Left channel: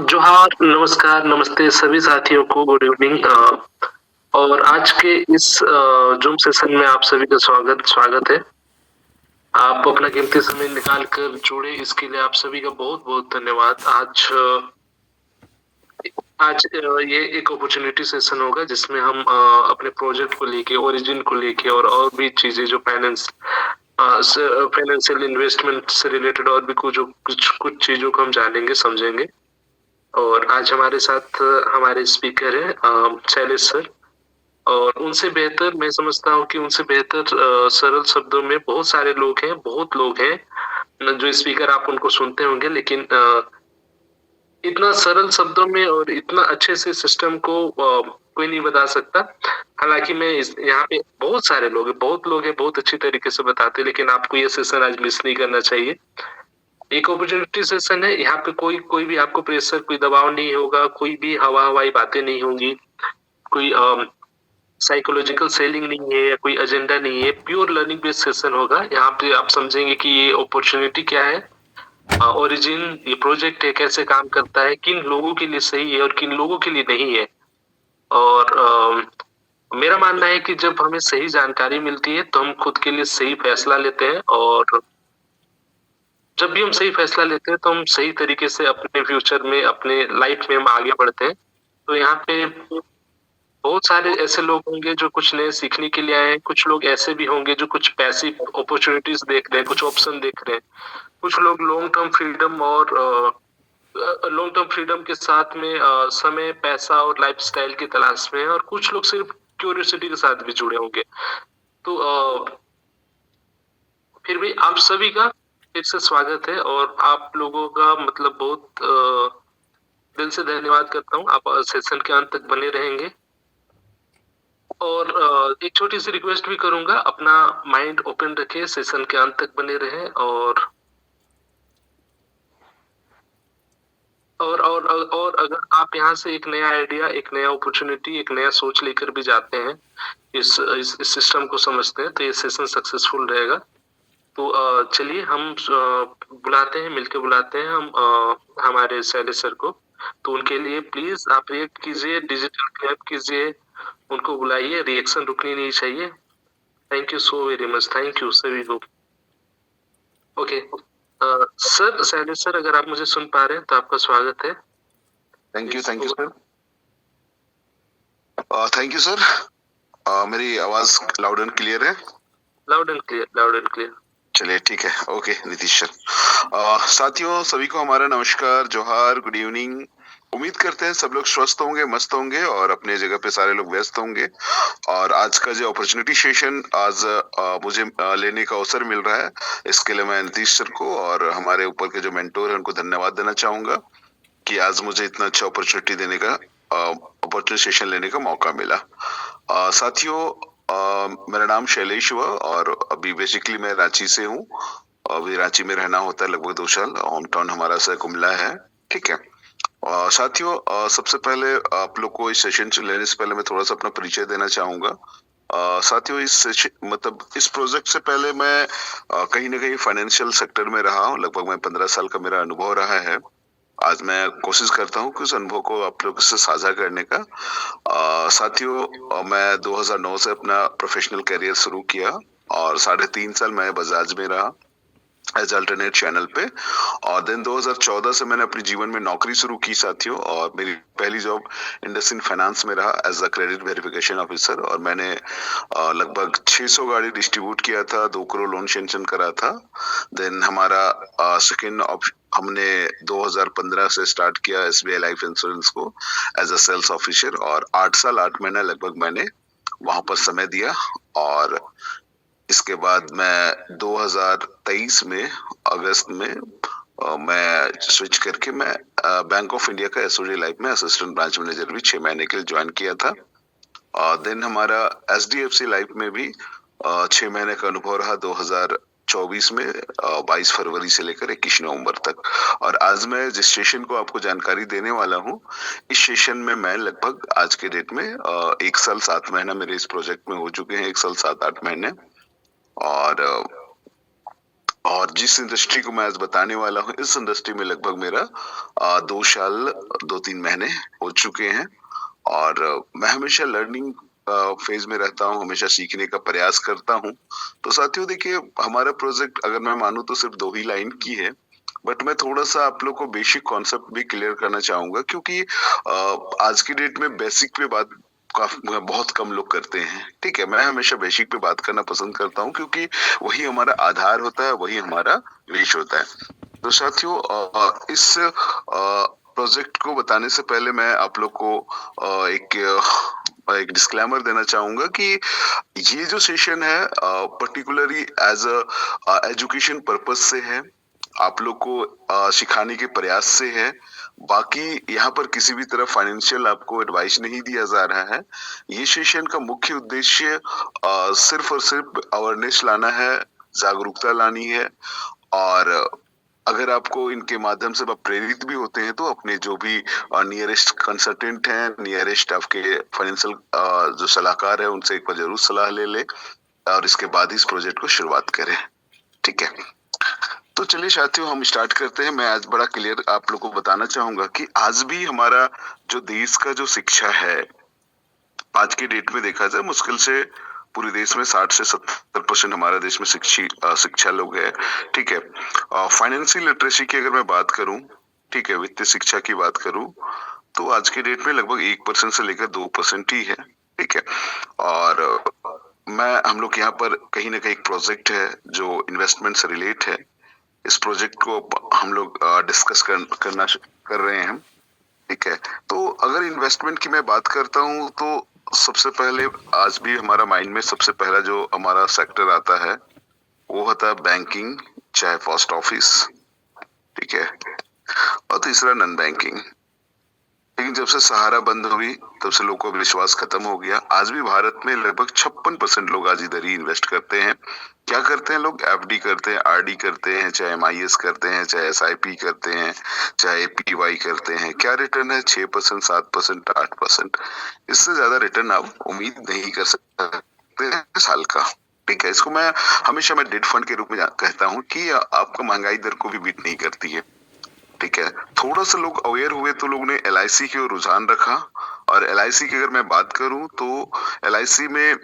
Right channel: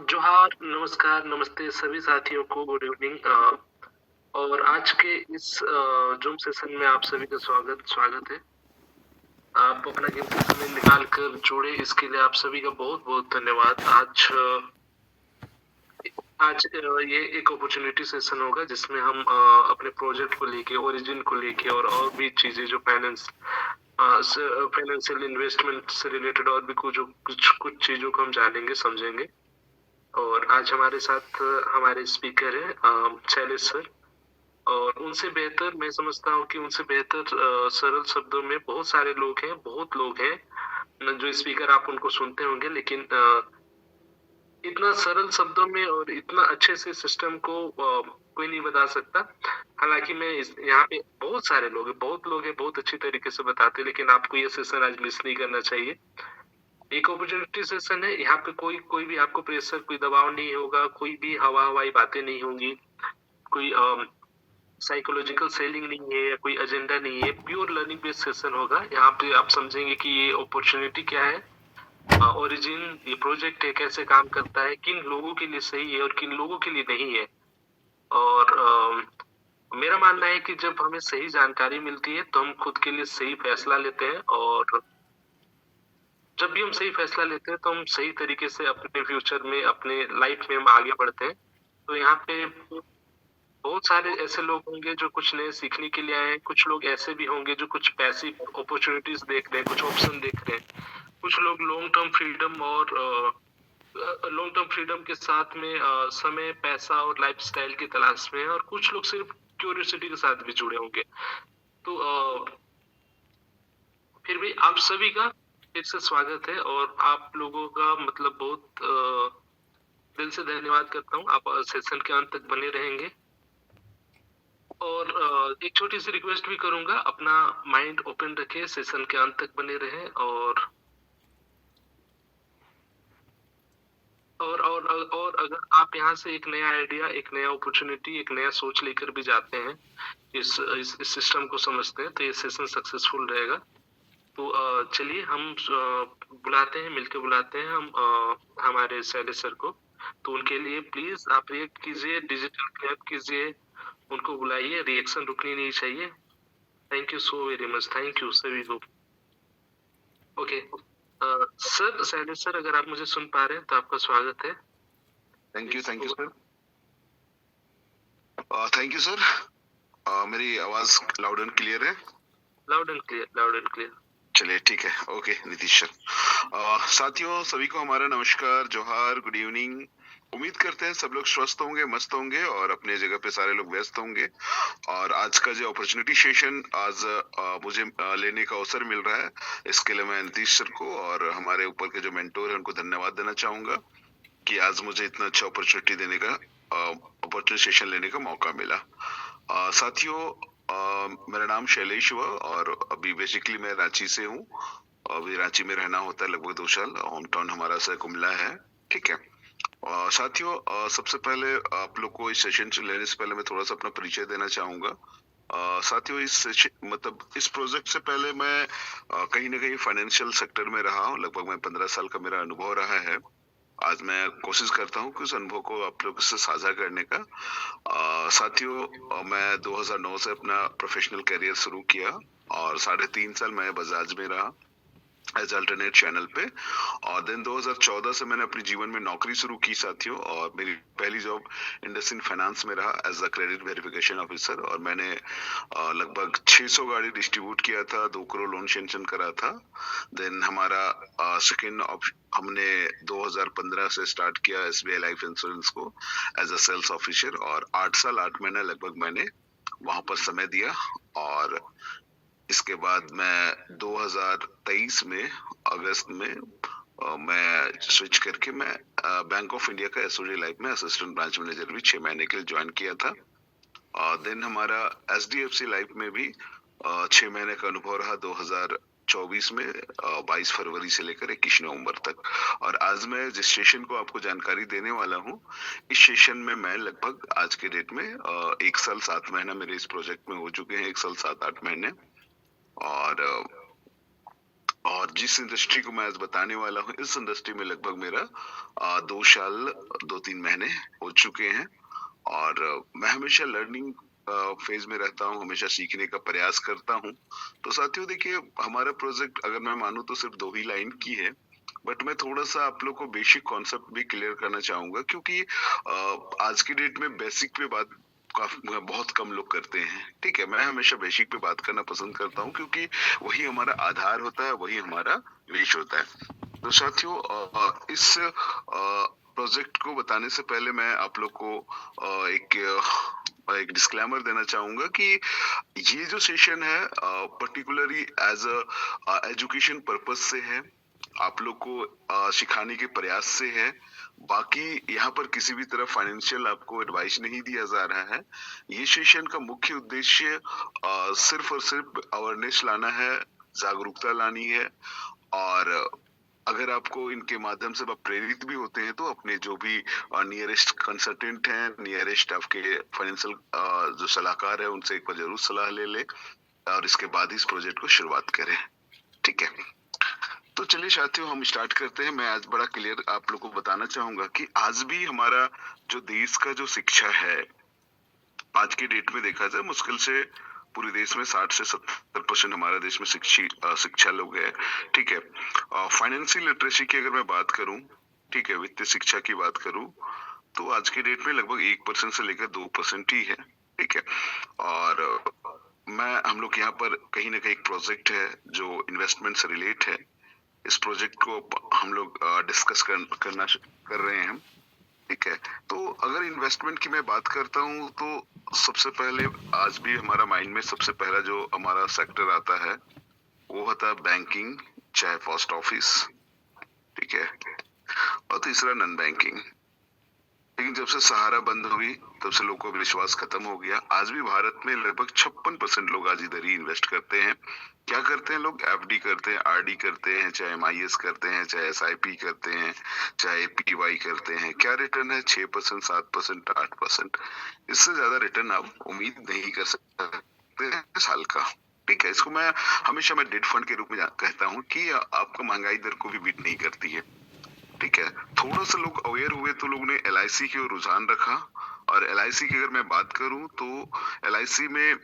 जोहार, नमस्कार, नमस्ते सभी साथियों को गुड इवनिंग। और आज के इस ज़ूम सेशन में आप सभी का स्वागत स्वागत है। आप अपना कीमती समय निकाल कर जुड़े इसके लिए आप सभी का बहुत-बहुत धन्यवाद। ये एक अपॉर्चुनिटी सेशन होगा जिसमें हम अपने प्रोजेक्ट को लेके, ओरिजिन को लेके और भी चीज़ें जो फाइनेंशियल इन्वेस्टमेंट से रिलेटेड और भी कुछ चीज़ों को हम जानेंगे, समझेंगे। और आज हमारे साथ हमारे स्पीकर हैं शैलेश सर। और उनसे बेहतर मैं समझता हूँ कि उनसे बेहतर सरल शब्दों में बहुत लोग हैं जो स्पीकर आप उनको सुनते होंगे, लेकिन इतना सरल शब्दों में और इतना अच्छे से सिस्टम को कोई नहीं बता सकता। हालाँकि मैं इस यहाँ पे बहुत लोग हैं, बहुत अच्छी तरीके से बताते हैं, लेकिन आपको ये सेशन आज मिस नहीं करना चाहिए। एक अपॉर्चुनिटी सेशन है, यहाँ पे कोई भी आपको प्रेशर, कोई दबाव नहीं होगा, कोई भी हवा-हवाई बातें नहीं होंगी, कोई साइकोलॉजिकल सेलिंग नहीं है या कोई एजेंडा नहीं है, प्योर लर्निंग बेस्ड सेशन होगा। यहाँ पे आप समझेंगे कि ये अपॉर्चुनिटी क्या है, ओरिजिन ये प्रोजेक्ट है, कैसे काम करता है, किन लोगों के लिए सही है और किन लोगों के लिए नहीं है। और मेरा मानना है कि जब हमें सही जानकारी मिलती है, तो हम खुद के लिए सही फैसला लेते हैं, और जब भी हम सही फैसला लेते हैं, तो हम सही तरीके से अपने फ्यूचर में, अपने लाइफ में हम आगे बढ़ते हैं। तो यहाँ पे बहुत सारे ऐसे लोग होंगे जो कुछ नए सीखने के लिए आए हैं, कुछ लोग ऐसे भी होंगे जो कुछ पैसिव अपॉर्चुनिटीज़ देख रहे हैं, कुछ ऑप्शन देख रहे हैं। कुछ लोग लॉन्ग टर्म फ्रीडम के साथ में समय, पैसा और लाइफ़स्टाइल की तलाश में हैं, और कुछ लोग सिर्फ क्यूरियोसिटी के साथ भी जुड़े होंगे। तो फिर भी आप सभी का फिर से स्वागत है, और आप लोगों का मतलब बहुत दिल से धन्यवाद करता हूँ। आप सेशन के अंत तक बने रहेंगे। और एक छोटी-सी रिक्वेस्ट भी करूँगा, अपना माइंड ओपन रखें, सेशन के अंत तक बने रहें। और अगर आप यहाँ से एक नया आइडिया, एक नया अपॉर्चुनिटी, एक नया सोच लेकर भी जाते हैं, इस सिस्टम को समझते हैं, तो ये सेशन सक्सेसफुल रहेगा। तो चलिए हम बुलाते हैं, मिलके बुलाते हैं हम हमारे शैलेश सर को। तो उनके लिए प्लीज़ आप रिएक्ट कीजिए, डिजिटल क्लैप कीजिए, उनको बुलाइए, रिएक्शन रुकनी नहीं चाहिए। Thank you so very much, thank you सभी को। ओके, सर, शैलेश सर, अगर आप मुझे सुन पा रहे हैं तो आपका स्वागत है। Thank you sir. Thank you sir. मेरी आवाज लाउड एंड क्लियर है? Loud and clear, loud and clear. चलिए ठीक है, ओके नीतीश सर। साथियों सभी को हमारा नमस्कार, जोहार, गुड इवनिंग। उम्मीद करते हैं सब लोग स्वस्थ होंगे, मस्त होंगे और अपने जगह पे सारे लोग व्यस्त होंगे। और आज का जो अपॉर्चुनिटी सेशन आज मुझे लेने का अवसर मिल रहा है, इसके लिए मैं नीतीश सर को और हमारे ऊपर के जो मेंटोर है उनको धन्यवाद देना चाहूंगा कि आज मुझे इतना अच्छा अपॉर्चुनिटी देने का अपॉर्चुनिटी सेशन लेने का मौका मिला। साथियों, मेरा नाम शैलेश हुआ और अभी बेसिकली मैं रांची से हूँ। अभी रांची में रहना होता है लगभग 2 साल। होम टाउन हमारा सर कुमला है, ठीक है। साथियों, सबसे पहले आप लोग को इस सेशन से लेने से पहले मैं थोड़ा सा अपना परिचय देना चाहूंगा। साथियों, मतलब इस प्रोजेक्ट से पहले मैं कहीं ना कहीं फाइनेंशियल सेक्टर में रहा हूँ। लगभग मैं 15 साल का मेरा अनुभव रहा है। आज मैं कोशिश करता हूँ कि उस अनुभव को आप लोगों से साझा करने का। साथियों, मैं 2009 से अपना प्रोफेशनल करियर शुरू किया और 3.5 साल मैं बजाज में रहा एज अल्टरनेट चैनल पे। और देन 2014 से मैंने अपने जीवन में नौकरी शुरू की साथियों, और मेरी पहली जॉब इंडसइंड फाइनेंस में रहा as a credit verification officer. और मैंने लगभग 600 गाड़ी डिस्ट्रीब्यूट किया था, 2 करोड़ लोन सैंक्शन करा था। देन हमारा सेकेंड हमने 2015 से स्टार्ट किया SBI लाइफ इंश्योरेंस को एज अ सेल्स ऑफिसर, और 8 साल 8 महीना लगभग मैंने वहां पर समय दिया। और इसके बाद मैं 2023 में अगस्त में मैं स्विच करके मैं बैंक ऑफ इंडिया का SOD लाइफ में असिस्टेंट ब्रांच मैनेजर भी 6 महीने के लिए ज्वाइन किया था। देन हमारा SDFC लाइफ में भी 6 महीने का अनुभव रहा 2024 में 22 फरवरी से लेकर 21 नवंबर तक। और आज मैं जिस सेशन को आपको जानकारी देने वाला हूँ, इस सेशन में मैं लगभग आज के डेट में 1 साल 7 महीना मेरे इस प्रोजेक्ट में हो चुके हैं, 1 साल 7-8 महीने। और और जिस इंडस्ट्री को मैं आज बताने वाला हूँ, इस इंडस्ट्री में लगभग मेरा 2 साल 2-3 महीने हो चुके हैं और मैं हमेशा लर्निंग फेज में रहता हूँ, हमेशा सीखने का प्रयास करता हूँ। तो साथियों देखिए, हमारा प्रोजेक्ट अगर मैं मानूँ तो सिर्फ 2 ही लाइन की है, बट मैं थोड़ा-सा आप लोग को बेसिक कॉन्सेप्ट भी क्लियर करना चाहूँगा क्योंकि आज की डेट में बेसिक पे बात बहुत कम लोग करते हैं, ठीक है? मैं हमेशा बेसिक पे बात करना पसंद करता हूँ क्योंकि वही हमारा आधार होता है, वही हमारा बेस होता है। तो साथियों इस प्रोजेक्ट को बताने से पहले मैं आप लोग को एक डिस्क्लेमर देना चाहूँगा कि ये जो सेशन है पर्टिकुलरली एज़ एजुकेशन पर्पज़ से है। आप लोग को सिखाने के प्रयास से है। बाकी यहाँ पर किसी भी तरह फाइनेंशियल आपको एडवाइस नहीं दिया जा रहा है। ये सेशन का मुख्य उद्देश्य सिर्फ़ और सिर्फ़ अवेयरनेस लाना है, जागरूकता लानी है और अगर आपको इनके माध्यम से आप प्रेरित भी होते हैं तो अपने जो भी नियरेस्ट कंसल्टेंट हैं, नियरेस्ट आपके फाइनेंशियल जो सलाहकार है उनसे एक बार ज़रूर सलाह ले लें और इसके बाद ही इस प्रोजेक्ट को शुरुआत करें। ठीक है? तो चलिए साथियों हम स्टार्ट करते हैं। मैं आज बड़ा क्लियर आप लोग को बताना चाहूँगा कि आज भी हमारा जो देश का जो शिक्षा है, आज की डेट में देखा जाए मुश्किल से पूरे देश में 60 से 70% हमारे देश में शिक्षा लोग है, ठीक है। फाइनेंशियल लिटरेसी की अगर मैं बात करूं, ठीक है, वित्तीय शिक्षा की बात करूं, तो आज की डेट में लगभग 1% से लेकर 2% ही है, ठीक है। और हम लोग यहाँ पर कहीं ना कहीं एक प्रोजेक्ट है जो इन्वेस्टमेंट से रिलेट है। इस प्रोजेक्ट को हम लोग डिस्कस कर रहे हैं, ठीक है। तो अगर इन्वेस्टमेंट की मैं बात करता हूँ तो सबसे पहले आज भी हमारा माइंड में सबसे पहला जो हमारा सेक्टर आता है वो होता है बैंकिंग, चाहे पोस्ट ऑफिस, ठीक है, और तीसरा नॉन बैंकिंग। लेकिन जब से सहारा बंद हुई तब से लोगों का विश्वास खत्म हो गया। आज भी भारत में लगभग 56% लोग आज इधर ही इन्वेस्ट करते हैं। क्या करते हैं लोग? एफडी करते हैं, आरडी करते हैं, चाहे एमआईएस करते हैं, चाहे एसआईपी करते हैं, चाहे एपीवाई करते हैं। क्या रिटर्न है? 6%, 7%, 8%। इससे ज्यादा रिटर्न आप उम्मीद नहीं कर सकते साल का, ठीक है। इसको मैं हमेशा डेट फंड के रूप में कहता हूँ कि आपका महंगाई दर को भी बीट नहीं करती है, ठीक है। थोड़ा सा लोग अवेयर हुए तो लोग ने एलआईसी की ओर रुझान रखा और एलआईसी की अगर मैं बात करूं तो एलआईसी में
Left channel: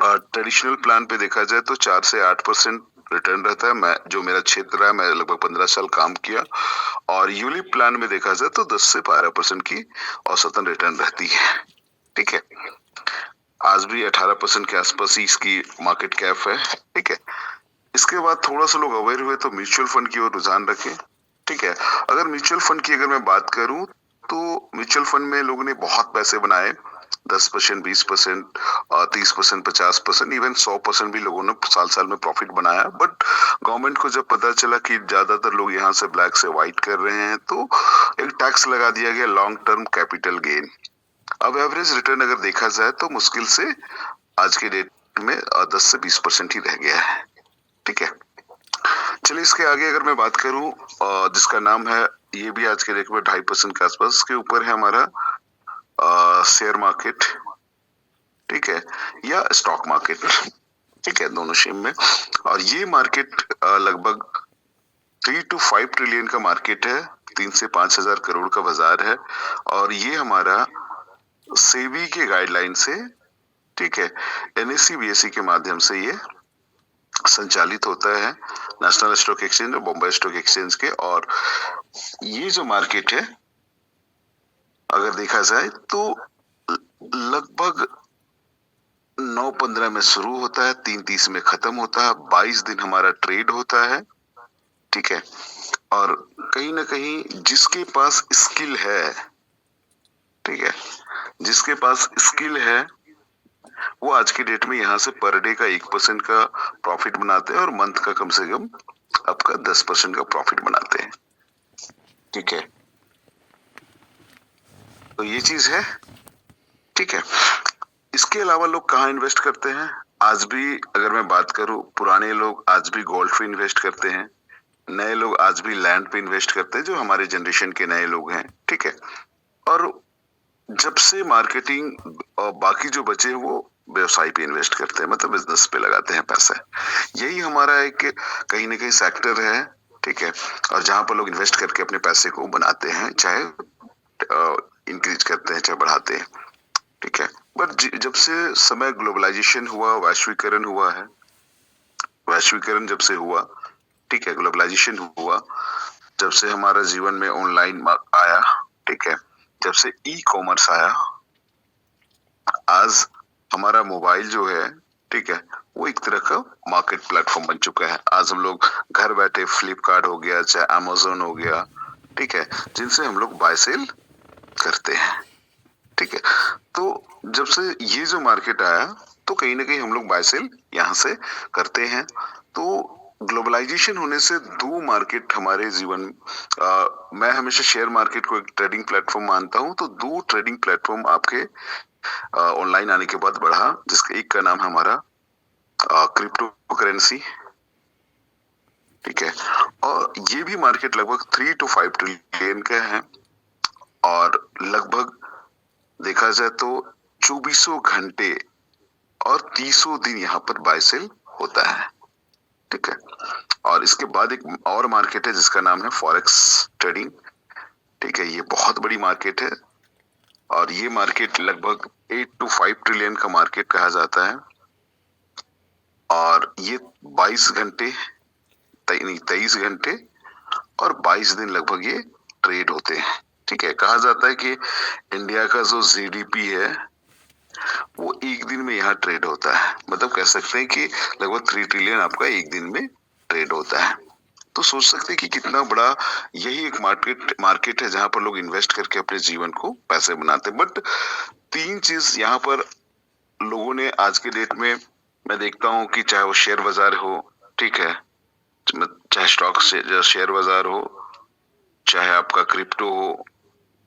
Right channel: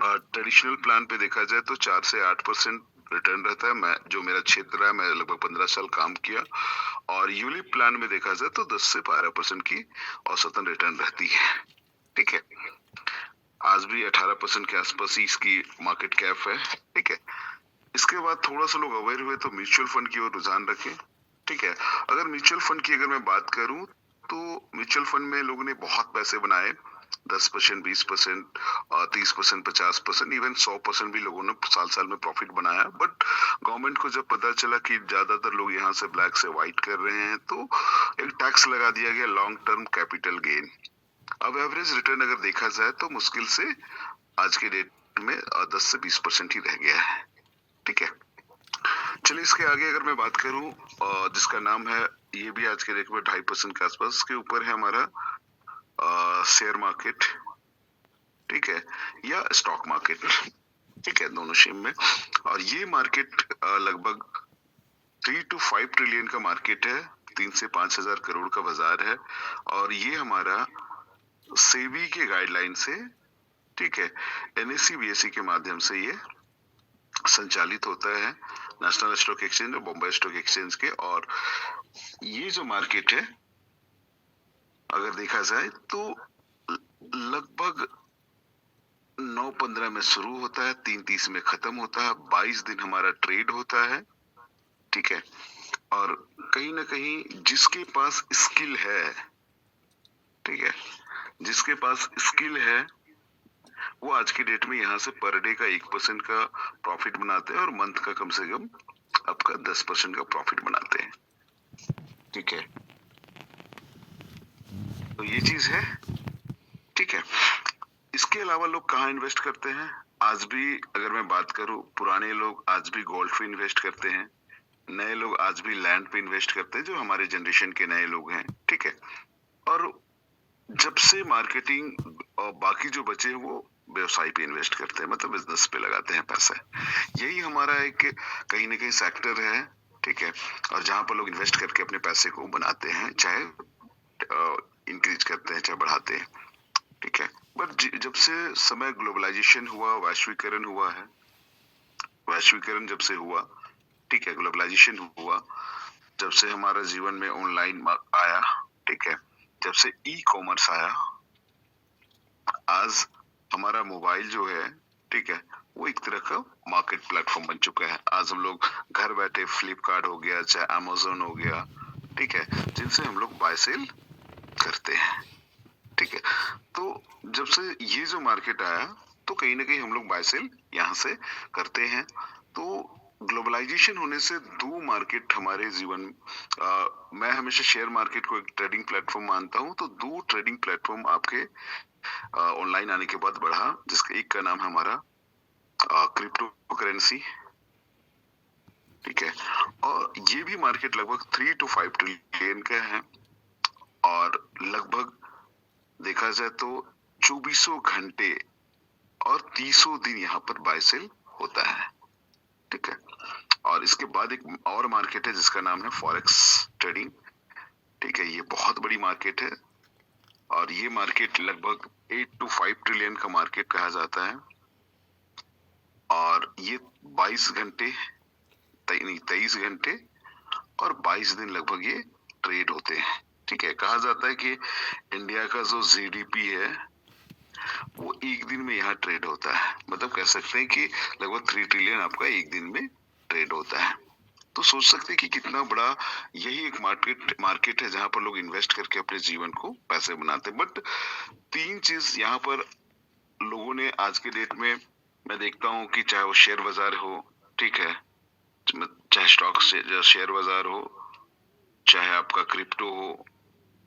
ट्रेडिशनल प्लान पे देखा जाए तो 4 से 8% रिटर्न रहता है। मैं जो मेरा क्षेत्र है, मैं लगभग 15 साल काम किया और यूलिप प्लान में देखा जाए तो 10 से 12% की औसतन रिटर्न रहती है, ठीक है। आज भी 18% के आसपास ही इसकी मार्केट कैप है, ठीक है। इसके बाद थोड़ा सा लोग अवेयर हुए तो म्यूचुअल फंड की ओर रुझान रखे, ठीक है। अगर म्यूचुअल फंड की अगर मैं बात करूं तो म्यूचुअल फंड में लोगों ने बहुत पैसे बनाए, 10%, 20%, 30%, 50%, इवन 100% भी लोगों ने साल में प्रॉफिट बनाया। बट गवर्नमेंट को जब पता चला कि ज्यादातर लोग यहाँ से ब्लैक से व्हाइट कर रहे हैं तो एक टैक्स लगा दिया गया, लॉन्ग टर्म कैपिटल गेन। अब एवरेज रिटर्न अगर देखा जाए तो मुश्किल से आज के डेट में 10 से 20% ही रह गया है, ठीक है। चलिए इसके आगे अगर मैं बात करूं जिसका नाम है, ये भी आज के डेट में 2.5% के आसपास, इसके ऊपर है हमारा शेयर मार्केट, ठीक है, या स्टॉक मार्केट, ठीक है, दोनों सेम में। और ये मार्केट लगभग 3 to 5 ट्रिलियन का मार्केट है, 3 से 5,000 करोड़ का बाजार है और ये हमारा सेबी के गाइडलाइन से, ठीक है, एनएससी बीएससी के माध्यम से ये संचालित होता है, नेशनल स्टॉक एक्सचेंज और बॉम्बे स्टॉक एक्सचेंज के। और ये जो मार्केट है अगर देखा जाए तो लगभग 9:15 में शुरू होता है, 3:30 में खत्म होता है, 22 दिन हमारा ट्रेड होता है, ठीक है। और कहीं ना कहीं जिसके पास स्किल है, ठीक है, जिसके पास स्किल है वो आज की डेट में यहाँ से पर डे का 1% का प्रॉफिट बनाते हैं और मंथ का कम से कम आपका 10% का प्रॉफिट बनाते हैं, ठीक है। तो ये चीज है, ठीक है। इसके अलावा लोग कहाँ इन्वेस्ट करते हैं? आज भी अगर मैं बात करूं, पुराने लोग आज भी गोल्ड पे इन्वेस्ट करते हैं, नए लोग आज भी लैंड पे इन्वेस्ट करते हैं, जो हमारे जनरेशन के नए लोग हैं, ठीक है। और जब से मार्केटिंग और बाकी जो बचे वो व्यवसाय पे इन्वेस्ट करते हैं, मतलब बिजनेस पे लगाते हैं पैसे। यही हमारा एक कहीं ना कहीं सेक्टर है, ठीक है, और जहां पर लोग इन्वेस्ट करके अपने पैसे को बनाते हैं, चाहे इंक्रीज करते हैं चाहे बढ़ाते हैं, ठीक है। बट जब से समय ग्लोबलाइजेशन हुआ, वैश्वीकरण हुआ है, वैश्वीकरण जब से हुआ, ठीक है, ग्लोबलाइजेशन हुआ, जब से हमारा जीवन में ऑनलाइन आया, ठीक है, जब से ई कॉमर्स आया, आज हमारा मोबाइल जो है, ठीक है, वो एक तरह का मार्केट प्लेटफॉर्म बन चुका है। आज हम लोग घर बैठे फ्लिपकार्ट हो गया, चाहे अमेज़न हो गया, ठीक है, जिनसे हम लोग बाय सेल करते हैं, ठीक है। तो जब से ये जो मार्केट आया, तो कहीं ना कहीं हम लोग बाय सेल यहाँ से करते हैं। तो ग्लोबलाइजेशन होने से दो मार्केट हमारे जीवन, मैं हमेशा शेयर मार्केट को एक ट्रेडिंग प्लेटफॉर्म मानता हूँ, तो दो ट्रेडिंग प्लेटफॉर्म आपके ऑनलाइन आने के बाद बढ़ा, जिसका एक का नाम है हमारा क्रिप्टो करेंसी, ठीक है, और ये भी मार्केट लगभग 3 to 5 ट्रिलियन का है, और लगभग देखा जाए तो 2400 घंटे और 300 दिन यहाँ पर बाय सेल होता है, ठीक है। और इसके बाद एक और मार्केट है जिसका नाम है फॉरेक्स ट्रेडिंग, ठीक है, ये बहुत बड़ी मार्केट है, और ये मार्केट लगभग 8 to 5 ट्रिलियन का मार्केट कहा जाता है, और ये 22 घंटे 23 घंटे और 22 दिन लगभग ये ट्रेड होते हैं, ठीक है। कहा जाता है कि इंडिया का जो जीडीपी है वो एक दिन में यहाँ ट्रेड होता है, मतलब कह सकते हैं कि लगभग 3 ट्रिलियन आपका एक दिन में ट्रेड होता है। तो सोच सकते हैं कि कितना बड़ा यही एक मार्केट है जहां पर लोग इन्वेस्ट करके अपने जीवन को पैसे बनाते हैं। बट तीन चीज यहाँ पर लोगों ने आज के डेट में, मैं देखता हूँ कि चाहे वो शेयर बाजार हो, ठीक है, चाहे स्टॉक शेयर बाजार हो, चाहे आपका क्रिप्टो हो,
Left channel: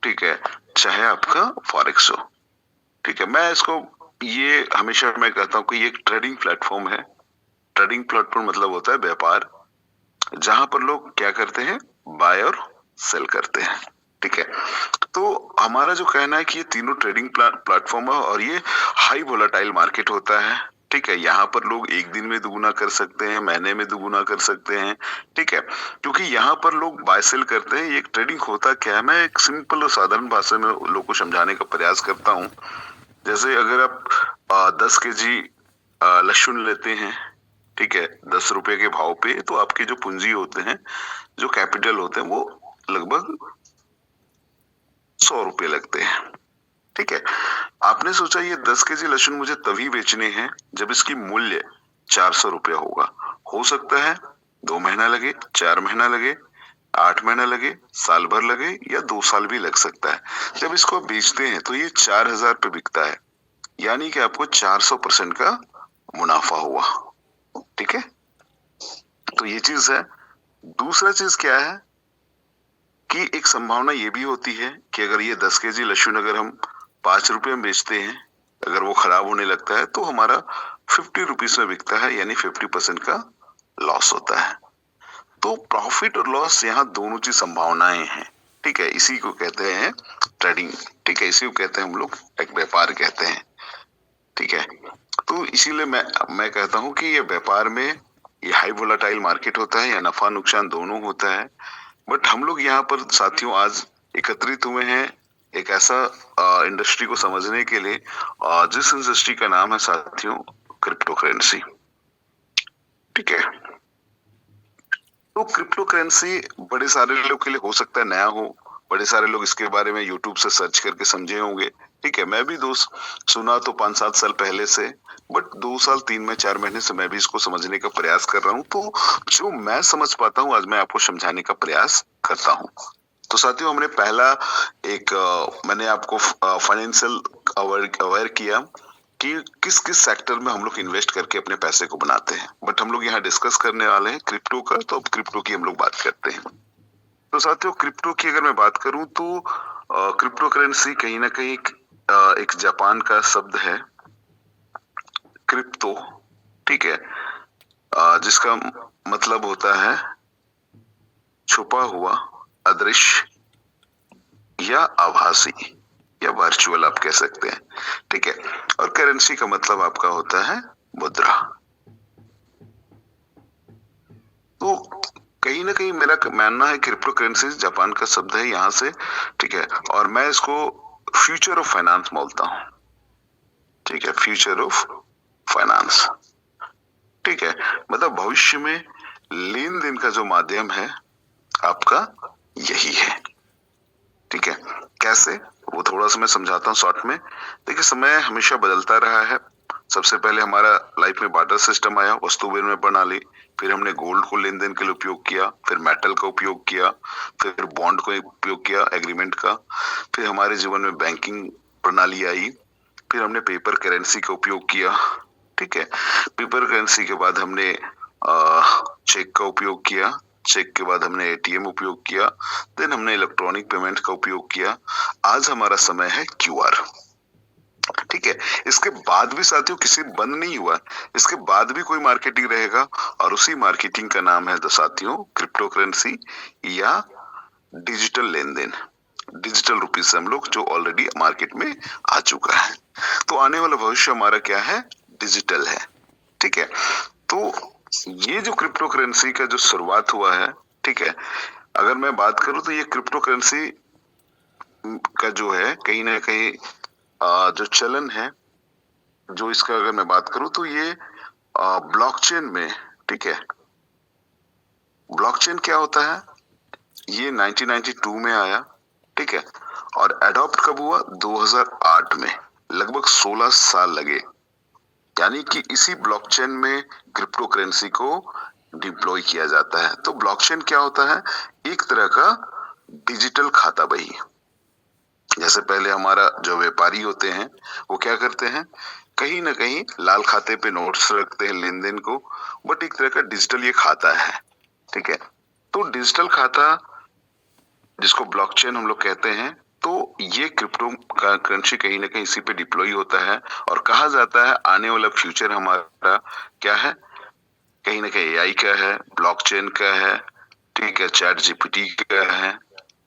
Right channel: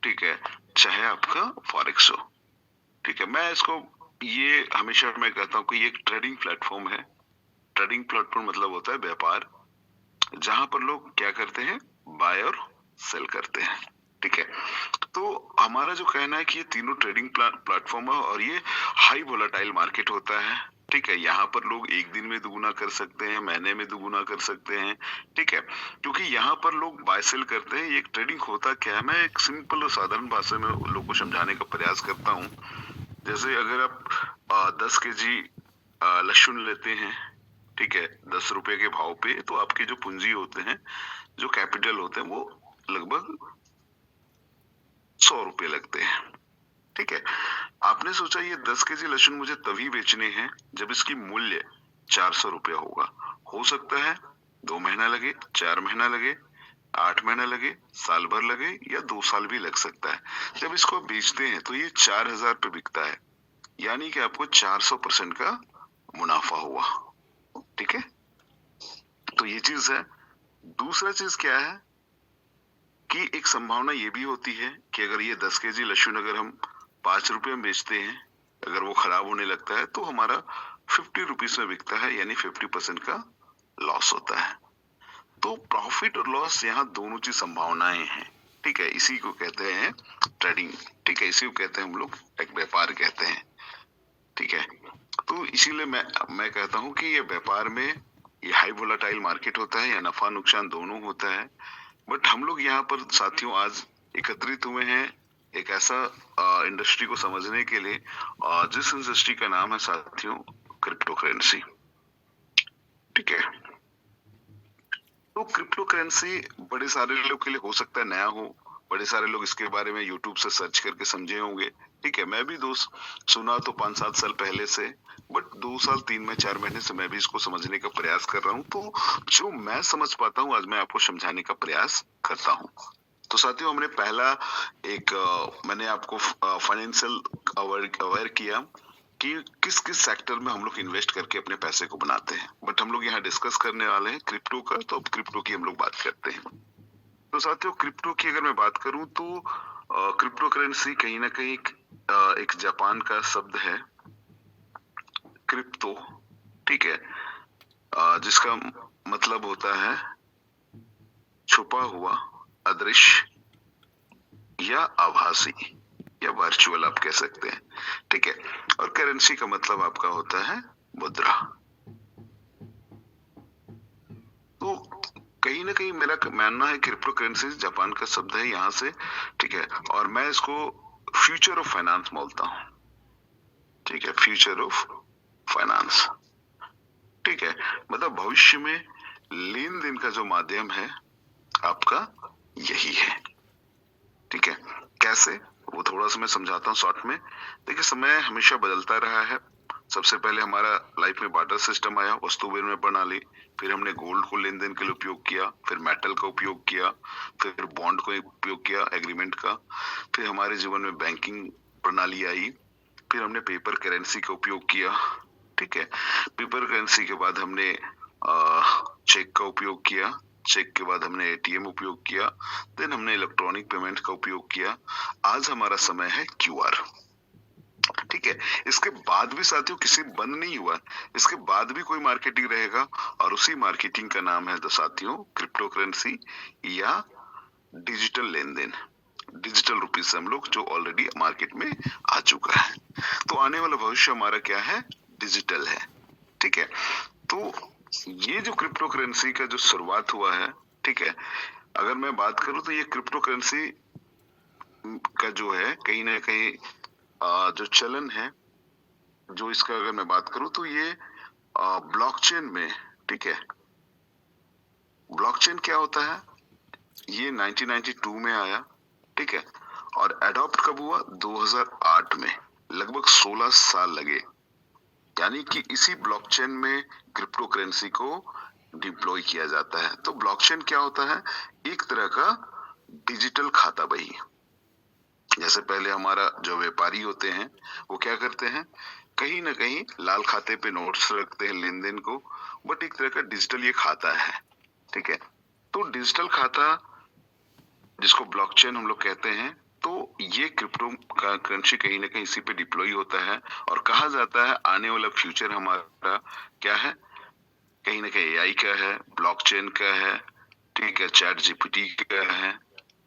ठीक है, चाहे आपका फॉरेक्स हो, ठीक है, मैं इसको ये हमेशा मैं कहता हूँ कि ये एक ट्रेडिंग प्लेटफॉर्म है। ट्रेडिंग प्लेटफॉर्म मतलब होता है व्यापार, जहां पर लोग क्या करते हैं, बाय और सेल करते हैं, ठीक है। तो हमारा जो कहना है कि ये तीनों ट्रेडिंग प्लेटफॉर्म है, और ये हाई वोलेटाइल मार्केट होता है, ठीक है। यहाँ पर लोग एक दिन में दुगुना कर सकते हैं, महीने में दुगुना कर सकते हैं, ठीक है, क्योंकि यहाँ पर लोग बाय सेल करते हैं। ये ट्रेडिंग होता क्या है, मैं एक सिंपल और साधारण भाषा में लोगों को समझाने का प्रयास करता हूँ। जैसे अगर आप 10 केजी लहसुन लेते हैं, ठीक है, 10 रुपए के भाव पे, तो आपके जो पूंजी होते हैं, जो कैपिटल होते हैं, वो लगभग 100 रुपए लगते हैं, ठीक है। आपने सोचा ये 10 केजी लहसुन मुझे तभी बेचने हैं जब इसकी मूल्य 400 रुपया होगा। हो सकता है 2 महीना लगे, 4 महीना लगे, 8 महीना लगे, साल भर लगे, या 2 साल भी लग सकता है। जब इसको बेचते हैं तो ये 4000 पे बिकता है, यानी कि आपको 400% का मुनाफा हुआ, ठीक है। तो ये चीज है। दूसरा चीज क्या है कि एक संभावना ये भी होती है कि अगर ये 10 केजी लहसुन अगर हम 5 रुपए में बेचते हैं, अगर वो खराब होने लगता है तो हमारा 50 रुपीज में बिकता है, यानी 50% का लॉस होता है। तो प्रॉफिट और लॉस यहाँ दोनों चीज संभावनाएं हैं, ठीक है। इसी को कहते हैं ट्रेडिंग, ठीक है, इसी को कहते हैं हम लोग एक व्यापार कहते हैं, ठीक है। तो इसीलिए मैं कहता हूँ कि ये व्यापार में ये हाई वोलेटाइल मार्केट होता है, या नफा नुकसान दोनों होता है। बट हम लोग यहाँ पर साथियों आज एकत्रित हुए हैं एक ऐसा इंडस्ट्री को समझने के लिए, जिस इंडस्ट्री का नाम है साथियों क्रिप्टो करेंसी, ठीक है। तो क्रिप्टो करेंसी बड़े सारे लोग के लिए हो सकता है नया हो, बड़े सारे लोग इसके बारे में यूट्यूब से सर्च करके समझे होंगे, ठीक है। मैं भी सुना तो 5-7 साल पहले से, बट 2 साल 3 में 4 महीने से मैं भी इसको समझने का प्रयास कर रहा हूँ। तो जो मैं समझ पाता हूँ आज मैं आपको समझाने का प्रयास करता हूँ। तो साथियों हमने पहला मैंने आपको फाइनेंशियल अवेयर किया कि किस किस सेक्टर में हम लोग इन्वेस्ट करके अपने पैसे को बनाते हैं। बट हम लोग यहाँ डिस्कस करने वाले हैं क्रिप्टो का, तो अब क्रिप्टो की हम लोग बात करते हैं। तो साथियों क्रिप्टो की अगर मैं बात करूं तो क्रिप्टो करेंसी कहीं ना कहीं एक जापान का शब्द है क्रिप्टो, ठीक है, जिसका मतलब होता है छुपा हुआ, अदृश्य या आभासी, या वर्चुअल आप कह सकते हैं, ठीक है। और करेंसी का मतलब आपका होता है मुद्रा। तो कहीं ना कहीं मेरा मानना है क्रिप्टो करेंसी जापान का शब्द है यहाँ से, ठीक है। और मैं इसको फ्यूचर ऑफ फाइनेंस बोलता हूँ, ठीक है, फ्यूचर ऑफ फाइनेंस, ठीक है। मतलब भविष्य में लेन देन का जो माध्यम है आपका यही है, ठीक है। कैसे, वो थोड़ा सा मैं समझाता हूँ शॉर्ट में। देखिए, समय हमेशा बदलता रहा है। सबसे पहले हमारा लाइफ में बार्टर सिस्टम आया, वस्तु विनिमय प्रणाली। फिर हमने गोल्ड को लेन देन के लिए उपयोग किया, फिर मेटल का उपयोग किया, फिर बॉन्ड को उपयोग किया एग्रीमेंट का। फिर हमारे जीवन में बैंकिंग प्रणाली आई। फिर हमने पेपर करेंसी का उपयोग किया, ठीक है। पेपर करेंसी के बाद हमने चेक का उपयोग किया। चेक के बाद हमने एटीएम उपयोग किया। देन हमने इलेक्ट्रॉनिक पेमेंट का उपयोग किया। आज हमारा समय है क्यूआर, ठीक है। इसके बाद भी साथियों किसी बंद नहीं हुआ, इसके बाद भी कोई मार्केटिंग रहेगा, और उसी मार्केटिंग का नाम है साथियों क्रिप्टो करेंसी या डिजिटल लेन देन, डिजिटल रुपीज से हम लोग, जो ऑलरेडी मार्केट में आ चुका है। तो आने वाला भविष्य हमारा क्या है, डिजिटल है, ठीक है। तो ये जो क्रिप्टो करेंसी का जो शुरुआत हुआ है, ठीक है, अगर मैं बात करूं तो ये क्रिप्टो करेंसी का जो है कहीं ना कहीं जो चलन है, जो इसका अगर मैं बात करूं तो ये ब्लॉकचेन में, ठीक है। ब्लॉकचेन क्या होता है, ये 1992 में आया, ठीक है। और एडॉप्ट कब हुआ, 2008 में। लगभग 16 साल लगे। यानी कि इसी ब्लॉकचेन में क्रिप्टो करेंसी को डिप्लॉय किया जाता है। तो ब्लॉकचेन क्या होता है, एक तरह का डिजिटल खाता बही। जैसे पहले हमारा जो व्यापारी होते हैं वो क्या करते हैं, कहीं ना कहीं लाल खाते पे नोट्स रखते हैं लेन देन को, बट एक तरह का डिजिटल ये खाता है, ठीक है। तो डिजिटल खाता जिसको ब्लॉकचेन हम लोग कहते हैं, तो ये क्रिप्टो का करेंसी कहीं ना कहीं इसी पे डिप्लॉय होता है। और कहा जाता है आने वाला फ्यूचर हमारा क्या है, कहीं ना कहीं एआई का है, ब्लॉकचेन का है, ठीक है, चैट जीपीटी का है,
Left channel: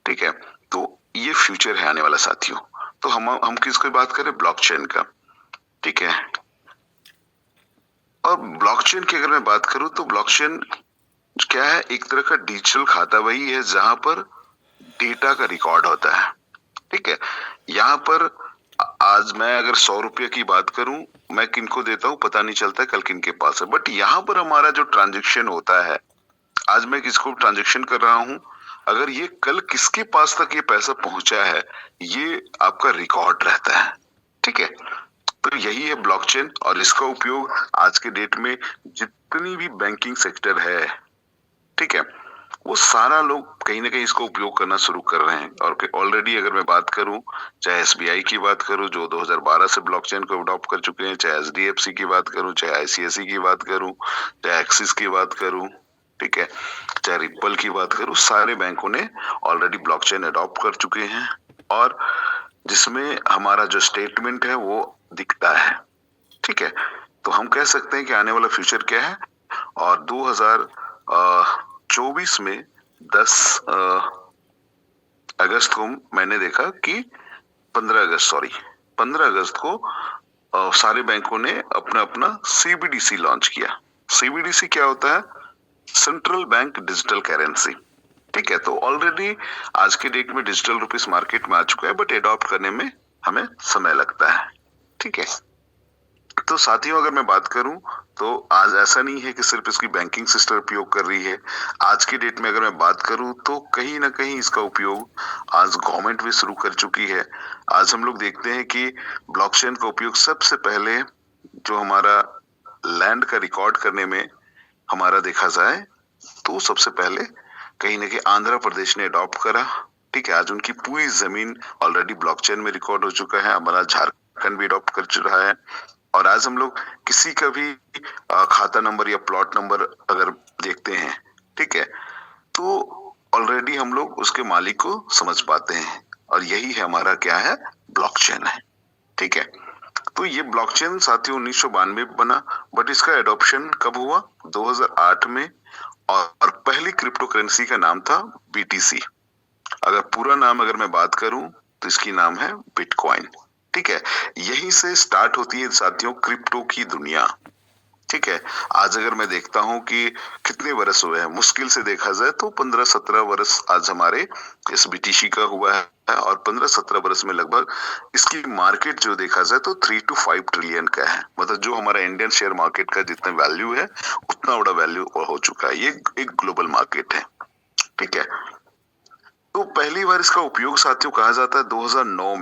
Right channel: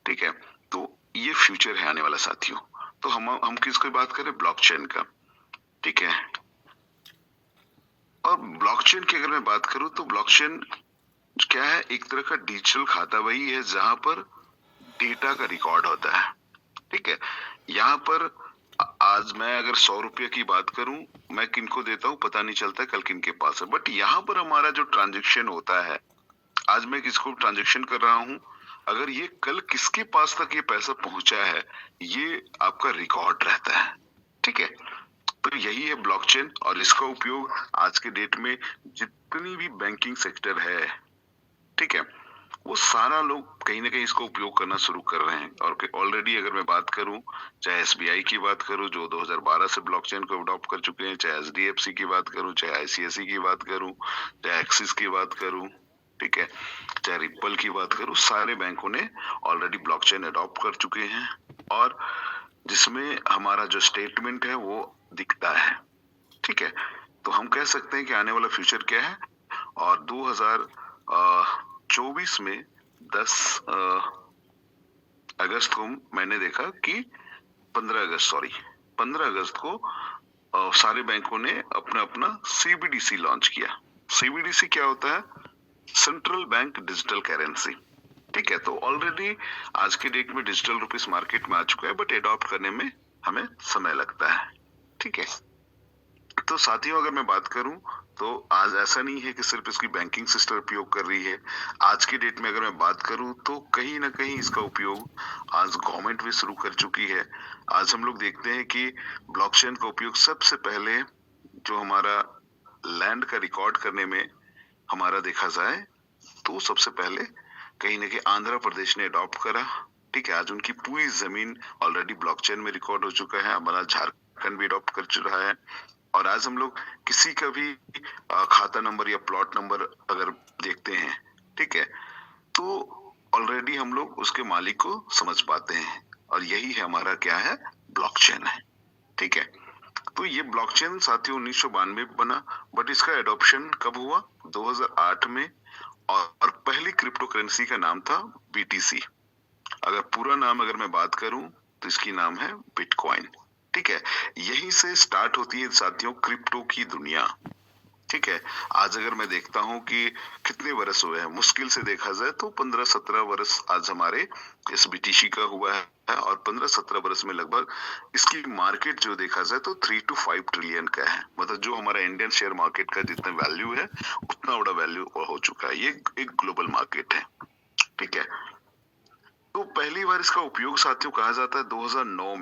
ठीक है। तो ये फ्यूचर है आने वाला साथियों। तो हम किसकी बात करें, ब्लॉकचेन का, ठीक है। और ब्लॉकचेन की अगर मैं बात करूं तो ब्लॉकचेन क्या है, एक तरह का डिजिटल खाता वही है जहां पर डेटा का रिकॉर्ड होता है, ठीक है। यहाँ पर आज मैं अगर 100 रुपये की बात करूं, मैं किनको देता हूं पता नहीं चलता कल किनके पास है, बट यहाँ पर हमारा जो ट्रांजेक्शन होता है, आज मैं किसको ट्रांजेक्शन कर रहा हूं, अगर ये कल किसके पास तक ये पैसा पहुंचा है, ये आपका रिकॉर्ड रहता है, ठीक है। तो यही है ब्लॉकचेन, और इसका उपयोग आज के डेट में जितनी भी बैंकिंग सेक्टर है, ठीक है, वो सारा लोग कहीं ना कहीं इसको उपयोग करना शुरू कर रहे हैं। और ऑलरेडी अगर मैं बात करूं, चाहे एसबीआई की बात करूं जो 2012 से ब्लॉकचेन को अडॉप्ट कर चुके हैं, चाहे एचडीएफसी की बात करूं, चाहे आईसीआईसी की बात करूं, चाहे एक्सिस की बात करूं, ठीक है, चाहे रिपल की बात करूं, सारे बैंकों ने ऑलरेडी ब्लॉकचेन अडॉप्ट कर चुके हैं। और जिसमें हमारा जो स्टेटमेंट है वो दिखता है, ठीक है। तो हम कह सकते हैं कि आने वाला फ्यूचर क्या है। और 2024 में 10 अगस्त को मैंने देखा कि 15 अगस्त को सारे बैंकों ने अपना अपना सीबीडीसी लॉन्च किया। सीबीडीसी क्या होता है, सेंट्रल बैंक डिजिटल करेंसी, ठीक है। तो ऑलरेडी आज के डेट में डिजिटल रुपीस मार्केट में आ चुका है, बट एडॉप्ट करने में हमें समय लगता है, ठीक है। तो साथियों अगर मैं बात करूं तो आज ऐसा नहीं है कि सिर्फ इसकी बैंकिंग सिस्टम उपयोग कर रही है। आज की डेट में अगर मैं बात करूं तो कहीं ना कहीं इसका उपयोग आज गवर्नमेंट भी शुरू कर चुकी है। आज हम लोग देखते हैं कि ब्लॉकचेन का उपयोग सबसे पहले जो हमारा लैंड का रिकॉर्ड करने में हमारा देखा जाए तो सबसे पहले कहीं ना कहीं आंध्र प्रदेश ने अडॉप्ट करा, ठीक है। आज उनकी पूरी जमीन ऑलरेडी ब्लॉकचेन में रिकॉर्ड हो चुका है। हमारा झारखंड भी अडॉप्ट कर चुका है। और आज हम लोग किसी का भी खाता नंबर या प्लॉट नंबर अगर देखते हैं, ठीक है, तो ऑलरेडी हम लोग उसके मालिक को समझ पाते हैं। और यही है हमारा क्या है, ब्लॉकचेन है, ठीक है। तो ये ब्लॉकचेन साथियों 1992 बना, बट इसका एडॉप्शन कब हुआ, 2008 में। और पहली क्रिप्टो करेंसी का नाम था बीटीसी। अगर पूरा नाम अगर मैं बात करूं तो इसकी नाम है बिटकॉइन। ठीक है, यहीं से स्टार्ट होती है साथियों क्रिप्टो की दुनिया। ठीक है, आज अगर मैं देखता हूँ कि कितने वर्ष हुए हैं, मुश्किल से देखा जाए तो 15-17 वर्ष आज हमारे इस बीटीसी का हुआ है, और 15-17 वर्ष में लगभग इसकी मार्केट जो देखा जाए तो 3 to 5 ट्रिलियन का है। मतलब जो हमारा इंडियन शेयर मार्केट का जितना वैल्यू है उतना बड़ा वैल्यू हो चुका है। ये एक ग्लोबल मार्केट है। ठीक है, तो पहली बार इसका उपयोग साथियों कहा जाता है 2009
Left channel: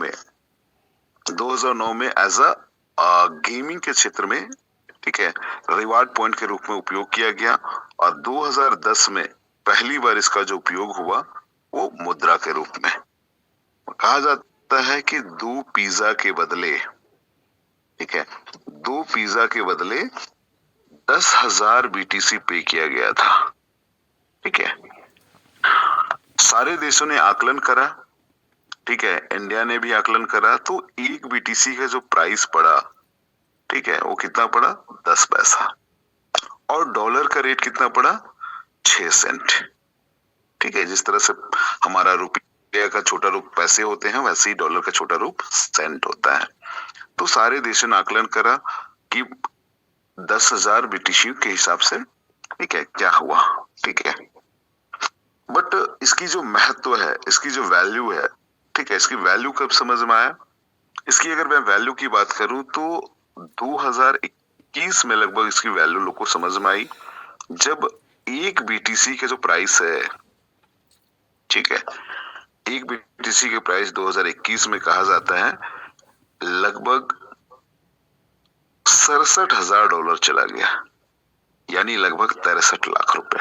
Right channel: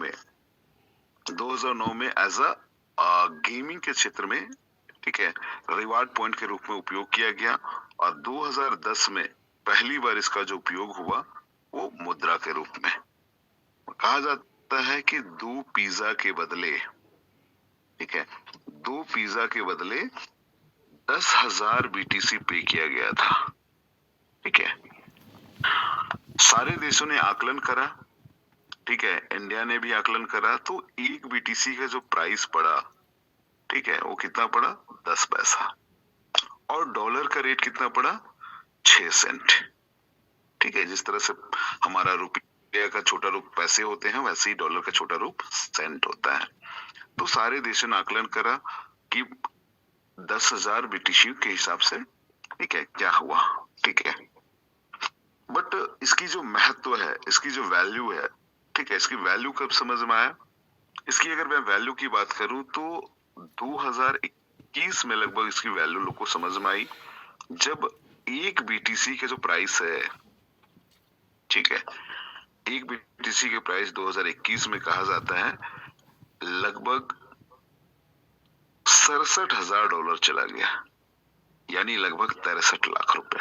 में एज अ गेमिंग के क्षेत्र में, ठीक है, रिवार्ड पॉइंट के रूप में उपयोग किया गया। और 2010 में पहली बार इसका जो उपयोग हुआ वो मुद्रा के रूप में। कहा जाता है कि 2 पिज्जा के बदले, ठीक है, 2 पिज्जा के बदले 10,000 बीटीसी पे किया गया था। ठीक है, सारे देशों ने आकलन करा, ठीक है, इंडिया ने भी आकलन करा, तो एक बीटीसी का जो प्राइस पड़ा, ठीक है, वो कितना पड़ा 10 पैसा, और डॉलर का रेट कितना पड़ा 6 सेंट। ठीक है, जिस तरह से हमारा रुपया का छोटा रूप पैसे होते हैं वैसे ही डॉलर का छोटा रूप सेंट होता है। तो सारे देशों ने आकलन करा कि 10,000 बीटीसी के हिसाब से, ठीक है, क्या हुआ। ठीक है, बट इसकी जो महत्व है, इसकी जो वैल्यू है, ठीक है, इसकी वैल्यू कब समझ में आया? इसकी अगर मैं वैल्यू की बात करूं तो 2021 में लगभग इसकी वैल्यू लोग को समझ में आई, जब एक बीटीसी का जो प्राइस है, ठीक है, एक बीटीसी के प्राइस 2021 में कहा जाता है लगभग $67,000 चला गया, यानी लगभग 63 लाख रुपए।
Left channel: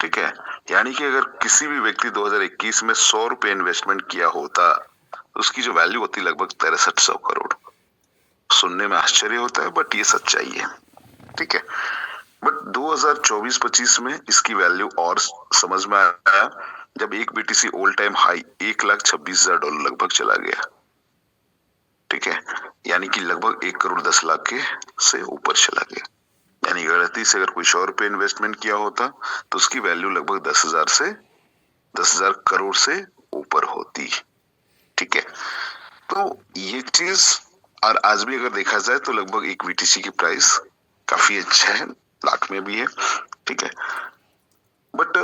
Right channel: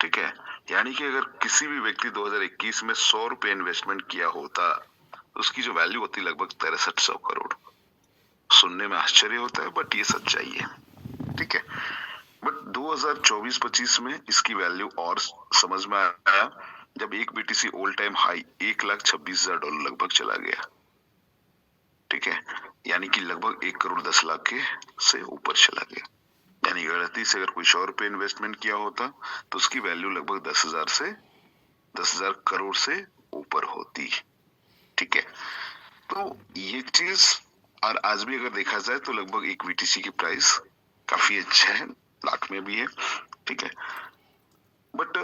ठीक है, यानी कि अगर किसी भी व्यक्ति 2021 में 100 रुपए इन्वेस्टमेंट किया होता तो उसकी जो वैल्यू होती लगभग 6300 करोड़। सुनने में आश्चर्य होता है बट ये सच्चाई है। ठीक है, बट 2024-25 में इसकी वैल्यू और समझ में आया जब एक बीटीसी ऑल टाइम हाई $1,26,000 लगभग चला गया। ठीक है, यानी कि लगभग 1,10,00,000 के से ऊपर चला गया। यानी गलती से अगर कोई 100 रुपए इन्वेस्टमेंट किया होता तो उसकी वैल्यू लगभग 10,000 करोड़ से ऊपर होती। ठीक है, तो ये चीज, और आज भी अगर देखा जाए तो लगभग एक बीटीसी की प्राइस काफी अच्छा है, लाख में भी है। ठीक है, बट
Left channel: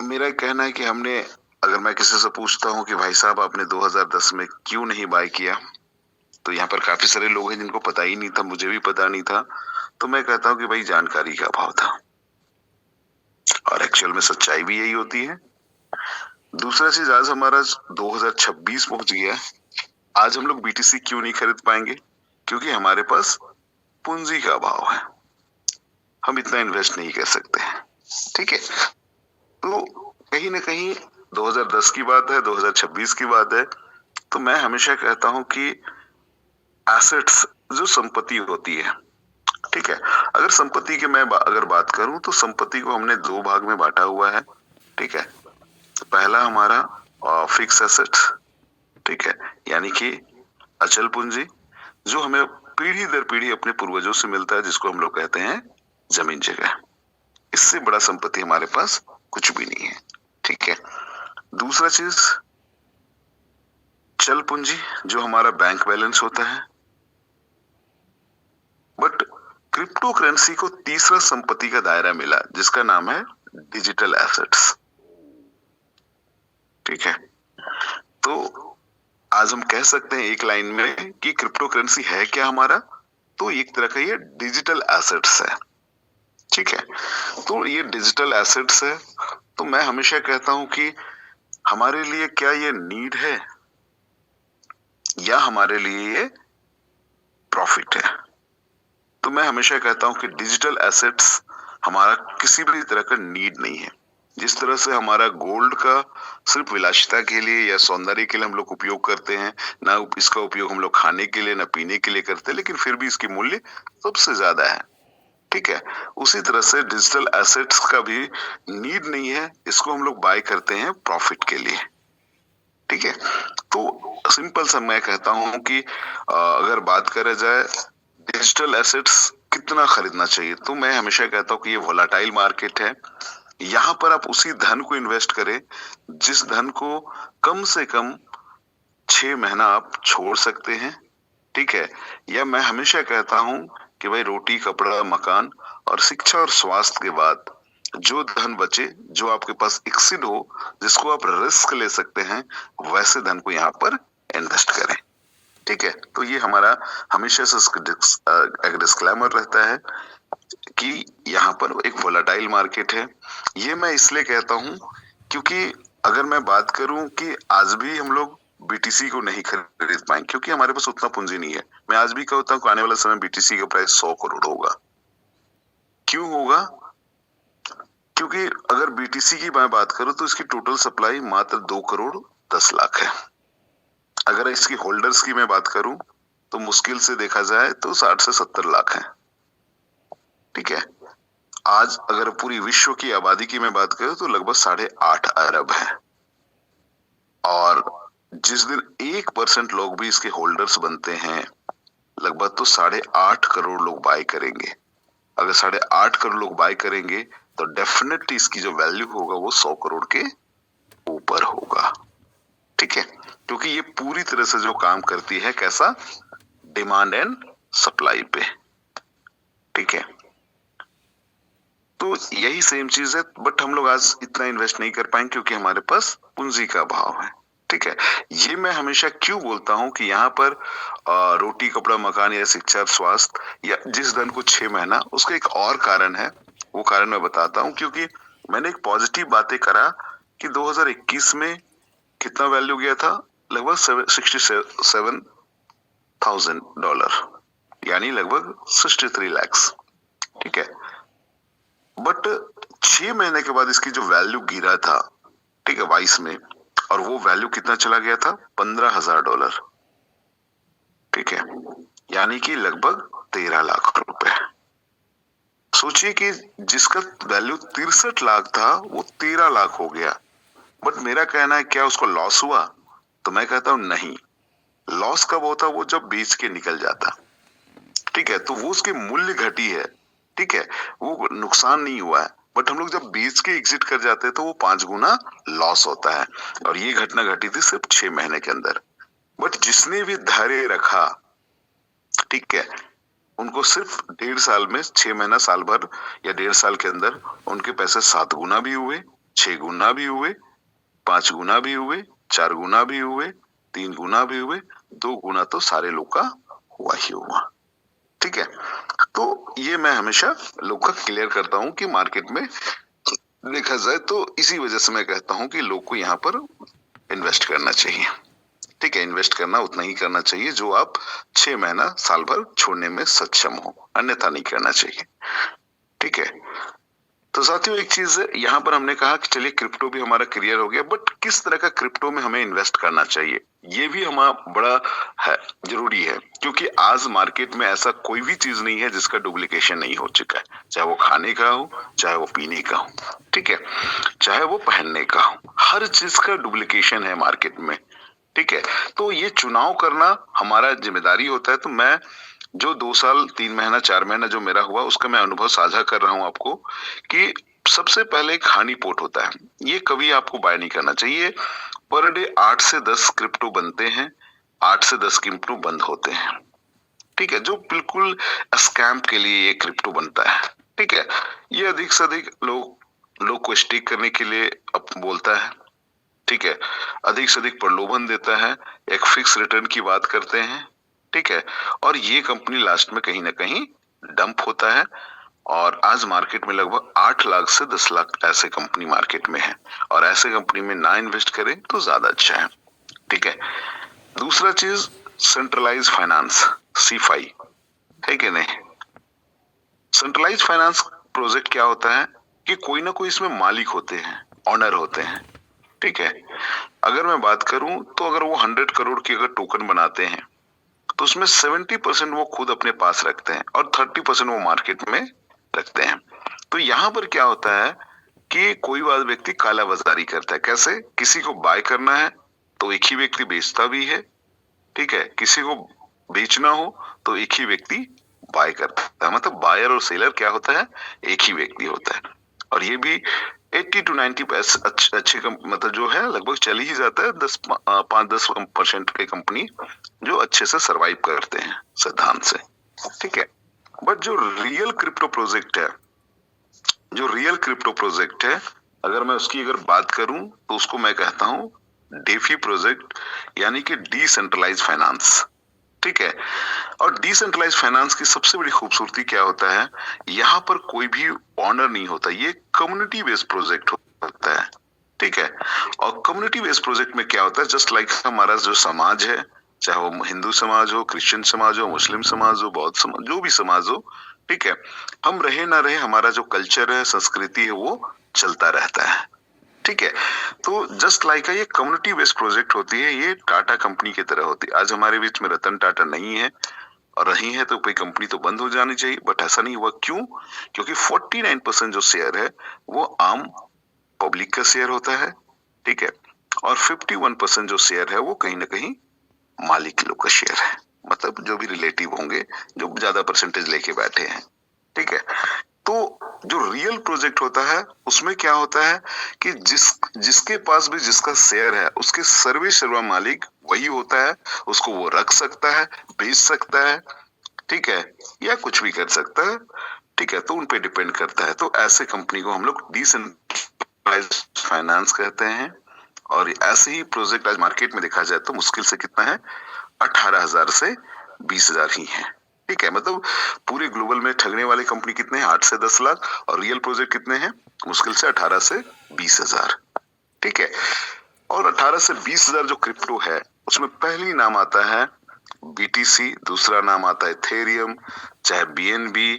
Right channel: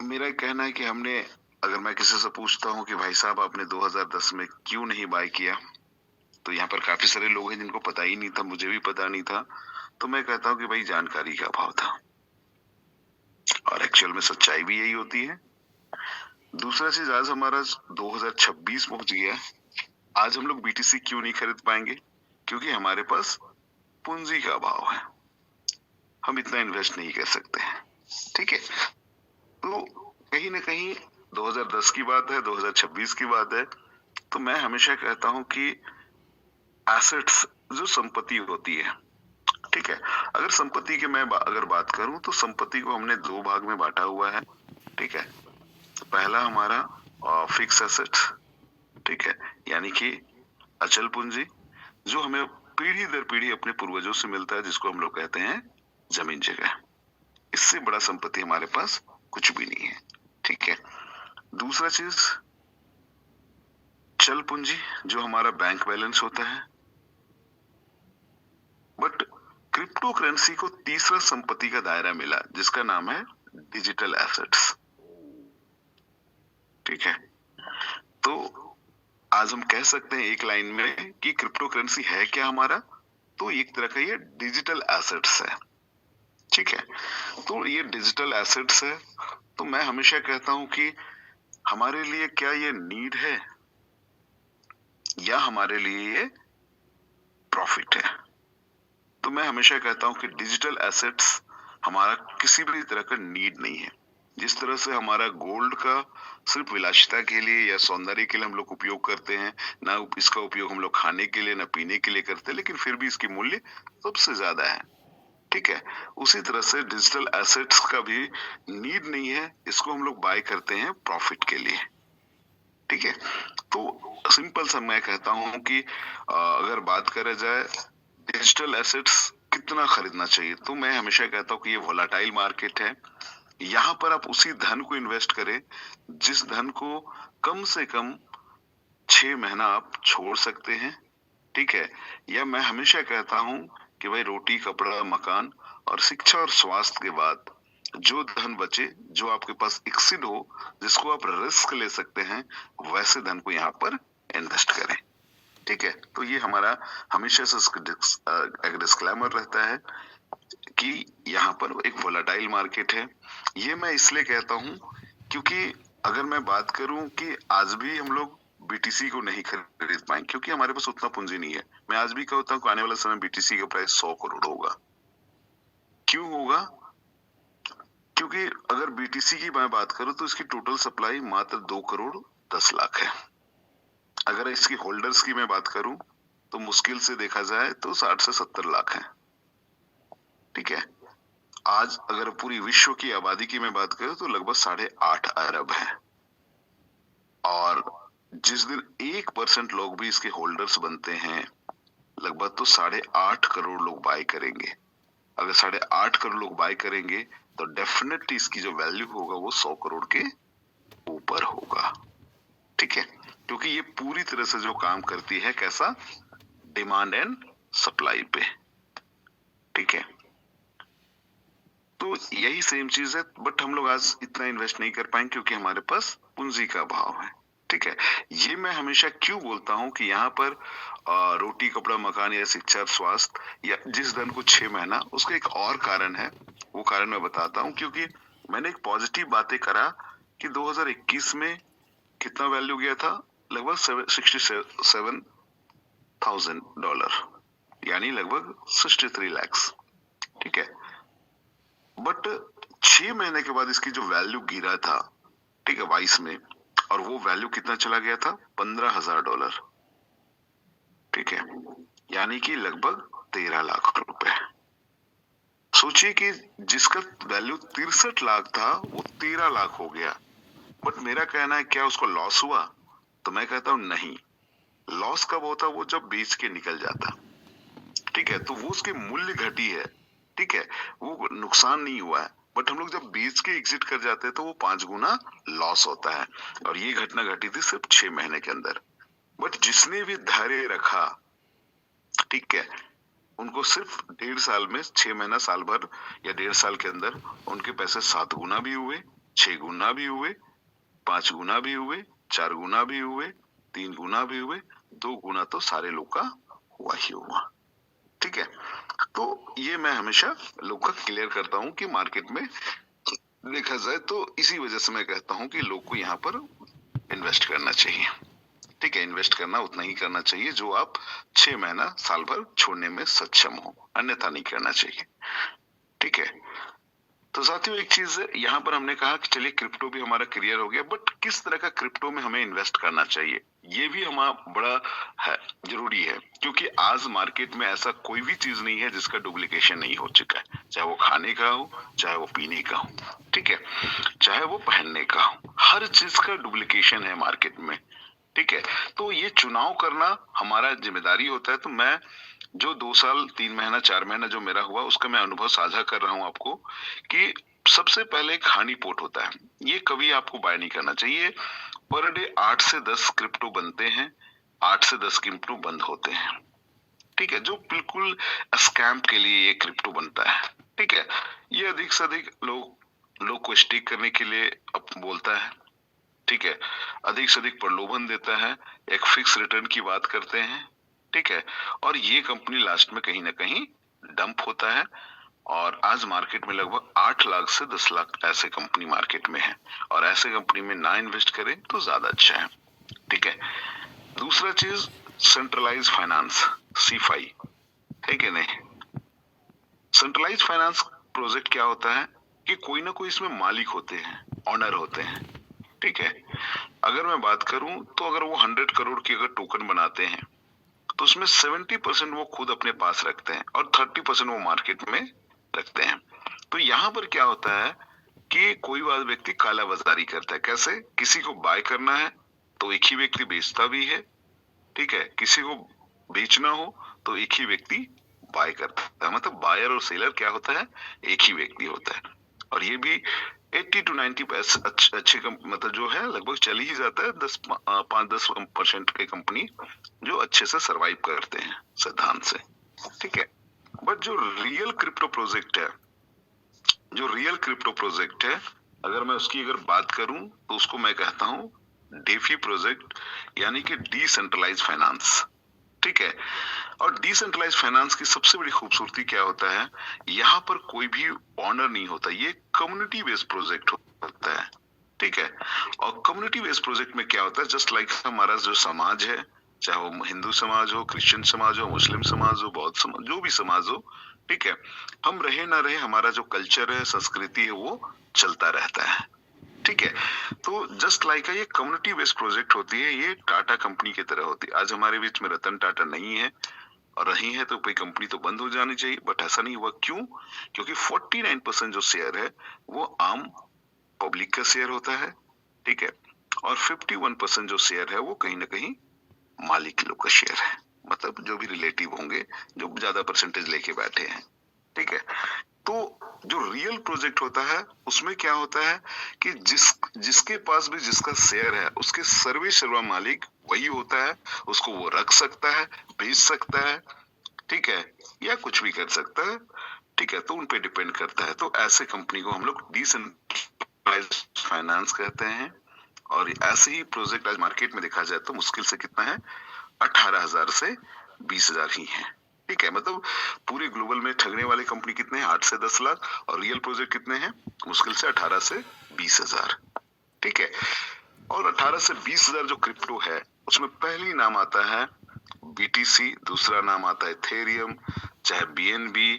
मेरा कहना है कि हमने, अगर मैं किसी से पूछता हूँ कि भाई साहब आपने 2010 में क्यों नहीं बाय किया, तो यहाँ पर काफी सारे लोग हैं जिनको पता ही नहीं था, मुझे भी पता नहीं था, तो मैं कहता हूँ कि भाई जानकारी का अभाव था, और एक्चुअल में सच्चाई भी यही होती है। दूसरा चीज, आज हमारा 2026 पहुंच गया, आज हम लोग बीटीसी क्यों नहीं खरीद पाएंगे? क्योंकि हमारे पास पूंजी का अभाव है, हम इतना इन्वेस्ट नहीं कर सकते। ठीक है, तो कहीं ना कहीं 2010 की बात है, 2026 की बात है, तो मैं हमेशा कहता हूं कि एसेट्स जो संपत्ति होती है, ठीक है, अगर संपत्ति की मैं अगर बात करूं तो संपत्ति को हमने 2 भाग में बांटा हुआ है। ठीक है, तो पहला हमारा फिक्स एसेट्स, ठीक है, यानी कि अचल पूंजी, जो हमें पीढ़ी दर पीढ़ी अपने पूर्वजों से मिलता है, जिसको हम लोग कहते हैं जमीन जगह। इससे बड़ा संपत्ति हमारे पास कुछ भी नहीं है। ठीक है, दूसरा चीज चल पूंजी, जो हमारा बैंक बैलेंस होता है। बट क्रिप्टो करेंसी को तीसरा संपत्ति का दायरा मिला, जिसका नाम है डिजिटल एसेट्स। ठीक है, तो आज हम कह सकते हैं एक लाइन में कि क्रिप्टो करेंसी है क्या हमारा, तो एक तरह का ये डिजिटल एसेट्स है। ठीक है, तो ये डिजिटल एसेट्स है, तो मैं हमेशा कहता हूं कि हमारे लिए क्या ये नीड है या हमारे लिए ये प्रॉफिट है। तो मैं हमेशा कहता हूं कि डिजिटल एसेट्स हमारा किसी भी तरह का नीड नहीं है। जिस तरह से हमारा गोल्ड का सिर्फ विलासिता के लिए या सौंदर्य के लिए हम लोग उपयोग करते हैं, ना इसका उपयोग हम लोग खाने के लिए ना पीने के लिए करते हैं, लेकिन फिर भी इसकी मूल्य सबसे ज्यादा है। ठीक है, उसी तरह से डिजिटल एसेट्स का भी नीड नहीं है, इसको हम लोग बाय करते हैं प्रॉफिट के लिए। ठीक है, तो सिंपल सा मैं कहता हूं कि अगर बात करा जाए डिजिटल एसेट्स कितना खरीदना चाहिए, तो मैं हमेशा कहता हूं कि ये वोलाटाइल मार्केट है। यहाँ पर आप उसी धन को इन्वेस्ट करें जिस धन को कम से कम 6 महीना आप छोड़ सकते हैं, ठीक है? या मैं हमेशा कहता हूँ कि भाई रोटी, कपड़ा, मकान और शिक्षा और स्वास्थ्य के बाद जो धन बचे, जो आपके पास एक्सीड हो, जिसको आप रिस्क ले सकते हैं, वैसे धन को यहाँ पर इन्वेस्ट करें, ठीक है? तो ये हमारा हमेशा से एक डिस्क्लेमर रहता है कि यहाँ पर एक वोलेटाइल मार्केट है। ये मैं इसलिए कहता हूँ क्योंकि अगर मैं बात करूँ कि आज भी हम लोग बीटीसी को नहीं खरीद पाए क्योंकि हमारे पास उतना पूंजी नहीं है। मैं आज भी कहता हूँ कि आने वाला समय बीटीसी का प्राइस 100 करोड़ होगा। क्यों होगा? क्योंकि अगर बीटीसी की मैं बात करूँ तो इसकी टोटल सप्लाई मात्र 2 करोड़ 10 लाख है। अगर इसकी होल्डर्स की मैं बात करूँ तो मुश्किल से देखा जाए तो 60 से 70 लाख है, ठीक है? आज अगर पूरी विश्व की आबादी की मैं बात करूं तो लगभग 8.5 अरब है और जिस दिन 1% लोग भी इसके होल्डर्स बनते हैं लगभग तो 8.5 करोड़ लोग बाय करेंगे। अगर 8.5 करोड़ लोग बाय करेंगे तो डेफिनेटली इसकी जो वैल्यू होगा वो 100 करोड़ के ऊपर होगा, ठीक है? क्योंकि ये पूरी तरह से जो काम करती है कैसा, डिमांड एंड सप्लाई पे, ठीक है? तो यही सेम चीज है, बट हम लोग आज इतना इन्वेस्ट नहीं कर पाएंगे क्योंकि हमारे पास पूंजी का अभाव है, ठीक है? ये मैं हमेशा क्यों बोलता हूँ कि यहाँ पर रोटी, कपड़ा, मकान या शिक्षा, स्वास्थ्य या जिस धन को 6 महीना, उसका एक और कारण है। वो कारण मैं बताता हूँ क्योंकि मैंने एक पॉजिटिव बातें करा कि 2021 में कितना वैल्यू गया था, लगभग $67,000 यानी लगभग 63 लाख, ठीक है? बट 6 महीने के बाद इसकी जो वैल्यू गिरा था, ठीक है, 22 में, और वो वैल्यू कितना चला गया था, $15,000, ठीक है? यानी कि लगभग 13 लाख रुपए। सोचिए कि जिसका वैल्यू 63 लाख था वो 13 लाख हो गया। बट मेरा कहना है क्या उसको लॉस हुआ? तो मैं कहता हूं नहीं। लॉस कब होता? वो जब बेच के निकल जाता, ठीक है? तो वो उसके मूल्य घटी है, ठीक है? वो नुकसान नहीं हुआ है, बट हम लोग जब बेच के एग्जिट कर जाते हैं तो वो 5 गुना लॉस होता है और ये घटना घटी थी सिर्फ 6 महीने के अंदर। बट जिसने भी धैर्य रखा, ठीक है, उनको सिर्फ 1.5 साल में, 6 महीना, साल भर या 1.5 साल के अंदर उनके पैसे 7 गुना भी हुए, 6 गुना भी हुए, 5 गुना भी हुए, 4 गुना भी हुए, 3 गुना भी हुए, 2 गुना तो सारे लोग का हुआ ही हुआ, ठीक है? तो ये मैं हमेशा लोग का क्लियर करता हूँ कि मार्केट में देखा जाए तो इसी वजह से मैं कहता हूँ कि लोग को यहाँ पर इन्वेस्ट करना चाहिए, ठीक है? इन्वेस्ट करना उतना ही करना चाहिए जो आप 6 महीना, साल भर छोड़ने में सक्षम हो, अन्यथा नहीं करना चाहिए, ठीक है? तो साथियों एक चीज है, यहाँ पर हमने कहा कि चलिए क्रिप्टो भी हमारा क्लियर हो गया, बट किस तरह का क्रिप्टो में हमें इन्वेस्ट करना चाहिए ये भी हमारा बड़ा है, जरूरी है, क्योंकि आज मार्केट में ऐसा कोई भी चीज नहीं है जिसका डुप्लीकेशन नहीं हो चुका है, चाहे वो खाने का हो, चाहे वो पीने का हो, ठीक है, चाहे वो पहनने का हो, हर चीज का डुप्लीकेशन है मार्केट में, ठीक है? तो ये चुनाव करना हमारा जिम्मेदारी होता है। तो मैं जो 2 साल, 3 महीना, 4 महीना जो मेरा हुआ उसका मैं अनुभव साझा कर रहा हूँ आपको कि सबसे पहले एक हानि पोर्ट होता है, ये कभी आपको बाय नहीं करना चाहिए। पर डे 8 से 10 क्रिप्टो बनते हैं, 8 से 10 क्रिप्टो बंद होते हैं, ठीक है? जो बिल्कुल स्कैम के लिए ये क्रिप्टो बनता है, ठीक है? ये अधिक से अधिक लोग को स्टिक करने के लिए बोलता है, ठीक है? अधिक से अधिक प्रलोभन देता है, एक फिक्स रिटर्न की बात करते हैं, ठीक है? और ये कंपनी लास्ट में कहीं ना कहीं डंप होता है और आज मार्केट में लगभग 8 लाख से 10 लाख ऐसे कंपनी मार्केट में है और ऐसे कंपनी में ना इन्वेस्ट करें तो ज्यादा अच्छा है, ठीक है? दूसरा चीज, सेंट्रलाइज फाइनेंस, सीफाई, है कि नहीं? सेंट्रलाइज फाइनेंस प्रोजेक्ट क्या होता है कि कोई ना कोई इसमें मालिक होते हैं, ऑनर होते हैं, ठीक है? अगर मैं बात करूं तो अगर वो 100 करोड़ की अगर टोकन बनाते हैं तो उसमें 70% वो खुद अपने पास रखते हैं और 30% वो मार्केट में रखते हैं। तो यहाँ पर क्या होता है कि कोई व्यक्ति काला बाजारी करता है। कैसे? किसी को बाय करना है तो एक ही व्यक्ति बेचता भी है, ठीक है? किसी को बेचना हो तो एक ही व्यक्ति बाय करता है। मतलब बायर और सेलर क्या होता है? एक ही व्यक्ति होता है। और ये भी 80 to 90 अच्छे मतलब जो है लगभग चल ही जाता है। 5-10% के कंपनी जो अच्छे से सरवाइव करते हैं सिद्धांत से, ठीक है। बट जो रियल क्रिप्टो प्रोजेक्ट है, अगर मैं उसकी बात करूं तो उसको मैं कहता हूं डेफी प्रोजेक्ट, यानी कि डिसेंट्रलाइज फाइनेंस, ठीक है। और डिसेंट्रलाइज फाइनेंस की सबसे बड़ी खूबसूरती क्या होता है, यहाँ पर कोई भी ऑनर नहीं होता, ये कम्युनिटी बेस्ड प्रोजेक्ट होता है, ठीक है। और कम्युनिटी बेस्ड प्रोजेक्ट में क्या होता है, जस्ट लाइक हमारा जो समाज है, चाहे वो हिंदू समाज हो, क्रिश्चियन समाज हो, मुस्लिम समाज हो, बौद्ध समाज, जो भी समाज हो, ठीक है, हम रहे ना रहे, हमारा जो कल्चर है, संस्कृति है, वो चलता रहता है, ठीक है। तो जस्ट लाइक ये कम्युनिटी बेस्ड प्रोजेक्ट होती है, ये टाटा कंपनी की तरह होती है। आज हमारे बीच में रतन टाटा नहीं है, और रही है तो कोई कंपनी तो बंद हो जानी चाहिए, बट ऐसा नहीं हुआ। क्यों? क्योंकि 49% जो शेयर है वो आम पब्लिक का शेयर होता है, ठीक है, और 51% जो शेयर है वो कहीं ना कहीं मालिक लोग का शेयर है, मतलब जो भी रिलेटिव होंगे जो ज्यादा परसेंटेज लेके बैठे हैं, ठीक है। तो जो रियल प्रोजेक्ट होता है उसमें क्या होता है कि जिसके पास भी जिसका शेयर है उसके सर्वे सर्वा मालिक वही होता है, उसको वो रख सकता है, बेच सकता है, ठीक है, या कुछ भी कर सकता है, ठीक है। तो उन पे डिपेंड करता है। तो ऐसे कंपनी को हम लोग डिसेंट्रलाइज्ड फाइनेंस कहते हैं। और ऐसे ही प्रोजेक्ट आज मार्केट में देखा जाए तो मुश्किल से कितना है, 18,000 से 20,000 ही है, ठीक है। मतलब पूरे ग्लोबल में ठगने वाले कंपनी कितने हैं, 8 से 10 लाख, और रियल प्रोजेक्ट कितने हैं, मुश्किल से 18 से 20,000, ठीक है। और 18 से 20,000 जो क्रिप्टो है उसमें पहली नाम आता है बीटीसी, दूसरा नाम आता है इथेरियम, चाहे बीएनबी,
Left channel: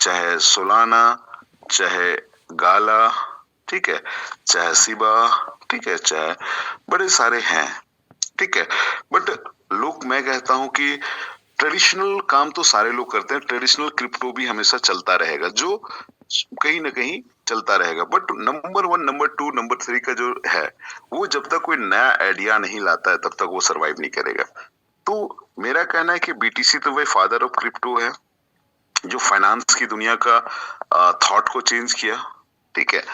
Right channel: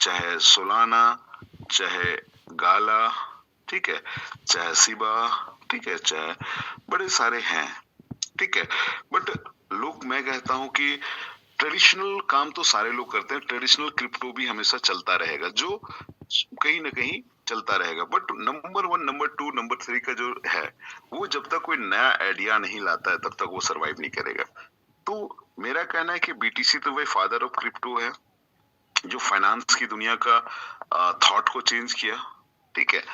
चाहे सोलाना, चाहे गाला, ठीक है, चाहे सिबा, ठीक है, चाहे बड़े सारे हैं, ठीक है। बट लोग, मैं कहता हूं कि ट्रेडिशनल काम तो सारे लोग करते हैं, ट्रेडिशनल क्रिप्टो भी हमेशा चलता रहेगा, जो कहीं ना कहीं चलता रहेगा। बट नंबर 1, नंबर 2, नंबर 3 का जो है वो जब तक कोई नया आइडिया नहीं लाता है तब तक वो सरवाइव नहीं करेगा। तो मेरा कहना है कि बीटीसी तो वही फादर ऑफ क्रिप्टो है, जो फाइनेंस की दुनिया का थॉट को चेंज किया, ठीक है।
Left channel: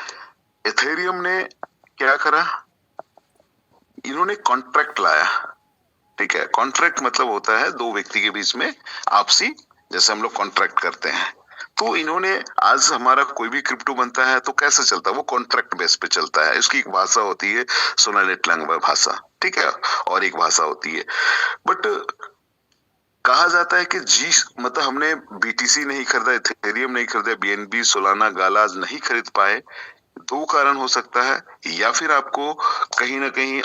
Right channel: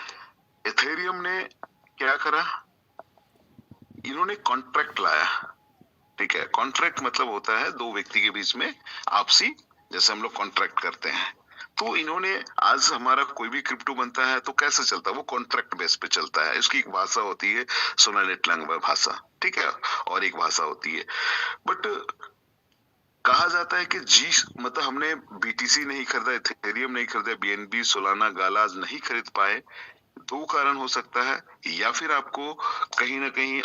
इथेरियम ने क्या करा, इन्होंने कॉन्ट्रैक्ट लाया, ठीक है। कॉन्ट्रैक्ट मतलब होता है दो व्यक्ति के बीच में आपसी, जैसे हम लोग कॉन्ट्रैक्ट करते हैं। तो इन्होंने, आज हमारा कोई भी क्रिप्टो बनता है तो कैसे चलता है, वो कॉन्ट्रैक्ट बेस पे चलता है। इसकी एक भाषा होती है सोनालिट लैंग्वेज भाषा, ठीक है, और एक भाषा होती है। बट कहा जाता है कि जी, मतलब हमने बीटीसी नहीं खरीदा, इथेरियम नहीं खरीदा, बीएनबी, सोलाना, गाला नहीं खरीद पाए। दो कारण हो सकता है, या फिर आपको कहीं ना कहीं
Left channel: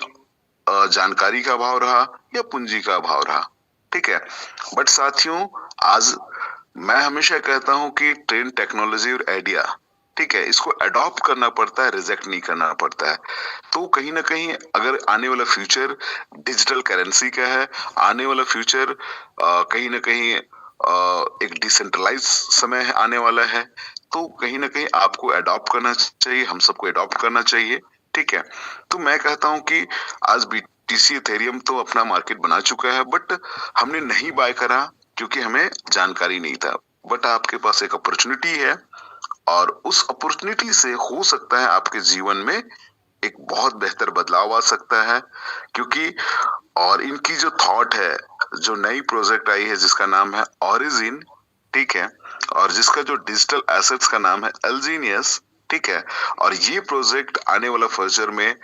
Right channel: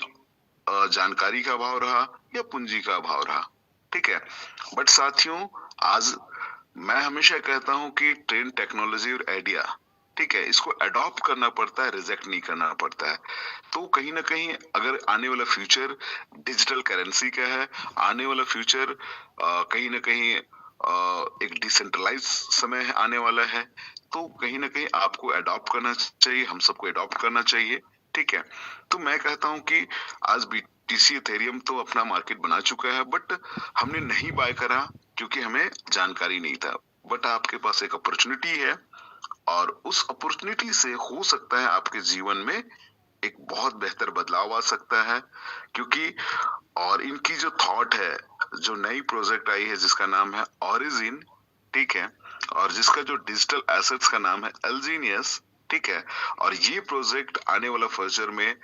जानकारी का अभाव रहा या पूंजी का अभाव रहा, ठीक है। बट साथियों, आज मैं हमेशा कहता हूं कि ट्रेंड, टेक्नोलॉजी और आइडिया, ठीक है, इसको अडॉप्ट करना पड़ता है, रिजेक्ट नहीं करना पड़ता है। तो कहीं ना कहीं अगर आने वाला फ्यूचर डिजिटल करेंसी का है, आने वाला फ्यूचर कहीं ना कहीं एक डिसेंट्रलाइज समय आने वाला है, तो कहीं ना कहीं आपको अडॉप्ट करना चाहिए, हम सबको अडॉप्ट करना चाहिए, ठीक है। तो मैं कहता हूं कि आज बीटीसी, इथेरियम तो अपना मार्केट बना चुका है, बट हमने नहीं बाय करा क्योंकि हमें जानकारी नहीं था। बट आपके पास एक अपॉर्चुनिटी है, और उस अपॉर्चुनिटी से हो सकता है आपके जीवन में एक बहुत बेहतर बदलाव आ सकता है। क्योंकि और इनकी जो थॉट है, जो नई प्रोजेक्ट आई है जिसका नाम है ओरिजिन, ठीक है, और जिसका जो डिजिटल एसेट्स का नाम है एल्जीनियस, ठीक है। और ये प्रोजेक्ट आने वाला फ्यूचर में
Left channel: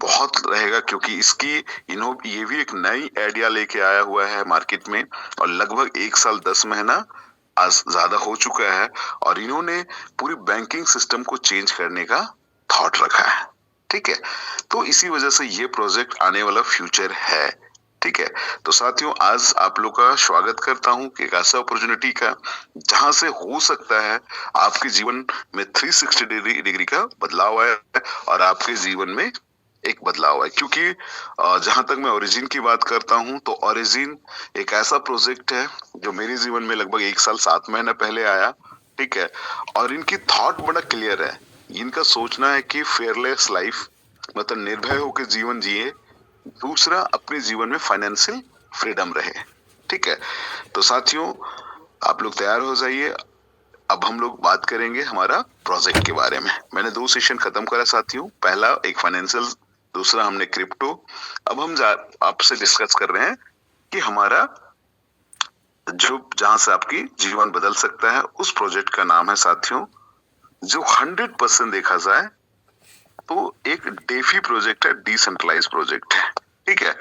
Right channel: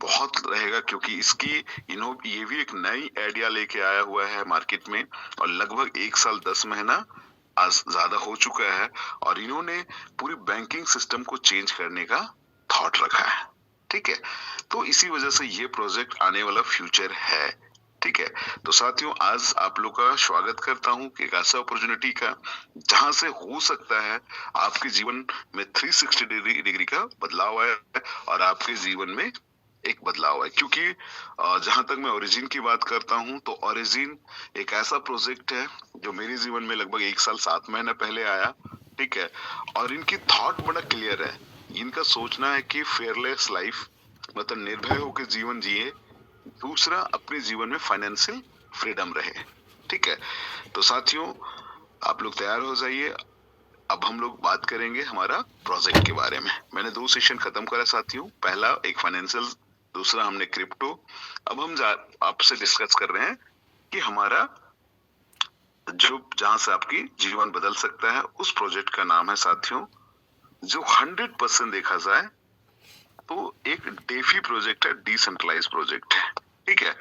बहुत रहेगा, क्योंकि इसकी ये भी एक नई आइडिया लेके आया हुआ है मार्केट में, और लगभग 1 साल 10 महीना आज ज्यादा हो चुका है, और इन्होंने पूरी बैंकिंग सिस्टम को चेंज करने का थॉट रखा है, ठीक है। तो इसी वजह से ये प्रोजेक्ट आने वाला फ्यूचर है, ठीक है। तो साथियों, आज आप लोग का स्वागत करता हूं कि एक ऐसा अपॉर्चुनिटी का जहां से हो सकता है आपके जीवन में 360 डिग्री का बदलाव आया है, और आपके जीवन में एक बदलाव है। क्योंकि जहां तक मैं ओरिजिन की बात करता हूं तो ओरिजिन एक ऐसा प्रोजेक्ट है जो मेरे जीवन में लगभग 1 साल 7 महीने पहले आया, ठीक है। और इनकी थॉट बड़ा क्लियर है, इनका सोचना है कि फेयरलेस लाइफ, मतलब निर्भय होकर जीवन जिए, दूसरा अपने जीवन में फाइनेंशियल फ्रीडम रहे, ठीक है। तो साथियों, आप लोग तैयार हो जाइए, अब हम लोग बात करेंगे हमारा प्रोजेक्ट के बारे में। मैंने 2 सेशन खत्म करा साथियों, पहला एक फाइनेंशियल, दूसरा हमने क्रिप्टो। अब हम आपसे डिस्कस कर रहे हैं कि हमारा जो जहां से आपकी जीवन बदल सकता है, उस प्रोजेक्ट का नाम है साथियों, जो 100% देखा जाए तो एक डेफी प्रोजेक्ट है, डिसेंट्रलाइज प्रोजेक्ट है। ठीक है,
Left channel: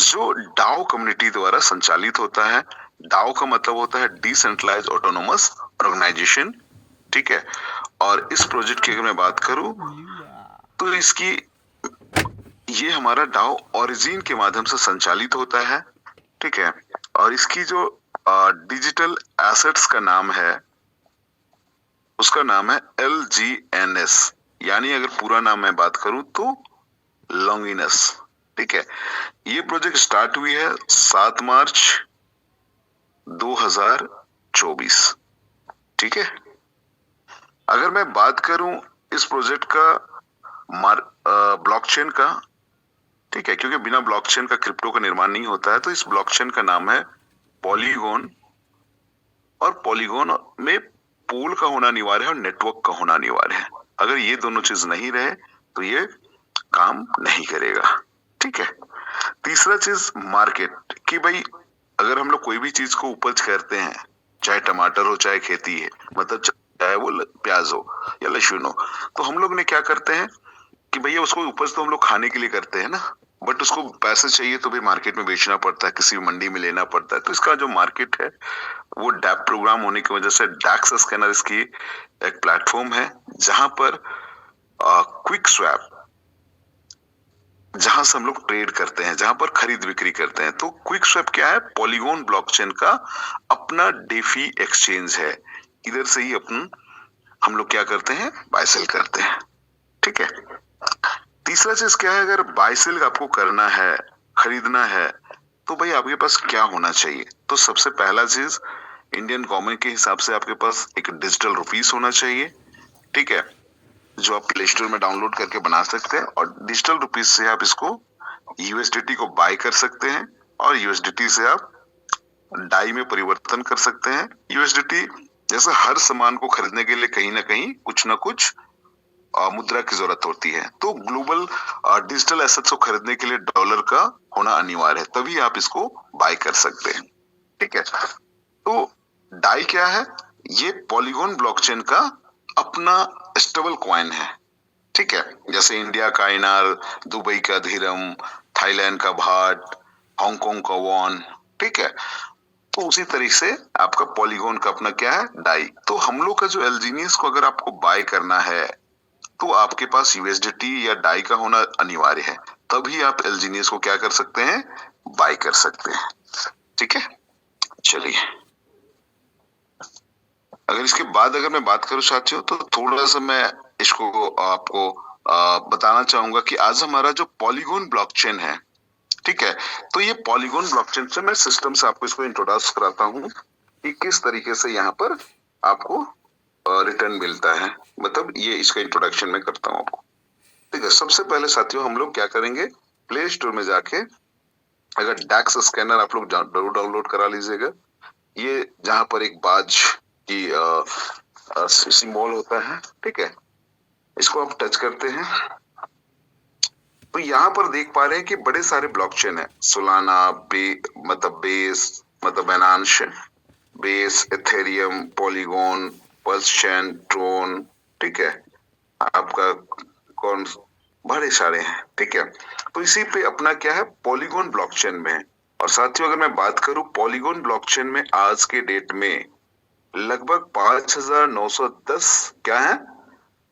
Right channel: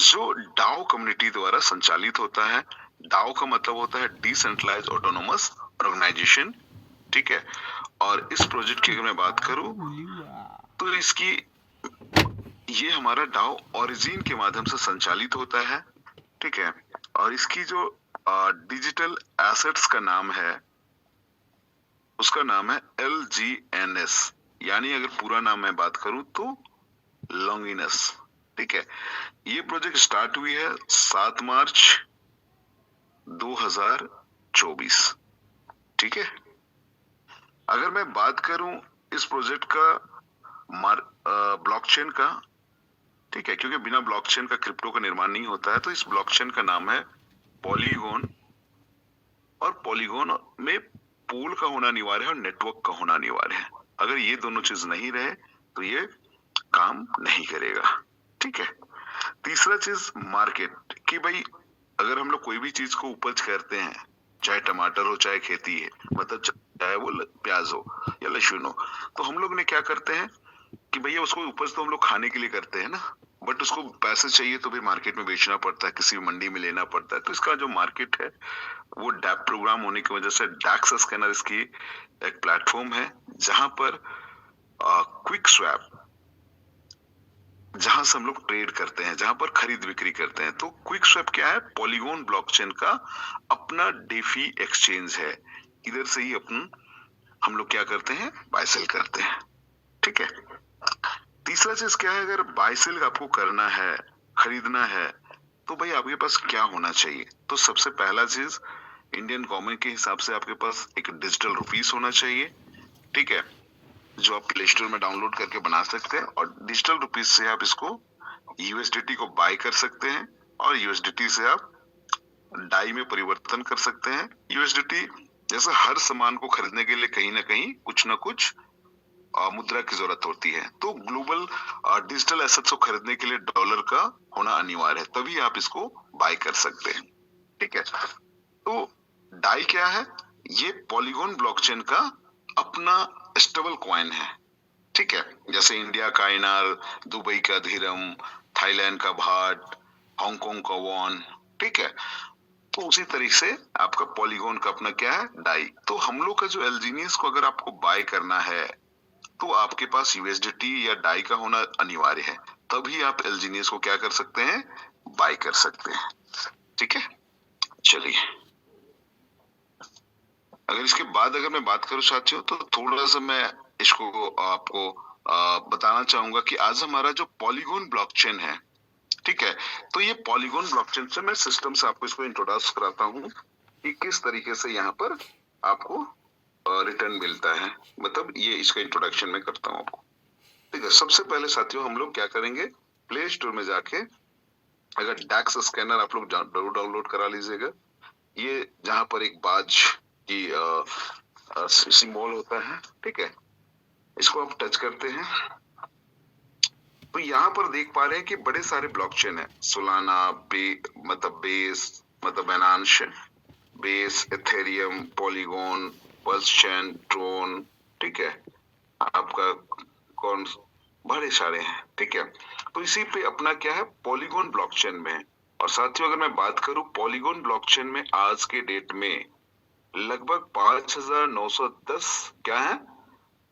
जो डाओ कम्युनिटी द्वारा संचालित होता है। डाओ का मतलब होता है डिसेंट्रलाइज ऑटोनोमस ऑर्गेनाइजेशन। ठीक है, और इस प्रोजेक्ट की अगर मैं बात करूं तो इसकी ये हमारा डाओ ओरिजिन के माध्यम से संचालित होता है। ठीक है, और इसकी जो डिजिटल एसेट्स का नाम है, उसका नाम है LGNS, यानी अगर पूरा नाम मैं बात करूं तो लॉन्गिनस। ठीक है, ये प्रोजेक्ट स्टार्ट हुई है 7 मार्च 2024। ठीक है, अगर मैं बात करूं इस प्रोजेक्ट का ब्लॉकचेन का, ठीक है, क्योंकि बिना ब्लॉकचेन का क्रिप्टो का निर्माण नहीं होता है, तो इस ब्लॉकचेन का नाम है पॉलीगॉन। और पॉलीगॉन में पूल का होना अनिवार्य है और नेटवर्क का होना अनिवार्य है। अगर ये दोनों चीज नहीं रहे तो ये काम नहीं करेगा। ठीक है, तीसरा चीज मार्केट, कि भाई अगर हम लोग कोई भी चीज को उपज करते हैं, चाहे टमाटर हो चाहे खेती है, मतलब चाहे वो प्याज हो या लहसुन हो, तो हम लोग ने क्या करते हैं कि भैया उसको उपज तो हम लोग खाने के लिए करते हैं ना, बट उसको पैसे चाहिए तो भी मार्केट में बेचना पड़ता है, किसी मंडी में लेना पड़ता है। तो इसका जो मार्केट है वो डैप प्रोग्राम होने की वजह से डैक्स स्कैनर इसकी एक प्लेटफॉर्म है, जहां पर क्विक स्वैप, जहां से हम लोग ट्रेड करते हैं, जहां पर खरीद बिक्री करते हैं। तो क्विक स्वैप क्या है? पॉलीगॉन ब्लॉकचेन का अपना डेफी एक्सचेंज है। इधर से ही हम लोग क्या करते हैं? बाय सेल करते हैं। ठीक है, तीसरा चीज क्या है? अगर बाय सेल आपको करना है, खरीदना है, तो भाई आपके पास क्या होना चाहिए? तो सबसे पहला चीज, इंडियन गवर्नमेंट के हिसाब से आपके पास एक डिजिटल रुपीस होना चाहिए। ठीक है, जो आप प्ले स्टोर में डाउनलोड करके बना सकते हैं, और डिजिटल रुपीस से आप इसको यूएसडीटी को बाय कर सकते हैं, और यूएसडीटी से आप डाई में परिवर्तन कर सकते हैं। यूएसडीटी जैसे हर सामान को खरीदने के लिए कहीं ना कहीं कुछ ना कुछ मुद्रा की जरूरत होती है, तो ग्लोबल डिजिटल एसेट्स को खरीदने के लिए डॉलर का होना अनिवार्य है, तभी आप इसको बाय कर सकते हैं। ठीक है, तो डाई क्या है? ये पॉलीगॉन ब्लॉकचेन का अपना स्टेबल कॉइन है। ठीक है, जैसे इंडिया का INR, दुबई का धीरम, थाईलैंड का भाट, हांगकांग का वॉन। ठीक है, तो उसी तरीके से आपका पॉलीगॉन का अपना क्या है? डाई। तो हम लोग का जो एलजीनियस को अगर आपको बाय करना है, तो आपके पास यूएसडीटी या डाई का होना अनिवार्य है, तभी आप एलजीनियस को क्या कर सकते हैं? बाय कर सकते हैं। ठीक है, चलिए, अगर इसके बाद अगर मैं बात करूं साथियों, तो थोड़ा सा मैं इसको आपको बताना चाहूंगा कि आज हमारा जो पॉलीगॉन ब्लॉकचेन है, ठीक है, तो ये पॉलीगॉन ब्लॉकचेन से मैं सिस्टम से आपको इसको इंट्रोड्यूस कराता हूँ कि किस तरीके से यहाँ पर आपको रिटर्न मिलता है। मतलब ये इसका इंट्रोडक्शन में करता हूँ आपको। ठीक है, सबसे पहले साथियों हम लोग क्या करेंगे? प्ले स्टोर में जाके अगर डैक्स स्कैनर आप लोग जरूर डाउनलोड करा लीजिएगा। ये जहां पर एक बाज की सिंबल होता है, ठीक है, इसको आप टच करते हैं तो यहाँ पर देख पा रहे हैं कि बड़े सारे ब्लॉकचेन है। सोलाना, मतलब बेस, मतलब Binance, base, Ethereum, Polygon, PulseChain, Tron. ठीक है, आपका कौन, बड़े सारे हैं। ठीक है, तो इसी पे अपना क्या है? पॉलीगॉन ब्लॉकचेन में। और साथियों अगर मैं बात करूं पॉलीगॉन ब्लॉकचेन में आज के डेट में लगभग 5910 क्या है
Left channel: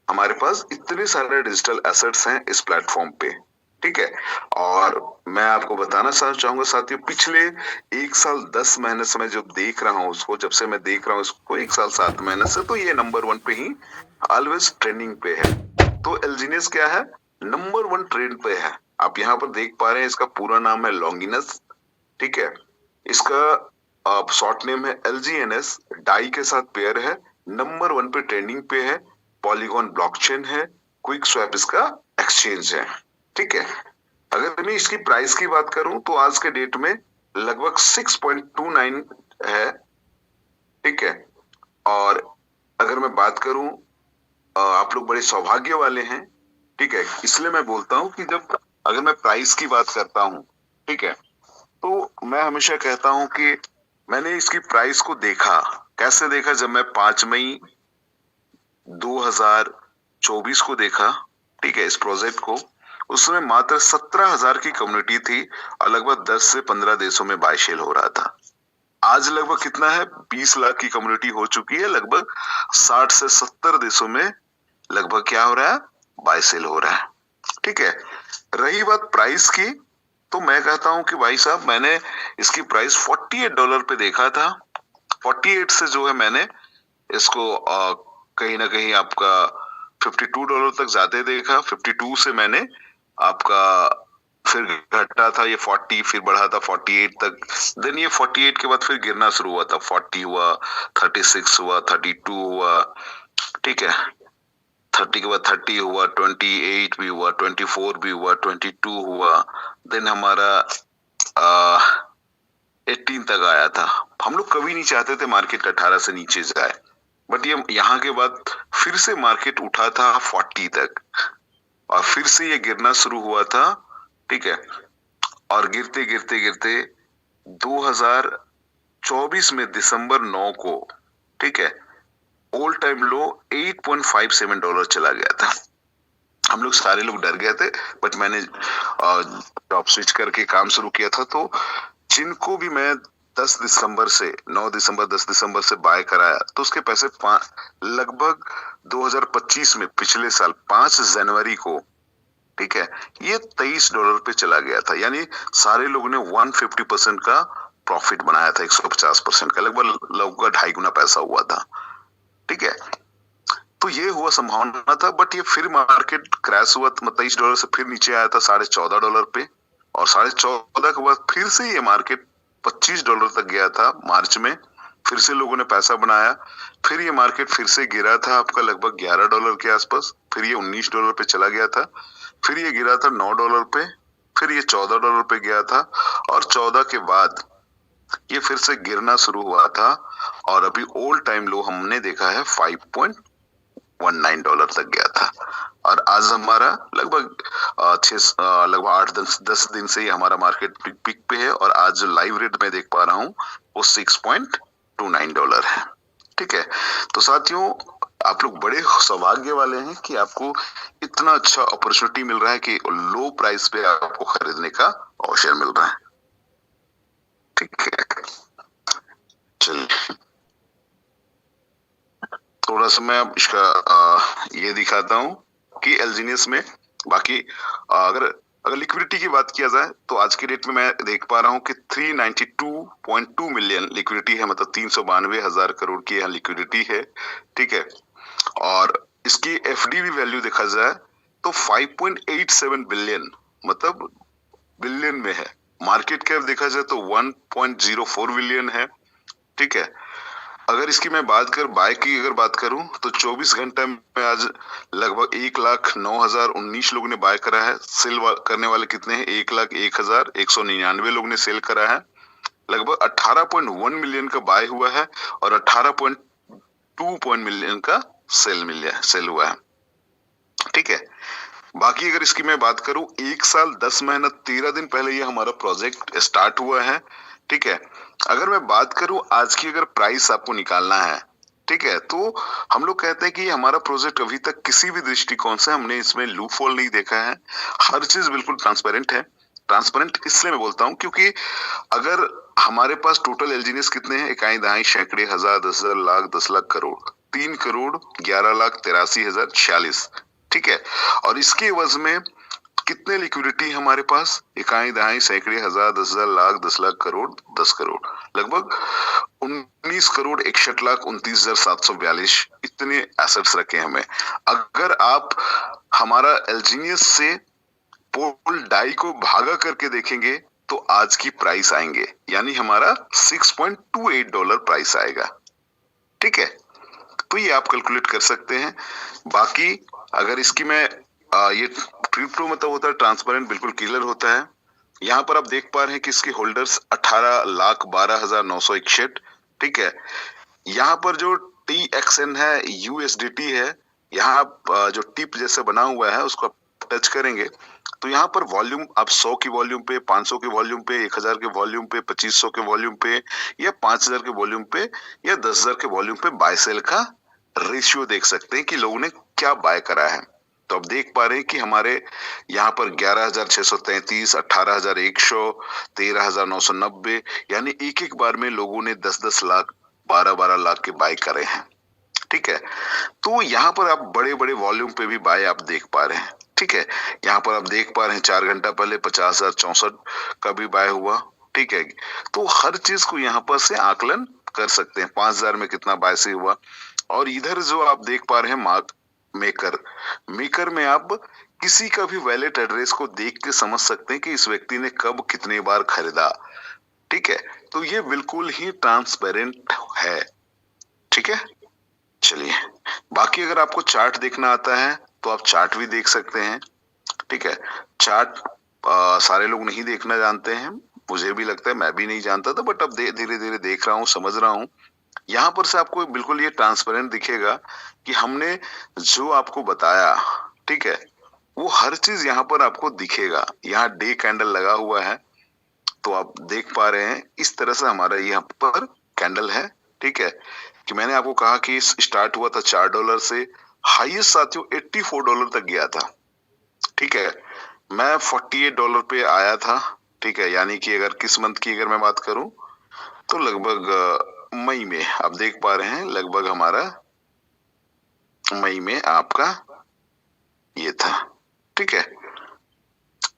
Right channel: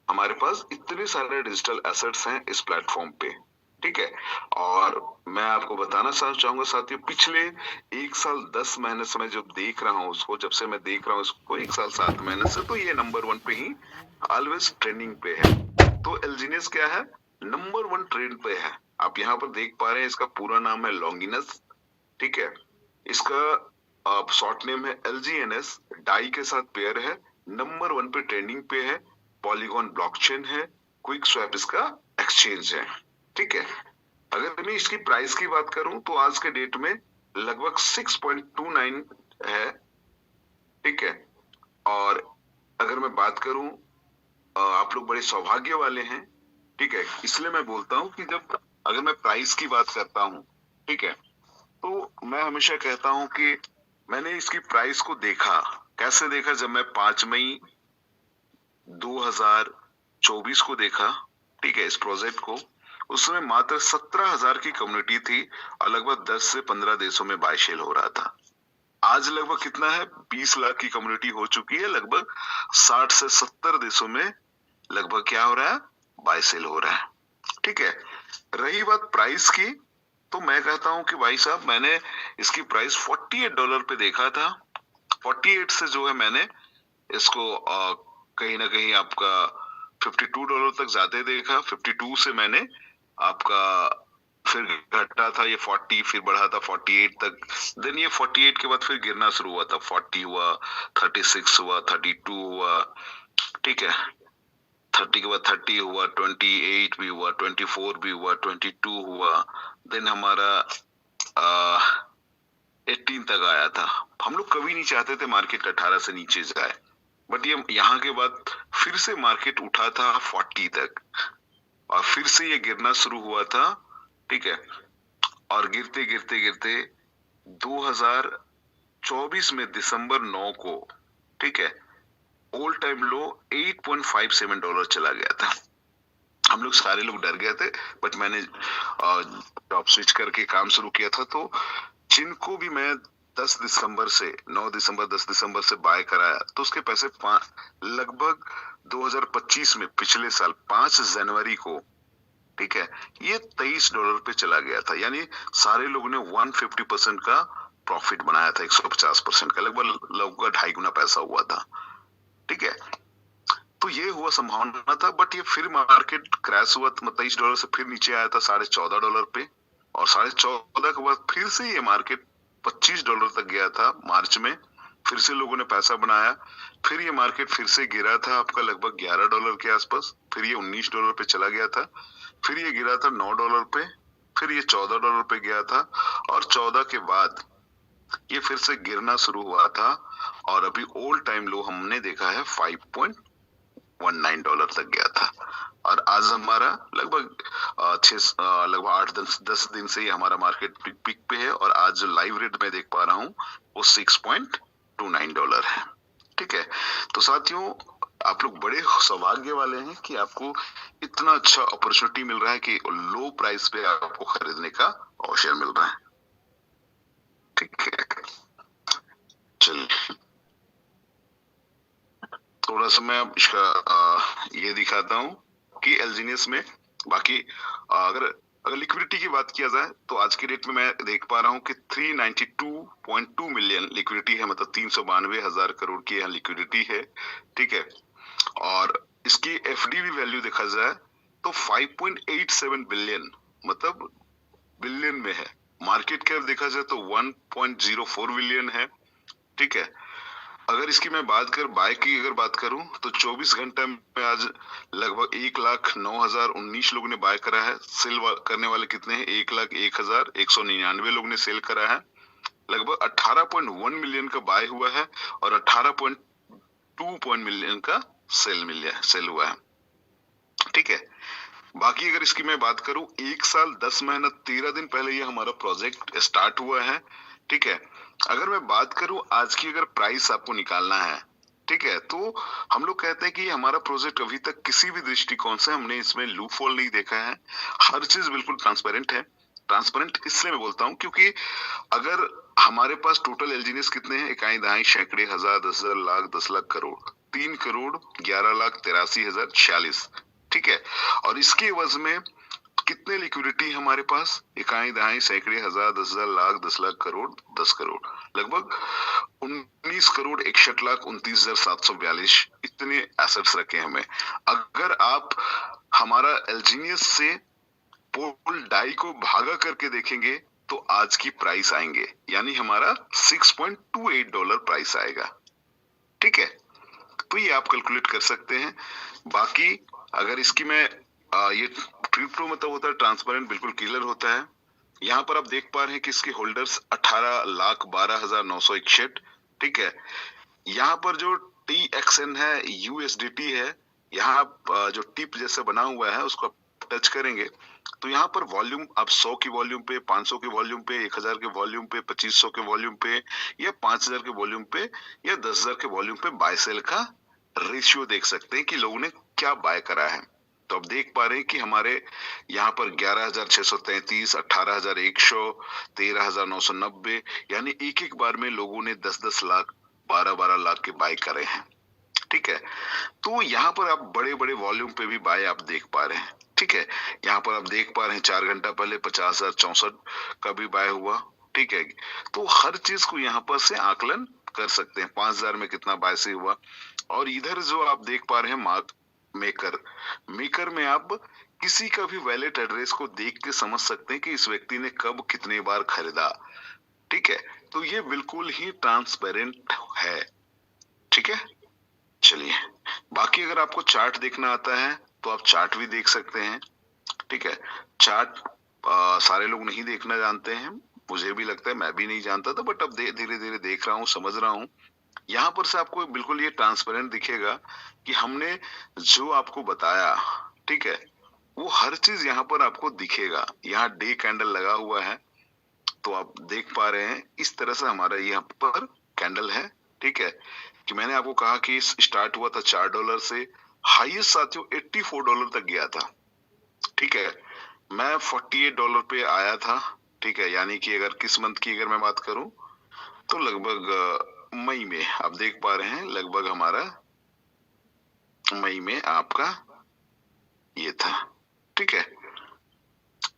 हमारे पास, इतने सारे डिजिटल एसेट्स हैं इस प्लेटफॉर्म पे। ठीक है, और मैं आपको बताना चाहूंगा साथियों, पिछले 1 साल 10 महीने से मैं जो देख रहा हूँ उसको, जब से मैं देख रहा हूँ इसको 1 साल 7 महीने से, तो ये नंबर 1 पे ही ऑलवेज ट्रेंडिंग पे है। तो एलजीनियस क्या है? नंबर 1 ट्रेंड पे है। आप यहाँ पर देख पा रहे हैं, इसका पूरा नाम है लॉन्गिनस। ठीक है, इसका शॉर्ट नेम है LGNS, डाई के साथ पेयर है, नंबर 1 पे ट्रेंडिंग पे है, पॉलीगॉन ब्लॉकचेन है, क्विक स्वैप इसका एक्सचेंज है। ठीक है, अगर मैं इसकी प्राइस की बात करूं तो आज के डेट में लगभग 6.29 है। ठीक है, और अगर मैं बात करूं, आप लोग बड़े सौभाग्य वाले हैं, ठीक है। इसलिए मैं बोलता हूं कि जब अगर मैं प्राइस की बात करता हूं, ठीक है, तो मैं हमेशा कहता हूं कि मैंने इसकी प्राइस को देखा। कैसे देखा? जब मैं 5 मई 2024 को देखा, ठीक है, इस प्रोजेक्ट को, उस समय मात्र 17,000 की कम्युनिटी थी और लगभग 10 से 15 देशों में बाय सेल हो रहा था। आज लगभग कितना है? 20 लाख की कम्युनिटी हो चुकी है, लगभग 60 से 70 देशों में लगभग क्या हो रहा है? बाय सेल हो रहा है, ठीक है। रही बात प्राइस की, तो मैं कहता हूं कि भाई साहब, मैंने इसकी प्राइस $48 पे देखा था। 48 से जो है मैंने इसको कहीं ना कहीं आपका $52 तक जाते देखा। 52 से मैंने आपका फिर घटा था ये 40, फिर बढ़ा था 48 तक। देन ये 48 के बाद फिर गिरना शुरू हुआ था। 40 हुआ, 36 हुआ, 32 हुआ, ठीक है। 30 के बाद 30 हुआ, 28 भी हुआ, 24 भी हुआ, 22 हुआ। देन हमारा 18 तक आया था। हम लोग कभी नहीं चाहते थे मार्केट 18 से नीचे जाए, बट ये यहाँ के बाद फिर से मार्केट उठा था 40 तक और फिर से ये गिरना शुरू हुआ था, ठीक है। और गिरते गिरते गिरते 2024 में दिसंबर 9 को, ठीक है, ऑल टाइम लो $8.57 चला गया था। हम लोग सारे लोग डर गए थे, बट मैंने जॉब स्विच करके काम शुरू किया था। तो जिनको भी मैं 10 दिसंबर से 9 दिसंबर 10 दिसंबर से बाय कराया, तो उसके पैसे लगभग 2025 में पिछले साल 5 जनवरी को, ठीक है, ये $23 पे चला गया था। यानी सारे लोगों ने 150% का प्रॉफिट बनाया था, 150% का, लगभग लगभग 2.5 गुना पैसा हुआ था, ठीक है। तो ये हुआ संभावना था, बट ये फिर मार्केट क्रैश हुआ, $23 से फिर नीचे आया था $14.5 पे, और $14.5 के बाद फिर से ये मार्केट $25 तक गया था मार्च में। फिर से लोगों ने पैसा बनाया, फिर ये मार्केट फिर से गिरा था आपका लगभग $11 के आसपास, फिर ये $19 पे चला गया था, फिर ये गिरा था $9 पे, फिर ये $14 पे गया था, और 14 के बाद ये फिर से गिरना शुरू हुआ था, और अभी ऑल टाइम लो हमने देखा है $5.19 तक गया था। और आज हमारा लगभग लगभग 8-10 दिन से ही हमारा मार्केट पिक पे है, और आज जो लाइव रेट में देख पा रहा हूँ वो $6.29 है, ठीक है। तो साथियों, आप लोग बड़े सौभाग्य वाले हैं कि आपको इतना अच्छा अपॉर्चुनिटी मिल रहा है कि लो प्राइस पे आपको खरीदने का अवसर मिल रहा है, ठीक है। चलिए थोड़ा सा मैं इसका ये दिखाता हूँ कि एलजीनियस में बाकी अगर लिक्विडिटी की बात किया जाए, तो आज के डेट में मैं देख पा रहा हूँ कि 392.2 मिलियन लिक्विडिटी है, मतलब 392,000 करोड़ की यहाँ लिक्विडिटी है, ठीक है। और इसकी एफडी भी वैल्यू देखा जाए तो 5.87 बिलियन, मतलब बिलियन में है। मार्केट कैप देखा जाए तो 1.04 बिलियन है, ठीक है। अगर इसकी मैं बाय की अगर बात करूं, तो 24 घंटे में आज लगभग 1,09,019 लोगों ने बाय करा है। सेल करने वाले कितने हैं? 1,01,199 लोग ने सेल करा है। लगभग 18.1 मिलियन का बाय हुआ है और 18.2 मिलियन का सेल हुआ है, ठीक है। बाकी अगर इसकी मैं बात करूं, 1 साल 10 महीना 13 दिन पहले ये हमारा प्रोजेक्ट स्टार्ट हुआ है, ठीक है। अगर मैं बात करूं आज की, अगर प्राइस आपको निकालना है, ठीक है, तो हम लोग कहते हैं कि हमारा प्रोजेक्ट अभी तक किसी भी दृष्टिकोण से हमने इसमें लूप होल नहीं देखा है। हर चीज बिल्कुल ट्रांसपेरेंट है। ट्रांसपेरेंट इसलिए मैं बोलता हूं क्योंकि अगर हमारे पास टोटल एलजीनियस कितने हैं? इकाई दहाई सैकड़े हजार 10,000 लाख 10 लाख करोड़ 3,11,83,046, ठीक है। और इसके एवज में कितने लिक्विडिटी हमारे पास? इकाई दहाई सैकड़े हजार 10,000 लाख 10 लाख करोड़ 10 करोड़, लगभग 19,61,29,742 इतने एसेट्स रखे हमें। अगर आप हमारा एलजीनियस से पोल डाई को भागा करके देखेंगे तो आज की प्राइस आएंगे, यानी हमारा $6.28 प्राइस आएगा, ठीक है। तो ये आप कैलकुलेट कर सकते हैं। बाकी अगर इसकी मैं ये क्रिप्टो मतलब होता है ट्रांसपेरेंट, बिल्कुल क्लियर होता है। यहाँ पर आप देख पा रहे हैं कि इसके होल्डर्स 18,12,961, ठीक है। यहाँ पर जो TXN है, USDT है। यहाँ आप जो टिप जैसे बना हुआ है उसको आप टच करेंगे तो यहाँ पर वॉल्यूम आप 100 की वॉल्यूम पे, 500 के वॉल्यूम पे, 1000 के वॉल्यूम पे, 2500 के वॉल्यूम पे या 5000 के वॉल्यूम पे या 10,000 के वॉल्यूम पे बाय सेल का रेशियो देख सकते हैं कि लोगों ने क्या बाय करा है। तो आप देख पा रहे हैं कि हमारे यहाँ पर 11,633, 18,100, 13,990 यानी एक बार में लोगों ने 10-10 लाख, 12-12 लाख के बाय करे हैं। ठीक है, तो यहाँ पर आप बड़े-बड़े वॉल्यूम पे भी बाय आप देख पा रहे हैं। ठीक है, यहाँ पर आप देख पा रहे हैं 4 घंटा पहले 50,064 का भी बाय हुआ। ठीक है, तो हर चीज को यहाँ पर से आकलन कर सकते हैं। 5,000 में कितना बाय से हुआ और इधर जो आप देख पा रहे हैं मार्क मेकर में आप किसी का भी वैलेट एड्रेस को देख के समझ सकते हैं कि इस व्यक्ति ने कब कितने बार खरीदा। ठीक है, तो ये बिल्कुल ही ट्रांसपेरेंट है। ठीक है, चलिए बाकी अगर आपको चार्ट देखना आता है तो आप चार्ट भी देख सकते हैं। ठीक है, चार्ट सारे लोग नहीं देखना जानते हैं, मुझे भी लगता है, मैं भी नहीं जानता था, बट अब धीरे धीरे देख रहा हूँ, समझ रहा हूँ। यहाँ पर से आपको बिल्कुल ये ट्रांसपेरेंट दिखेगा कि हमने जो आपको बताया, ठीक है, वो हर चीज यहाँ पर आपको दिखेगा। यहाँ डे कैंडल लगा हुआ है तो आप देख पा रहे हैं इस तरह से हमारा यहाँ पर कैंडल है। ठीक है, कि मैंने आपको कहा कि स्टार्ट हुआ था $4 से, हाईएस्ट साथियों $84 तक गया था। ठीक है, मैं $48 पे आया था। ठीक है, यानी कि अगर किस मंथ की अगर मैं बात करूं तो लगभग मई में आप देख पा रहे हैं, लगभग हमारा मई में आपका ये था। ठीक है,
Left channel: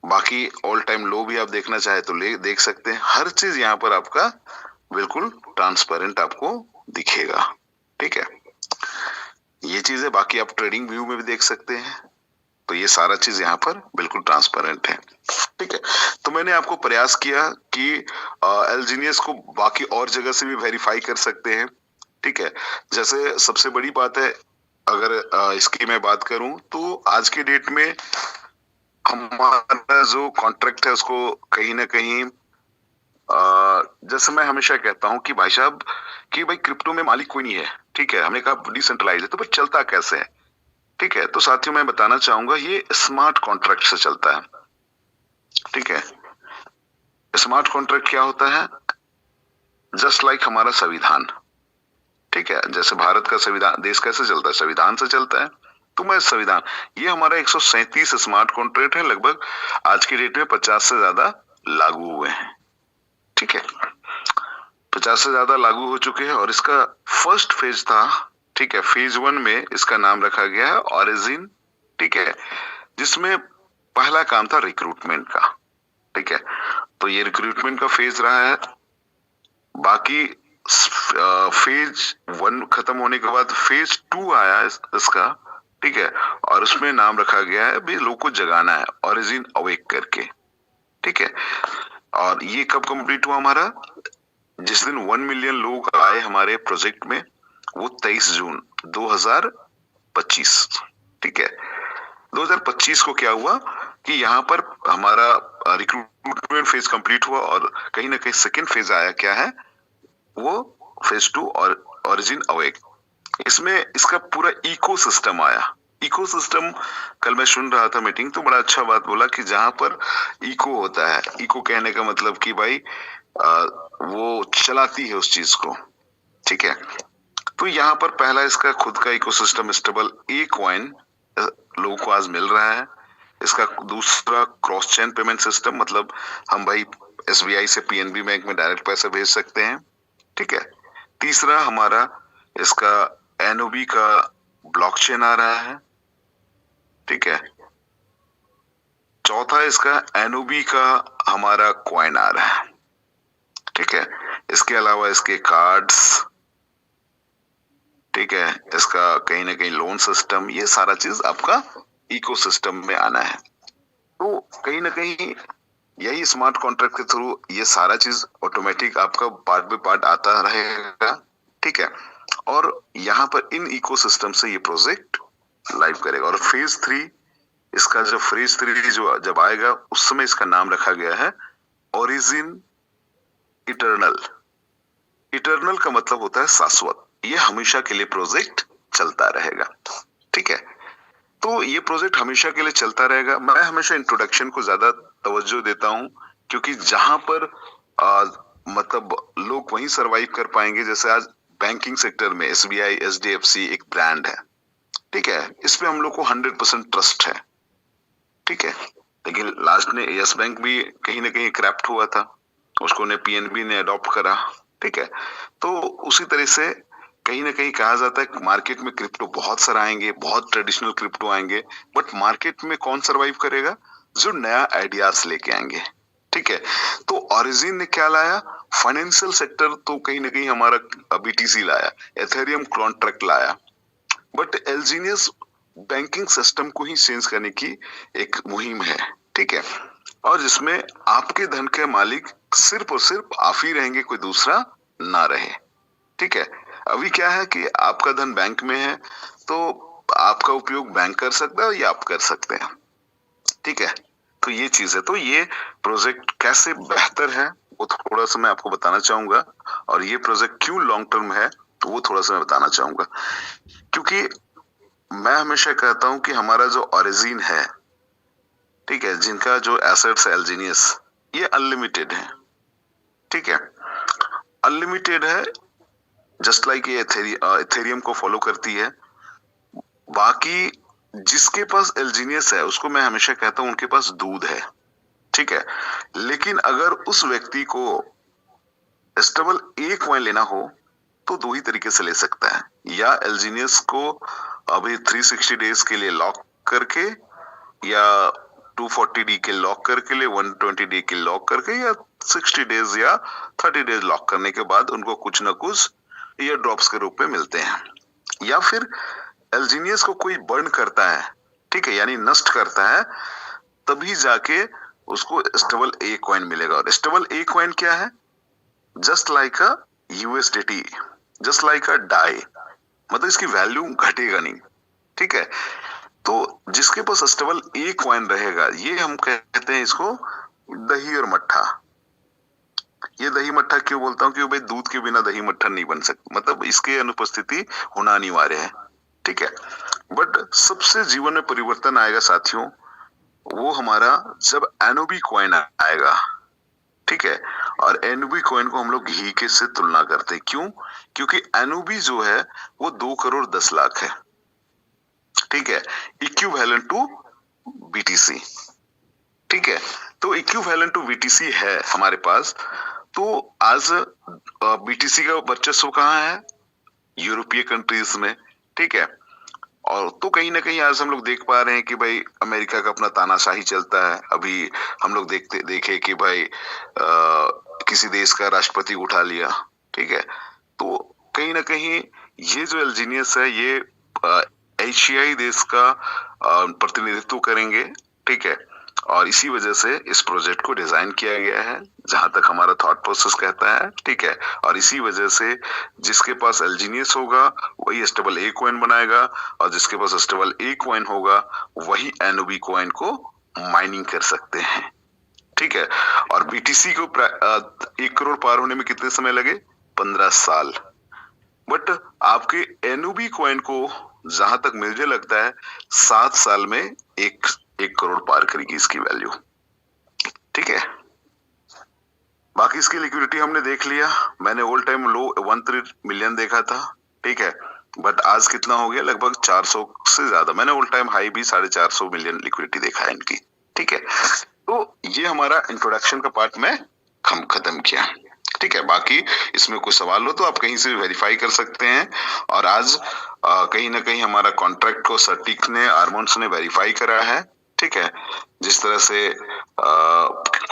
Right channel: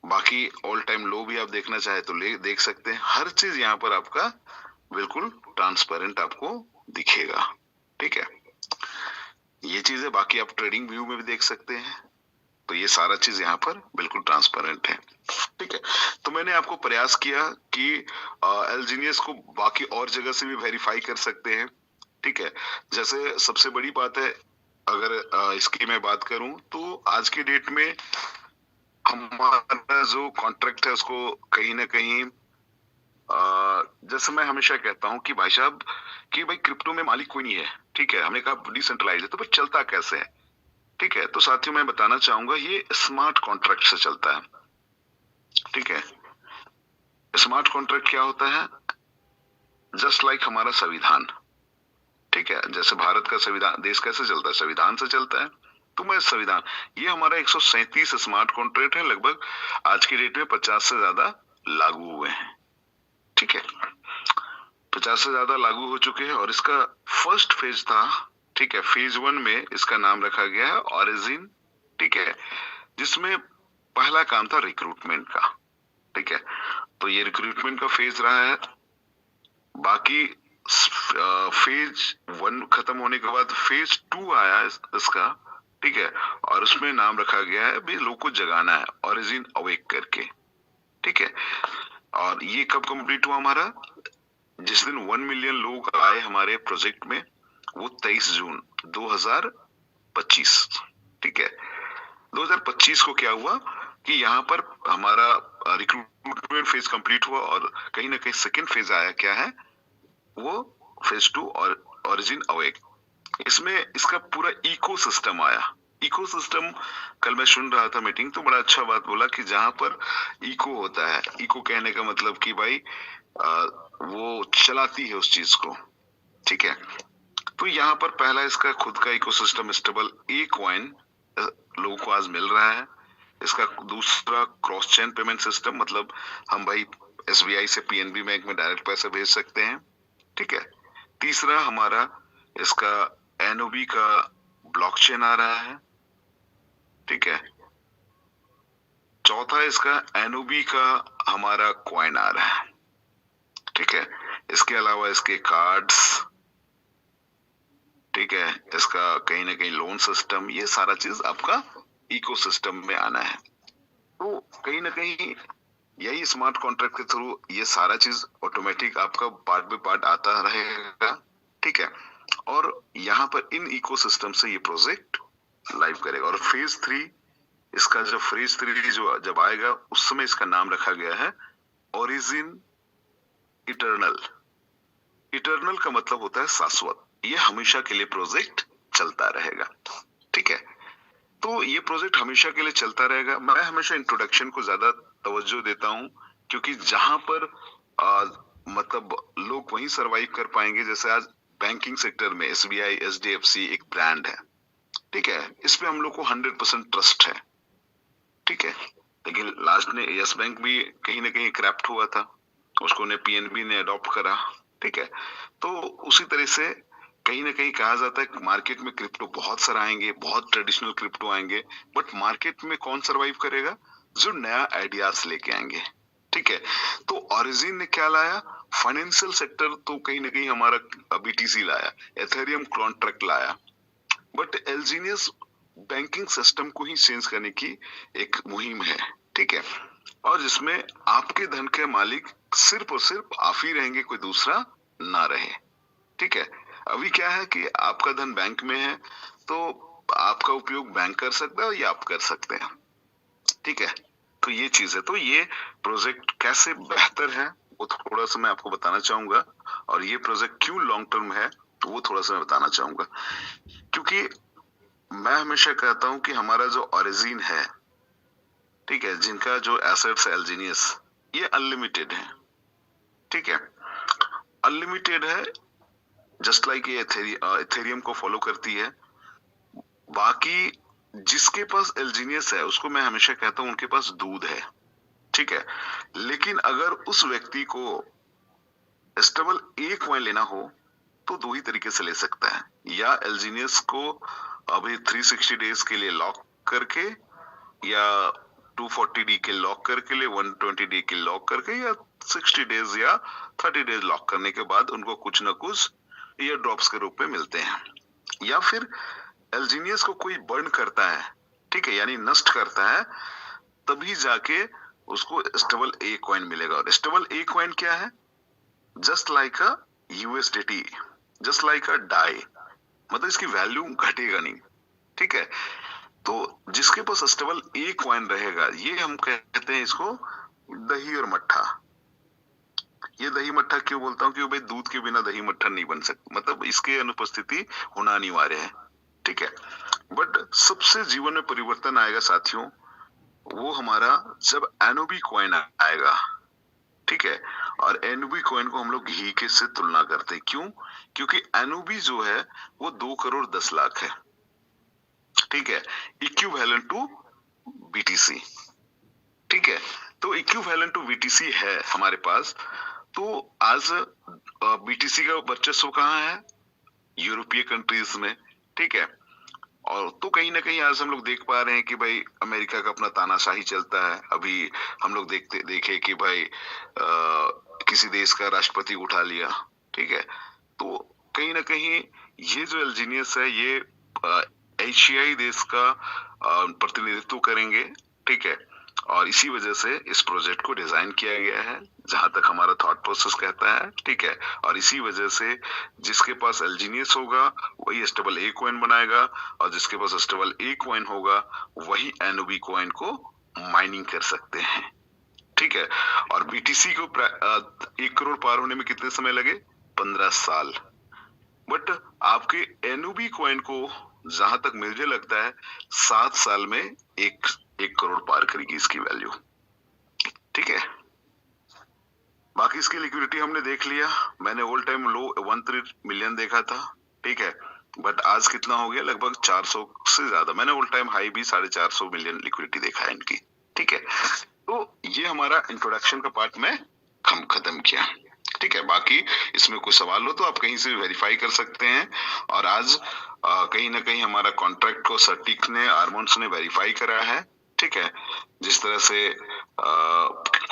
बाकी ऑल टाइम लो भी आप देखना चाहे तो देख सकते हैं। हर चीज यहाँ पर आपका बिल्कुल ट्रांसपेरेंट आपको दिखेगा। ठीक है, ये चीज है। बाकी आप ट्रेडिंग व्यू में भी देख सकते हैं, तो ये सारा चीज यहाँ पर बिल्कुल ट्रांसपेरेंट है। ठीक है, तो मैंने आपको प्रयास किया कि एलजीनियस को बाकी और जगह से भी वेरीफाई कर सकते हैं। ठीक है, जैसे सबसे बड़ी बात है, अगर इसकी मैं बात करूं तो आज के डेट में हमारा जो कॉन्ट्रैक्ट है उसको कहीं ना कहीं जैसे मैं हमेशा कहता हूं कि भाई साहब कि भाई क्रिप्टो में मालिक कोई नहीं है। ठीक है, हमने कहा डिसेंट्रलाइज है, तो फिर चलता कैसे है? ठीक है, तो साथियों मैं बताना चाहूंगा ये स्मार्ट कॉन्ट्रैक्ट से चलता है। ठीक है, स्मार्ट कॉन्ट्रैक्ट क्या होता है? जस्ट लाइक हमारा संविधान। ठीक है, जैसे भारत का संविधान, देश कैसे चलता है? संविधान से चलता है। तो मैं संविधान, ये हमारा 137 स्मार्ट कॉन्ट्रैक्ट है, लगभग आज की डेट में 50 से ज्यादा लागू हुए हैं। ठीक है, 50 से ज्यादा लागू हो चुके हैं और इसका फर्स्ट फेज था। ठीक है, फेज 1 में इसका नाम रखा गया है ओरिजिन। ठीक है, जिसमें पहला काम था रिक्रूटमेंट का। ठीक है, तो ये रिक्रूटमेंट का फेज रहा है। बाकी फेज 1 खत्म होने के बाद फेज 2 आया इसका। ठीक है, और उसमें नाम रखा गया है अभी लोग को जगाना है, ओरिजिन अवेक करके। ठीक है, और ये कब कंप्लीट हुआ हमारा? जिस दिन 1 मिलियन लोग आए हमारे प्रोजेक्ट में, वो 23 जून 2025। ठीक है, 2025 को क्या हुआ कि यहाँ पर हमारा रिक्रूटमेंट फेज कंप्लीट हुआ और कहीं ना कहीं सेकेंड फेज आया, क्या है वो? फेज 2 और ओरिजिन अवेक। इसमें इसका पूरा इकोसिस्टम आया। इकोसिस्टम, कल मैं सुन रहा था मीटिंग, तो बड़ा अच्छा बात बोला कि जहां पर इको होता है, इको कहने का मतलब कि भाई वो चलाती है उस चीज को। ठीक है, तो यहाँ पर पहला इसका खुद का इकोसिस्टम स्टेबल ए कॉइन लोगों को आज मिल रहा है। इसका दूसरा क्रॉस चेन पेमेंट सिस्टम, मतलब हम भाई SBI से PNB बैंक में डायरेक्ट पैसे भेज सकते हैं। ठीक है, तीसरा हमारा इसका NOB का ब्लॉकचेन आ रहा है। ठीक है, चौथा इसका NOB का हमारा कॉइन आ रहा है। ठीक है, इसके अलावा इसके कार्ड्स, ठीक है, इसका कहीं ना कहीं लोन सिस्टम, ये सारा चीज आपका इकोसिस्टम में आना है। तो कहीं ना कहीं यही स्मार्ट कॉन्ट्रैक्ट के थ्रू ये सारा चीज ऑटोमेटिक आपका पार्ट बाय पार्ट आता रहेगा। ठीक है, और यहाँ पर इन इकोसिस्टम से ये प्रोजेक्ट लाइव करेगा। और फेज 3, इसका जो फेज 3 जो जब आएगा उस समय इसका नाम रखा गया है ओरिजिन इटर्नल। इटर्नल का मतलब होता है शाश्वत। ये हमेशा के लिए प्रोजेक्ट चलता रहेगा। ठीक है, तो ये प्रोजेक्ट हमेशा के लिए चलता रहेगा। मैं हमेशा इंट्रोडक्शन को ज्यादा तवज्जो देता हूँ, क्योंकि जहां पर आ, मतलब लोग वहीं सरवाइव कर पाएंगे। जैसे आज बैंकिंग सेक्टर में SBI, HDFC एक ब्रांड है, ठीक है, इस पे हम लोग को 100% ट्रस्ट है। ठीक है, लेकिन लास्ट में यस बैंक भी कहीं ना कहीं क्रैप्ट हुआ था, उसको ने PNB ने अडॉप्ट करा। ठीक है, तो उसी तरह से कहीं ना कहीं कहा जाता है कि मार्केट में क्रिप्टो बहुत सारा आएंगे, बहुत ट्रेडिशनल क्रिप्टो आएंगे, बट मार्केट में कौन सरवाइव करेगा? जो नया आइडियाज लेके आएंगे। ठीक है, तो ओरिजिन ने क्या लाया? फाइनेंशियल सेक्टर तो कहीं ना कहीं हमारा BTC लाया, एथेरियम कॉन्ट्रैक्ट लाया, बट एलजीनियस बैंकिंग सिस्टम को ही चेंज करने की एक मुहिम है। ठीक है, और जिसमें आपके धन के मालिक सिर्फ और सिर्फ आप ही रहेंगे, कोई दूसरा ना रहे। ठीक है, अभी क्या है कि आपका धन बैंक में है, तो आपका उपयोग बैंक कर सकता है या आप कर सकते हैं। ठीक है, तो ये चीज है। तो ये प्रोजेक्ट कैसे बेहतर है वो थोड़ा सा मैं आपको बताना चाहूंगा, और ये प्रोजेक्ट क्यों लॉन्ग टर्म है तो वो थोड़ा सा मैं बताना चाहूंगा। क्योंकि मैं हमेशा कहता हूं कि हमारा जो ओरिजिन है, ठीक है, जिनका जो एसेट्स है एलजीनियस, ये अनलिमिटेड है। ठीक है, अनलिमिटेड है, जस्ट लाइक ये एथेरियम को फॉलो करती है। बाकी जिसके पास एलजीनियस है उसको मैं हमेशा कहता हूं उनके पास दूध है। ठीक है, लेकिन अगर उस व्यक्ति को स्टेबल एक कॉइन लेना हो तो दो ही तरीके से ले सकता है, या एलजीनियस को अभी 360 डेज के लिए लॉक करके, या 240D के लॉक करके ले, 120D के लॉक करके, या 60 डेज या 30 डेज लॉक करने के बाद उनको कुछ ना कुछ ईयर ड्रॉप्स के रूप में मिलते हैं। या फिर एलजीनियस को कोई बर्न करता है, ठीक है, यानी नष्ट करता है, तभी जाके उसको स्टेबल ए कॉइन मिलेगा। और स्टेबल ए कॉइन क्या है? Just like a USDT, just like a DAI, मतलब इसकी वैल्यू घटेगा नहीं। ठीक है, तो जिसके पास स्टेबल ए कॉइन रहेगा, ये हम कहते हैं इसको दही और मट्ठा। ये दही मट्ठा क्यों बोलता हूँ? क्योंकि भाई दूध के बिना दही मट्ठा नहीं बन सकता, मतलब इसके अनुपस्थिति होना अनिवार्य है। ठीक है, बट सबसे जीवन में परिवर्तन आएगा साथियों, वो हमारा जब NOB कॉइन आएगा। ठीक है, और NOB कॉइन को हम लोग घी के से तुलना करते हैं। क्यों? क्योंकि NOB जो है वो 2 करोड़ 10 लाख है। ठीक है, इक्विवेलेंट टू BTC। ठीक है, तो इक्विवेलेंट टू BTC है हमारे पास। तो आज BTC का वर्चस्व कहाँ है? यूरोपीय कंट्रीज में। ठीक है, और तो कहीं ना कहीं आज हम लोग देख पा रहे हैं कि भाई अमेरिका का अपना तानाशाही चलता है। अभी हम लोग देखे कि भाई किसी देश का राष्ट्रपति उठा लिया। ठीक है, तो कहीं ना कहीं ये जो एलजीनियस है ये एशियाई देश का प्रतिनिधित्व करेंगे। ठीक है, और इसी वजह से इस प्रोजेक्ट को डिजाइन किया गया है, जहां तक हमारा थॉट प्रोसेस कहता है। ठीक है, और इसी वजह से जिसके पास एलजीनियस होगा वही स्टेबल ए कॉइन बनाएगा, और जिसके पास स्टेबल ए कॉइन होगा वही NOB कॉइन को माइनिंग कर सकते हैं। ठीक है, और BTC को 1 करोड़ पार होने में कितने समय लगे? 15 साल। बट आपके NOB कॉइन को जहां तक मुझे लगता है 7 साल में एक करोड़ पार करेगी इसकी वैल्यू। ठीक है, बाकी इसकी लिक्विडिटी हमने देख लिया। मैंने ऑल टाइम लो 1 मिलियन देखा था। ठीक है, बट आज कितना हो गया? लगभग 400 से ज्यादा। मैंने ऑल टाइम हाई भी 450 मिलियन लिक्विडिटी देखा है इनकी। ठीक है, तो ये हमारा इंट्रोडक्शन का पार्ट में हम खत्म किया। ठीक है, बाकी इसमें कोई सवाल हो तो आप कहीं से वेरीफाई कर सकते हैं। और आज कहीं ना कहीं हमारा कॉन्ट्रैक्ट को सर्टिक ने, आर्मोन्स ने वेरीफाई करा है। ठीक है, जिस तरह से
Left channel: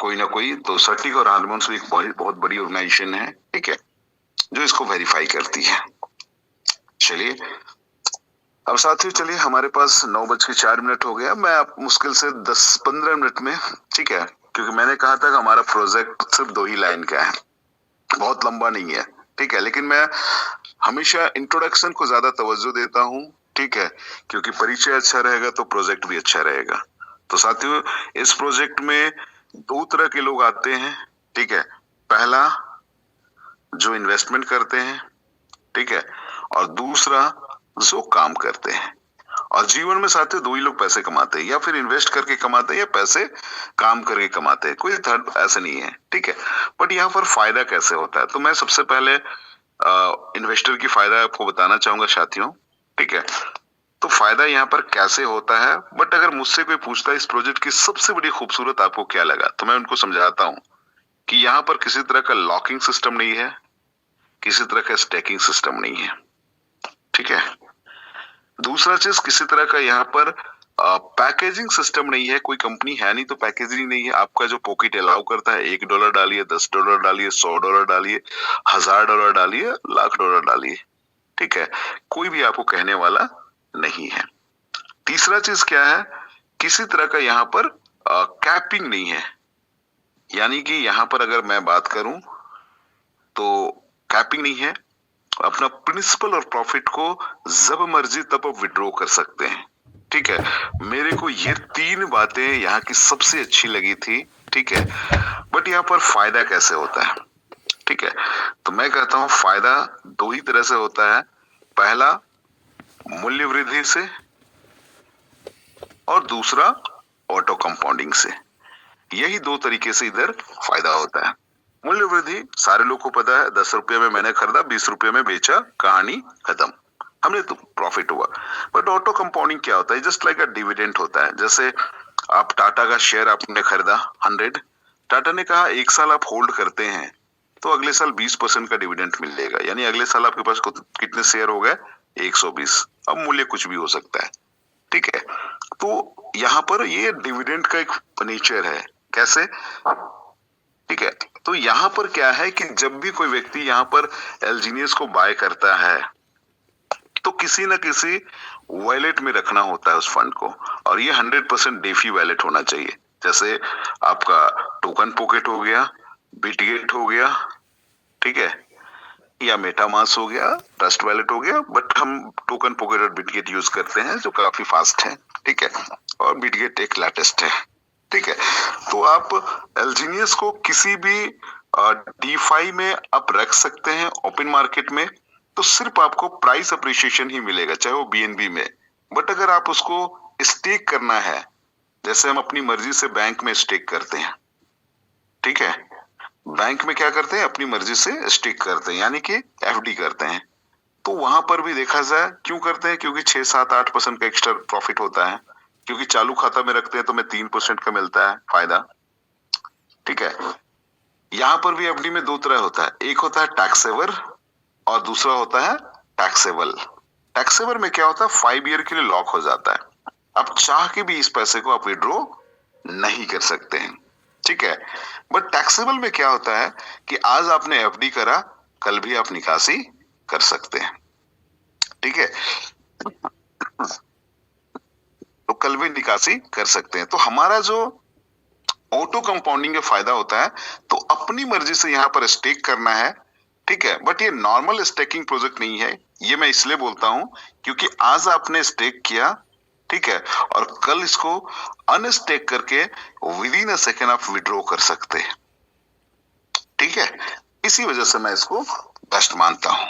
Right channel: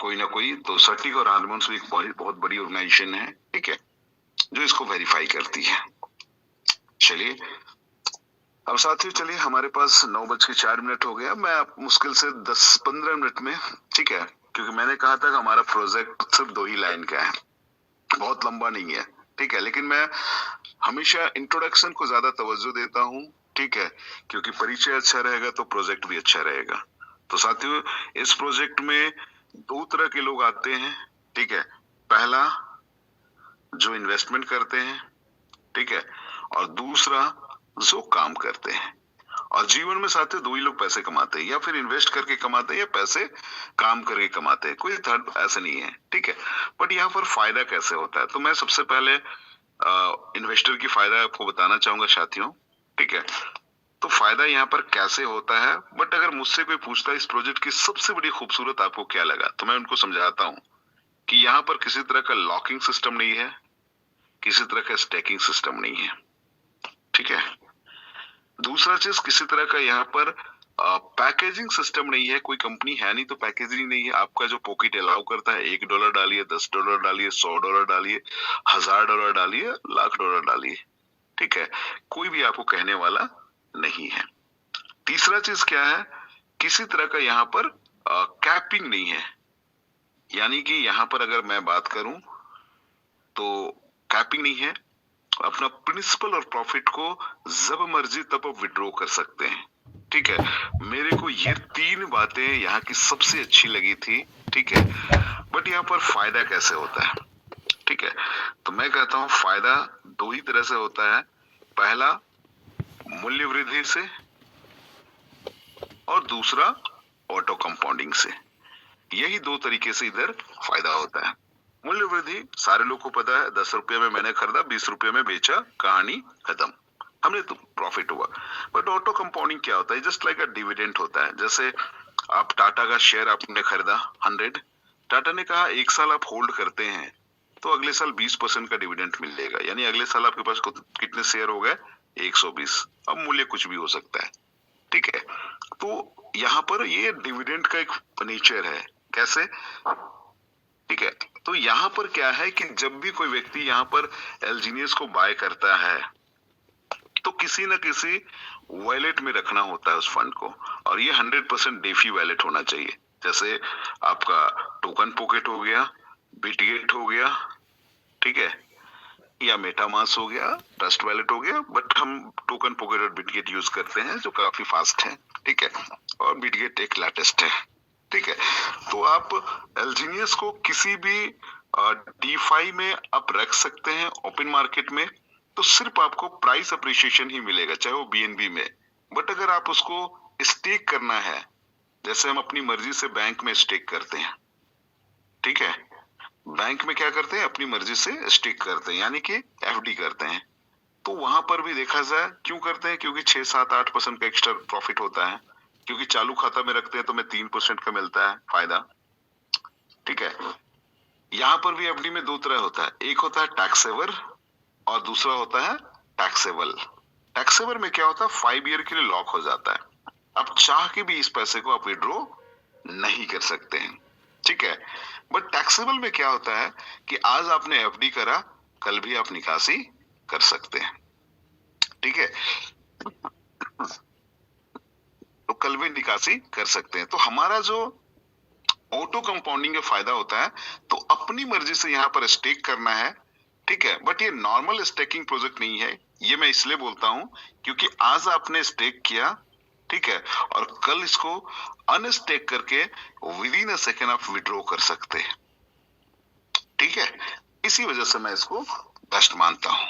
कोई ना कोई तो सर्टिक और आर्मोन्स भी एक बहुत बड़ी ऑर्गेनाइजेशन है। ठीक है, जो इसको वेरीफाई करती है। चलिए अब साथियों, चलिए हमारे पास 9:04 हो गया। मैं आप मुश्किल से 10-15 मिनट में, ठीक है, क्योंकि मैंने कहा था कि हमारा प्रोजेक्ट सिर्फ 2 ही लाइन का है, बहुत लंबा नहीं है। ठीक है, लेकिन मैं हमेशा इंट्रोडक्शन को ज्यादा तवज्जो देता हूँ। ठीक है, क्योंकि परिचय अच्छा रहेगा तो प्रोजेक्ट भी अच्छा रहेगा। तो साथियों, इस प्रोजेक्ट में 2 तरह के लोग आते हैं। ठीक है, पहला जो इन्वेस्टमेंट करते हैं, ठीक है, और दूसरा जो काम करते हैं। और जीवन में साथियों दो ही लोग पैसे कमाते हैं, या फिर इन्वेस्ट करके कमाते हैं या पैसे काम करके कमाते हैं, कोई थर्ड ऐसे नहीं है, ठीक है। बट यहाँ पर फायदा कैसे होता है, तो मैं सबसे पहले इन्वेस्टर की फायदा आपको बताना चाहूंगा साथियों, ठीक है। तो फायदा यहाँ पर कैसे होता है, बट अगर मुझसे कोई पूछता है इस प्रोजेक्ट की सबसे बड़ी खूबसूरत आपको क्या लगा, तो मैं उनको समझाता हूँ कि यहाँ पर किसी तरह का लॉकिंग सिस्टम नहीं है, किसी तरह का स्टेकिंग सिस्टम नहीं है, ठीक है। दूसरा चीज, किसी तरह का यहाँ पर पैकेजिंग सिस्टम नहीं है, कोई कंपनी है नहीं तो पैकेजिंग नहीं है। आपका जो पॉकेट अलाउ करता है, $1 डालिए, $10 डालिए, $100 डालिए, $1000 डालिए, $1,00,000 डालिए, ठीक है। कोई भी आपको कहने वाला नहीं है। तीसरा चीज क्या है, किसी तरह का यहाँ पर कैपिंग नहीं है, यानी कि यहाँ पर अगर मैं बात करूं तो कैपिंग नहीं है। अपना प्रिंसिपल और प्रॉफिट को जब मर्जी तब आप विड्रॉ कर सकते हैं, ठीक है। मेरे को ये तीन बातें यहाँ की सबसे अच्छी लगी थी, ठीक है। बट यहाँ पर फायदा कैसे होता है, ठीक है। तो मैं कहता हूँ फायदा दो ही तरह से होता है, पहला मूल्य वृद्धि से और दूसरा ऑटो कंपाउंडिंग से। यही दो तरीके से इधर फायदा होता है। मूल्य वृद्धि सारे लोग को पता है, 10 रुपये में मैंने खरीदा, 20 रुपये में बेचा, कहानी खत्म, हमने तो प्रॉफिट हुआ। बट ऑटो कंपाउंडिंग क्या होता है, जस्ट लाइक अ डिविडेंड होता है। जैसे आप टाटा का शेयर आपने खरीदा 100, टाटा ने कहा 1 साल आप होल्ड करते हैं तो अगले साल 20% का डिविडेंड मिलेगा, यानी अगले साल आपके पास कितने शेयर हो गए, 120। अब मूल्य कुछ भी हो सकता है, ठीक है। तो यहाँ पर ये डिविडेंड का एक नेचर है, कैसे, ठीक है। तो यहाँ पर क्या है कि जब भी कोई व्यक्ति यहाँ पर एलजीनियस को बाय करता है तो किसी न किसी वॉलेट में रखना होता है उस फंड को, और ये 100% डेफी वॉलेट होना चाहिए। जैसे आपका टोकन पॉकेट हो गया, बिटगेट हो गया, ठीक है, या मेटामास हो गया, ट्रस्ट वॉलेट हो गया। बट हम टोकन पॉकेट और बिटगेट यूज करते हैं जो काफी फास्ट है, ठीक है, और बिटगेट एक लेटेस्ट है, ठीक है। तो आप एलजीनियस को किसी भी डीफाई में आप रख सकते हैं ओपन मार्केट में, तो सिर्फ आपको प्राइस अप्रिशिएशन ही मिलेगा, चाहे वो बीएनबी में। बट अगर आप उसको स्टेक करना है, जैसे हम अपनी मर्जी से बैंक में स्टेक करते हैं, ठीक है, बैंक में क्या करते हैं, अपनी मर्जी से स्टेक करते हैं, यानी कि एफडी करते हैं। तो वहां पर भी देखा जाए क्यों करते हैं, क्योंकि 6-7-8% का एक्स्ट्रा प्रॉफिट होता है, क्योंकि चालू खाता में रखते हैं तो हमें 3% का मिलता है फायदा, ठीक है। यहाँ पर भी एफडी में दो तरह होता है, एक होता है टैक्सेवर और दूसरा होता है टैक्सेबल। टैक्सेवर में क्या होता है, 5 ईयर के लिए लॉक हो जाता है, आप चाह के भी इस पैसे को आप विड्रॉ नहीं कर सकते हैं, ठीक है। बट टैक्सेबल में क्या होता है कि आज आपने एफडी करा, कल भी आप निकासी कर सकते हैं, ठीक है, तो कल भी निकासी कर सकते हैं। तो हमारा जो ऑटो कंपाउंडिंग का फायदा होता है, तो अपनी मर्जी से यहाँ पर स्टेक करना है, ठीक है। बट ये नॉर्मल स्टेकिंग प्रोजेक्ट नहीं है, ये मैं इसलिए बोलता हूं क्योंकि आज आपने स्टेक किया, ठीक है, और कल इसको अनस्टेक करके विद इन अ सेकेंड आप विड्रॉ कर सकते हैं, ठीक है। इसी वजह से मैं इसको बेस्ट मानता हूं,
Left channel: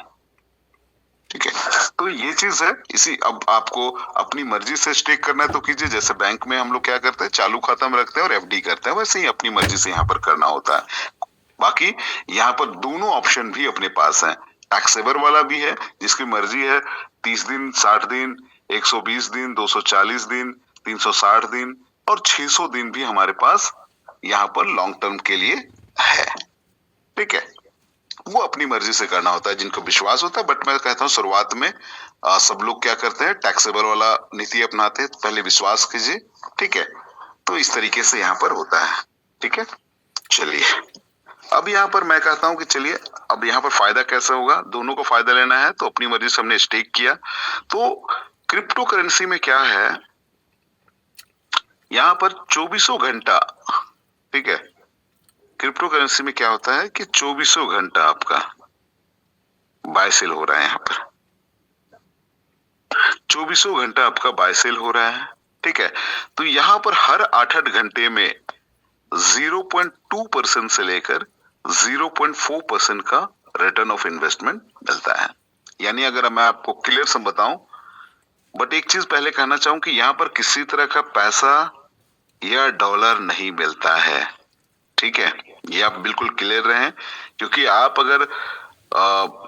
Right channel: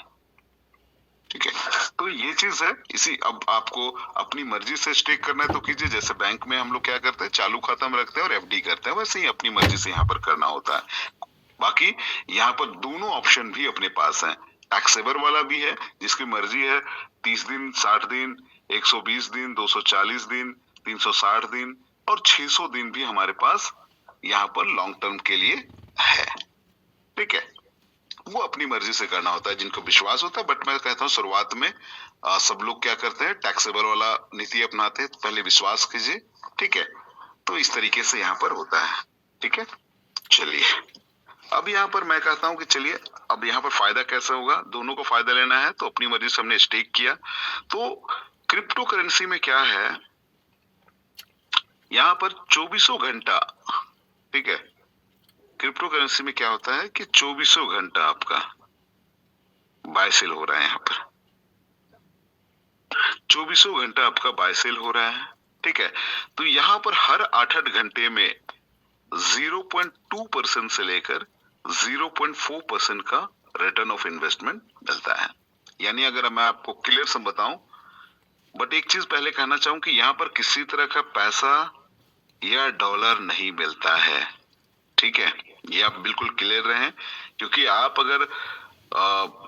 ठीक है। तो ये चीज है, इसी अब आपको अपनी मर्जी से स्टेक करना है तो कीजिए, जैसे बैंक में हम लोग क्या करते हैं, चालू खाता में रखते हैं और एफडी करते हैं, वैसे ही अपनी मर्जी से यहाँ पर करना होता है। बाकी यहाँ पर दोनों ऑप्शन भी अपने पास हैं, टैक्सेवर वाला भी है जिसकी मर्जी है, 30 दिन, 60 दिन, 120 दिन, 240 दिन, 360 दिन और 600 दिन भी हमारे पास यहाँ पर लॉन्ग टर्म के लिए है, ठीक है। वो अपनी मर्जी से करना होता है जिनको विश्वास होता है। बट मैं कहता हूँ शुरुआत में सब लोग क्या करते हैं, टैक्सेबल वाला नीति अपनाते हैं, पहले विश्वास कीजिए, ठीक है। तो इस तरीके से यहाँ पर होता है, ठीक है। चलिए अब यहाँ पर मैं कहता हूँ कि चलिए अब यहाँ पर फायदा कैसे होगा, दोनों को फायदा लेना है तो अपनी मर्जी से हमने स्टेक किया। तो क्रिप्टो करेंसी में क्या है, यहाँ पर 24 घंटा, ठीक है, क्रिप्टो करेंसी में क्या होता है कि 24 घंटा आपका बाय सेल हो रहा है, यहाँ पर 24 घंटा आपका बाय सेल हो रहा है, ठीक है। तो यहाँ पर हर 8-8 घंटे में 0.2% से लेकर 0.4% का रिटर्न ऑफ इन्वेस्टमेंट मिलता है। यानी अगर मैं आपको क्लियर से बताऊं, बट एक चीज पहले कहना चाहूं कि यहाँ पर किसी तरह का पैसा या डॉलर नहीं मिलता है, ठीक है, ये आप बिल्कुल क्लियर रहें। क्योंकि आप अगर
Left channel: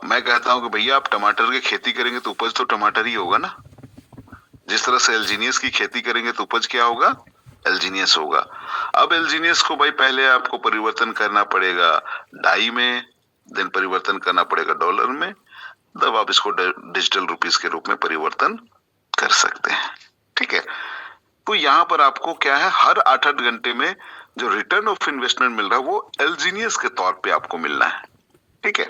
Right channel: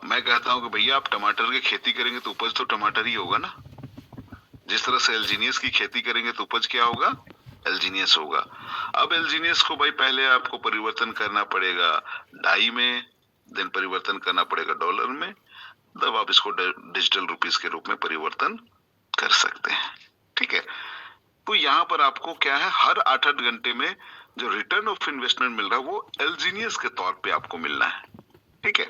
मैं कहता हूं कि भैया आप टमाटर की खेती करेंगे तो उपज तो टमाटर ही होगा ना, जिस तरह से एल्जीनियस की खेती करेंगे तो उपज क्या होगा, एल्जीनियस होगा। अब एल्जीनियस को भाई पहले आपको परिवर्तन करना पड़ेगा डाई में, देन परिवर्तन करना पड़ेगा डॉलर में, तब आप इसको डिजिटल रुपीस के रूप में परिवर्तन कर सकते हैं, ठीक है। तो यहाँ पर आपको क्या है, हर 8-8 घंटे में जो रिटर्न ऑफ इन्वेस्टमेंट मिल रहा है वो एल्जीनियस के तौर पे आपको मिलना है, ठीक है।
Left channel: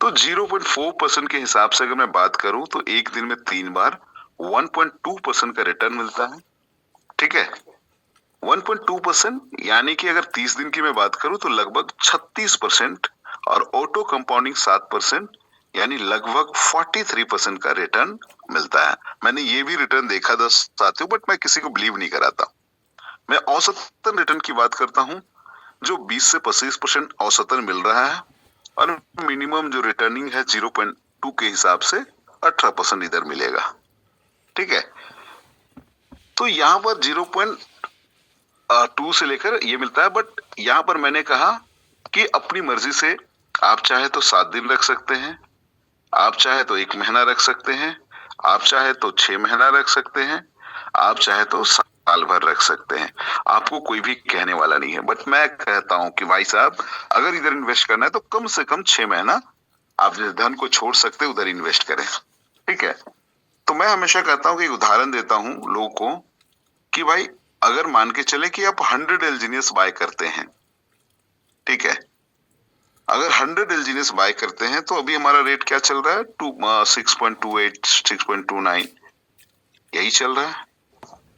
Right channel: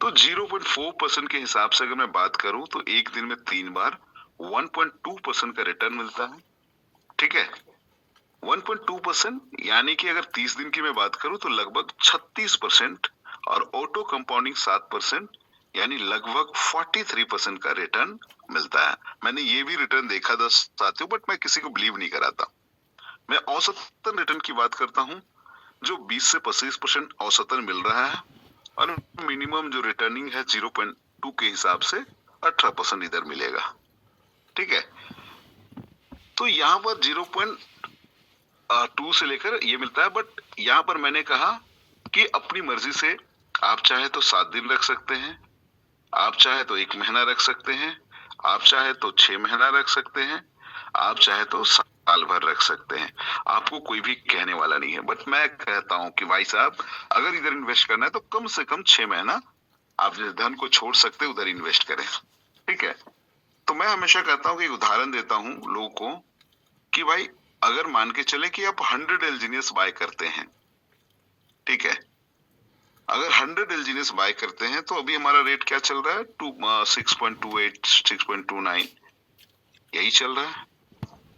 तो 0.4% के हिसाब से अगर मैं बात करूं तो एक दिन में 3 बार 1.2% का रिटर्न मिलता है, ठीक है। 1.2% यानी कि अगर 30 दिन की मैं बात करूं तो लगभग 36% और ऑटो कंपाउंडिंग 7% यानी लगभग 43% का रिटर्न मिलता है। मैंने ये भी रिटर्न देखा था साथियों, बट मैं किसी को बिलीव नहीं कराता। मैं औसतन रिटर्न की बात करता हूं जो 20 से 25% औसतन मिल रहा है, और मिनिमम जो रिटर्निंग है 0.2 के हिसाब से 18% इधर मिलेगा, ठीक है। तो यहाँ पर 0.2 से लेकर ये मिलता है, बट यहाँ पर मैंने कहा कि अपनी मर्जी से आप चाहे तो 7 दिन रख सकते हैं, आप चाहे तो 1 महीना रख सकते हैं, आप चाहे तो 6 महीना रख सकते हैं, आप चाहे तो साल भर रख सकते हैं, आपको कोई भी कहने वाला नहीं है। बट मैं कहता हूं कि भाई साहब अगर इधर इन्वेस्ट करना है तो कम से कम 6 महीना आप जिस धन को छोड़ सकते उधर इन्वेस्ट करें, ठीक है। तो मैं हमेशा कहता हूं कि उदाहरण देता हूं लोगों को कि भाई अगर मान के चले कि आप 100 एल्जीनियस बाय करते हैं, ठीक है, अगर 100 एल्जीनियस बाय करते हैं तो अभी हमारा रेट क्या चल रहा है, 6.28 6.29 यही चल रहा है,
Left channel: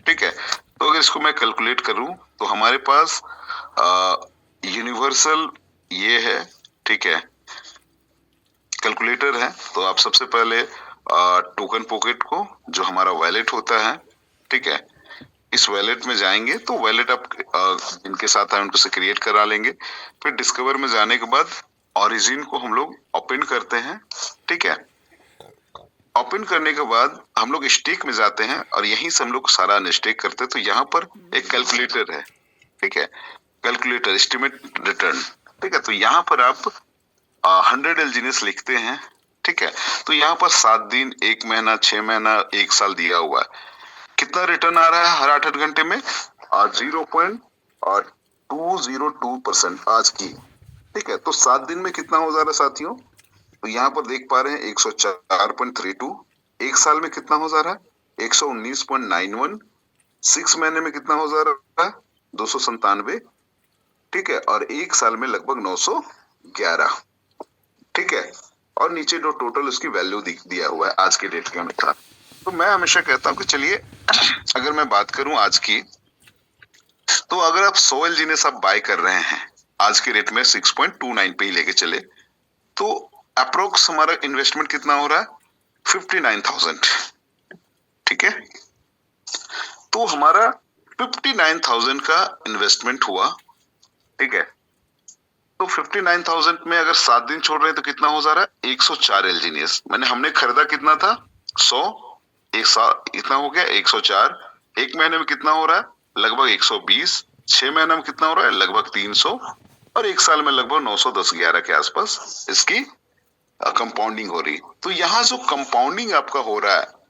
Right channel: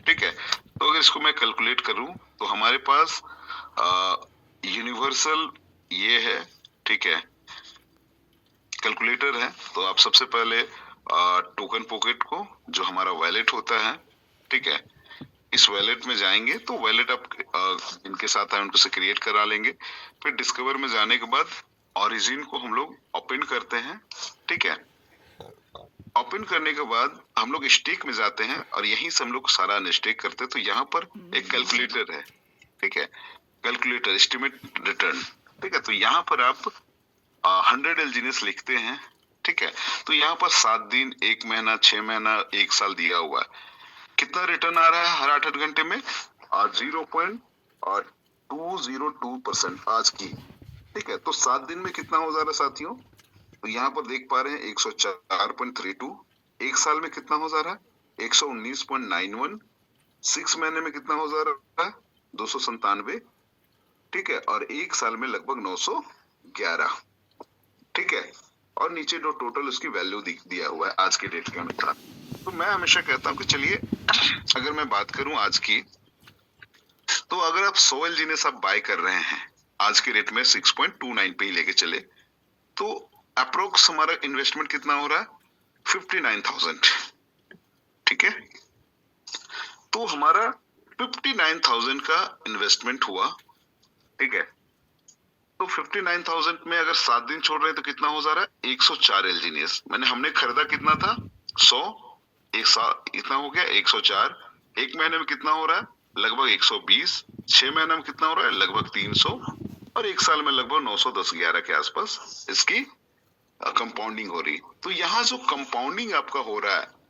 ठीक है। तो अगर इसको मैं कैलकुलेट करूं तो हमारे पास यूनिवर्सल ये है, ठीक है, कैलकुलेटर है। तो आप सबसे पहले टोकन पॉकेट को जो हमारा वैलेट होता है, ठीक है, इस वैलेट में जाएंगे तो वैलेट आप जिनके साथ है उनको से क्रिएट करा लेंगे। फिर डिस्कवर में जाने के बाद ओरिजिन को हम लोग ओपन करते हैं, ठीक है। ओपन करने के बाद हम लोग स्टेक में जाते हैं और यहीं से हम लोग सारा अनस्टेक करते हैं। तो यहाँ पर एक कैलकुलेटर है, ठीक है, कैलकुलेटर एस्टिमेट रिटर्न, ठीक है। तो यहाँ पर आप 100 एल्जीनियस लिखते हैं, ठीक है। तो यहाँ पर 7 दिन, 1 महीना, 6 महीना, 1 साल दिया हुआ है। कितना रिटर्न आ रहा है हर 8-8 घंटे में, 0.202% आज की, ठीक है। तो 7 दिन में कितना हो जा रहा है साथियों, तो यहाँ पर देख पा रहे हैं 104.32। 1 साल में कितना हो जा रहा है, 119.91। 6 महीने में कितना हो जा रहा है, 297, ठीक है। और 1 साल में लगभग 911, ठीक है। और नीचे जो टोटल उसकी वैल्यू दिया हुआ है आज के डेट के अनुसार। तो मैं हमेशा कहता हूँ कि चलिए अगर मैं बात करूं आज की, तो अगर आप 100 एल्जीनियस आप बाय कर रहे हैं आज के रेट में 6.29 पे ही लेके चले, तो अप्रोक्स हमारा इन्वेस्टमेंट कितना हो रहा है, 59,000, ठीक है। तो हमारा 59,000 का इन्वेस्टमेंट हुआ, ठीक है। तो 59,000 में अगर 7 दिन छोड़ रहे हैं तो कितना हो जा रहा है, 104 एल्जीनियस। मैंने हमने खरीदा कितना था, 100, एक साल इतना हो गया 104। 1 महीने में कितना हो रहा है, लगभग 120। 6 महीने में कितना हो रहा है, लगभग 300। और 1 साल में लगभग 910-11 के आसपास इसकी कंपाउंडिंग हो रही। तो यहाँ जो कंपाउंडिंग आपका हो रहा है,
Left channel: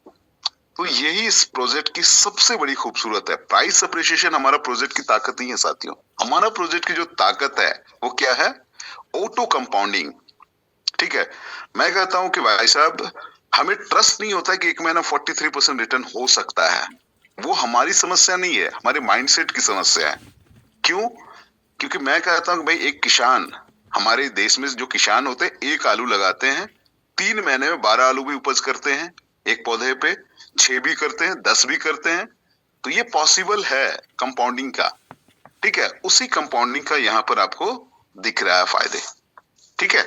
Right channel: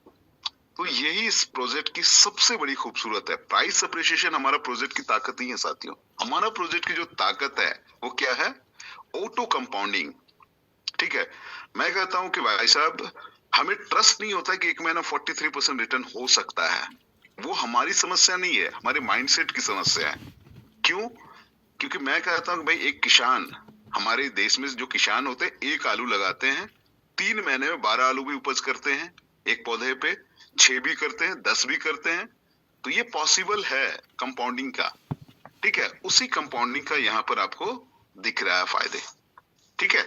तो यही इस प्रोजेक्ट की सबसे बड़ी खूबसूरत है। प्राइस अप्रिशिएशन हमारा प्रोजेक्ट की ताकत नहीं है साथियों। हमारा प्रोजेक्ट की जो ताकत है वो क्या है, ऑटो कंपाउंडिंग, ठीक है। मैं कहता हूं कि भाई साहब हमें ट्रस्ट नहीं होता है कि 1 महीना 43% रिटर्न हो सकता है। वो हमारी समस्या नहीं है, हमारे माइंडसेट की समस्या है। क्यों, क्योंकि मैं कहता हूं कि भाई एक किसान, हमारे देश में जो किसान होते हैं, 1 आलू लगाते हैं, 3 महीने में 12 आलू भी उपज करते हैं एक पौधे पे, 6 भी करते हैं, 10 भी करते हैं। तो ये पॉसिबल है कंपाउंडिंग का, ठीक है। उसी कंपाउंडिंग का यहाँ पर आपको दिख रहा है फायदे, ठीक है।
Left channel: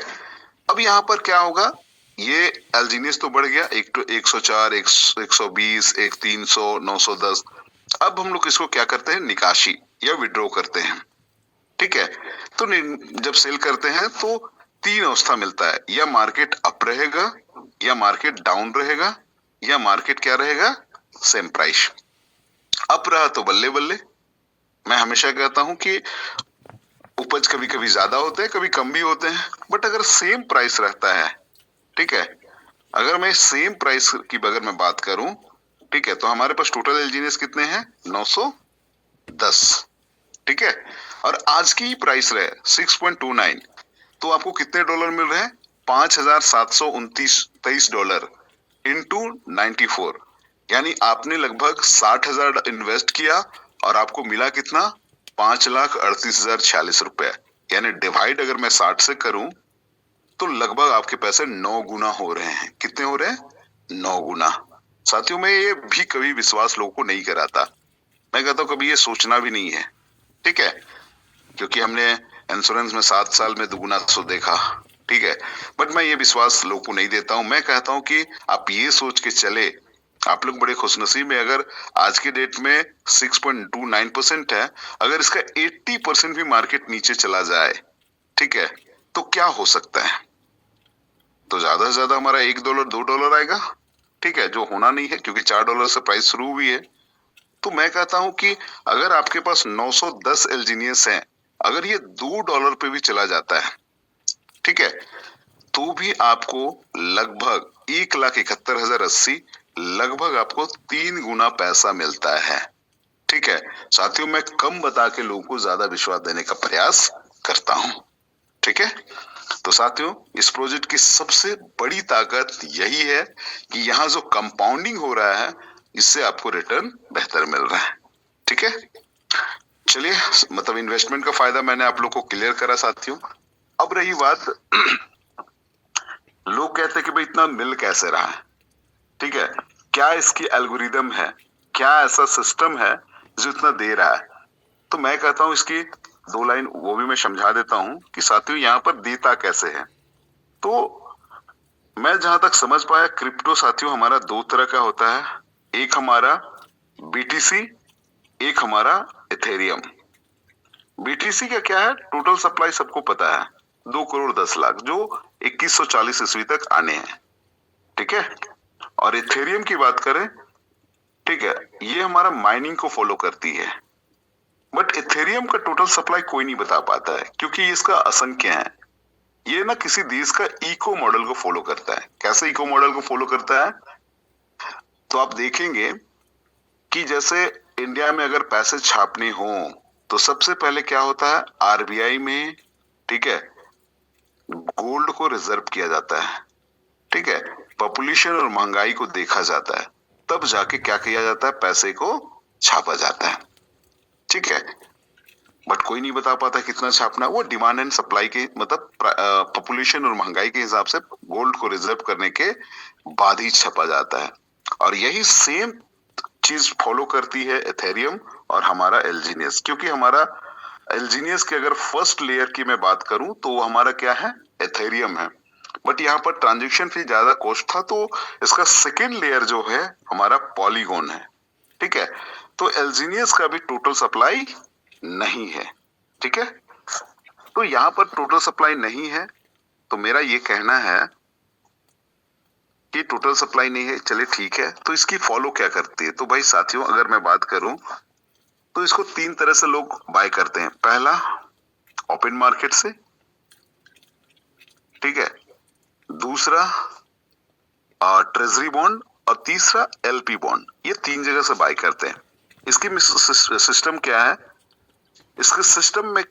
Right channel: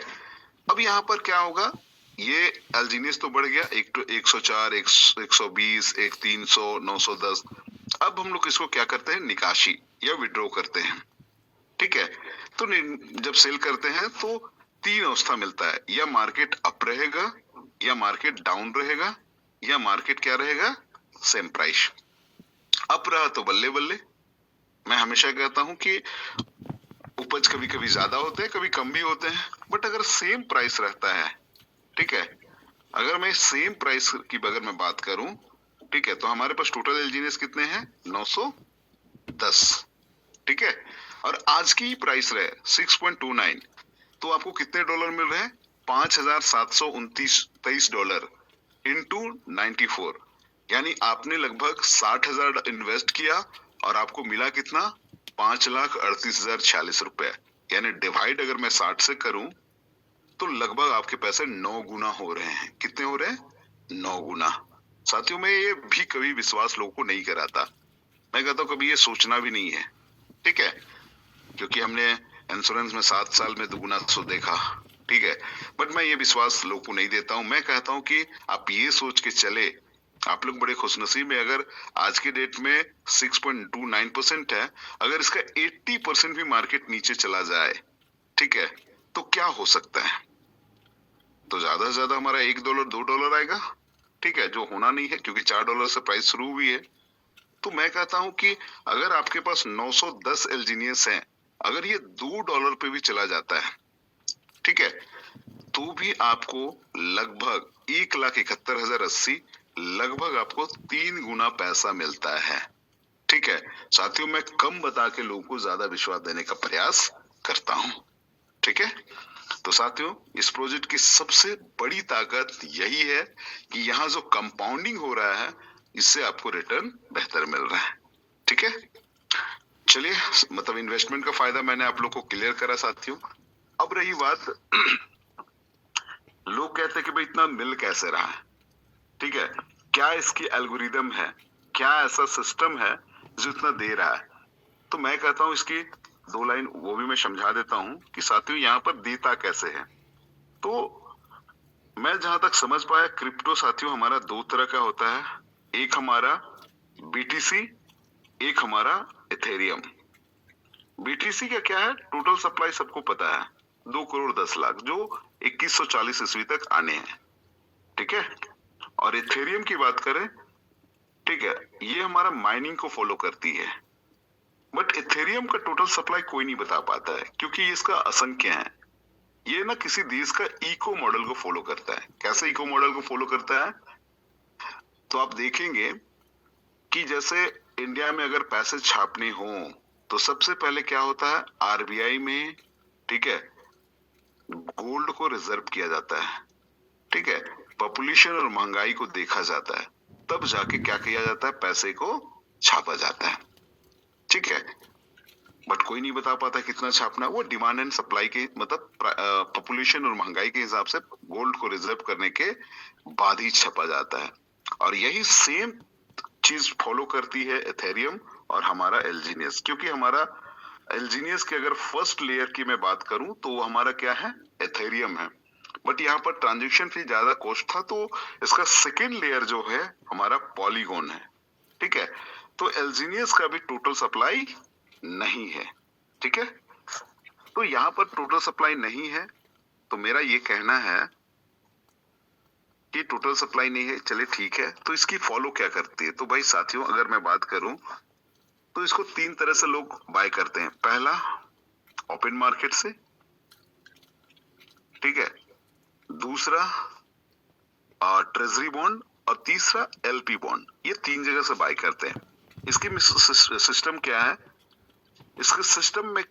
अब यहाँ पर क्या होगा, ये एल्जीनियस तो बढ़ गया, 104, 120, 300, 910। अब हम लोग इसको क्या करते हैं, निकाशी या विड्रॉ करते हैं, ठीक है। तो जब सेल करते हैं तो 3 अवस्था मिलता है, या मार्केट अप रहेगा, या मार्केट डाउन रहेगा या मार्केट क्या रहेगा, सेम प्राइस। अप रहा तो बल्ले बल्ले। मैं हमेशा कहता हूं कि उपज कभी कभी ज्यादा होते हैं, कभी कम भी होते हैं, बट अगर सेम प्राइस रहता है, ठीक है, अगर मैं सेम प्राइस की अगर मैं बात करूं, ठीक है, तो हमारे पास टोटल एलजीनियस कितने हैं, 910, ठीक है, और आज की प्राइस रहे 6.29, तो आपको कितने डॉलर मिल रहे हैं, $5,723 इंटू 94, यानी आपने लगभग 60,000 इन्वेस्ट किया और आपको मिला कितना, 5,38,046 यानी डिवाइड अगर मैं 60 से करूं तो लगभग आपके पैसे 9 गुना हो रहे हैं। कितने हो रहे हैं, 9 गुना। साथियों, मैं ये भी कभी विश्वास लोगों को नहीं कराता, मैं कहता हूँ कभी ये सोचना भी नहीं है, ठीक है, क्योंकि हमने इंश्योरेंस में 7 साल में दुगुना सो देखा, ठीक है, बट मैं ये विश्वास लोगों को नहीं देता हूं। मैं कहता हूं कि आप ये सोच के चले, आप लोग बड़े खुशनसीब हैं अगर आज के डेट में 6.29% है, अगर इसका 80% भी मार्केट नीचे चला जाए, ठीक है, तो क्या हो सकता है, तो ज्यादा से ज्यादा हमारा $1 $2 आएगा, ठीक है, जो होना नहीं है क्योंकि $4 से प्राइस शुरू हुई है। तो मैं कहता हूं कि अगर आपके पास 910 एलजीनियस हैं, अगर ये $2 पे भी चला जाता है, ठीक है, तो भी आपको लगभग 1,71,080, लगभग आपको 3 गुना पैसा मिलता है, ठीक है। साथियों, मैं कम बता के लोगों को ज्यादा विश्वास देने का प्रयास करता हूं, ठीक है। तो साथियों, इस प्रोजेक्ट की सबसे बड़ी ताकत यही है कि यहाँ जो कंपाउंडिंग हो रहा है, इससे आपको रिटर्न बेहतर मिल रहा है, ठीक है। चलिए, मतलब इन्वेस्टमेंट का फायदा मैंने आप लोग को क्लियर करा साथियों। अब रही बात, लोग कहते हैं कि भाई इतना मिल कैसे रहा है, ठीक है, क्या इसकी एल्गोरिदम है, क्या ऐसा सिस्टम है जो इतना दे रहा है। तो मैं कहता हूं इसकी 2 लाइन वो भी मैं समझा देता हूं कि साथियों यहाँ पर देता कैसे है। तो मैं जहां तक समझ पाया, क्रिप्टो साथियों हमारा 2 तरह का होता है, एक हमारा बीटीसी, एक हमारा इथेरियम। बीटीसी का क्या है, टोटल सप्लाई सबको पता है, 2,10,00,000 जो 2140 ईस्वी तक आने हैं, ठीक है। और इथेरियम की बात करें, ठीक है, ये हमारा माइनिंग को फॉलो करती है, बट इथेरियम का टोटल सप्लाई कोई नहीं बता पाता है क्योंकि इसका असंख्य है। ये ना किसी देश का इको मॉडल को फॉलो करता है। कैसे इको मॉडल को फॉलो करता है, तो आप देखेंगे कि जैसे इंडिया में अगर पैसे छापने हो तो सबसे पहले क्या होता है, आरबीआई में, ठीक है, गोल्ड को रिजर्व किया जाता है, ठीक है, पॉपुलेशन और महंगाई को देखा जाता है, तब जाके क्या किया जाता है, पैसे को छापा जाता है, ठीक है। बट कोई नहीं बता पाता कितना छापना, वो डिमांड एंड सप्लाई के मतलब पॉपुलेशन और महंगाई के हिसाब से गोल्ड को रिजर्व करने के बाद ही छपा जाता है। और यही सेम चीज फॉलो करती है इथेरियम और हमारा एलजीनियस, क्योंकि हमारा एलजीनियस के अगर फर्स्ट लेयर की मैं बात करूं तो वो हमारा क्या है, इथेरियम है, बट यहाँ पर ट्रांजेक्शन फी ज्यादा कॉस्ट था, तो इसका सेकेंड लेयर जो है हमारा पॉलीगॉन है, ठीक है। तो एलजीनियस का भी टोटल सप्लाई नहीं है, ठीक है। तो यहाँ पर टोटल सप्लाई नहीं है, तो मेरा ये कहना है कि टोटल सप्लाई नहीं है, चलिए ठीक है, तो इसकी फॉलो क्या करती है। तो भाई साथियों, अगर मैं बात करूं तो इसको 3 तरह से लोग बाय करते हैं। पहला ओपन मार्केट से, ठीक है, दूसरा ट्रेजरी बॉन्ड, और तीसरा एलपी बॉन्ड। ये 3 जगह से बाय करते हैं। इसकी सिस्टम क्या है, इसके सिस्टम में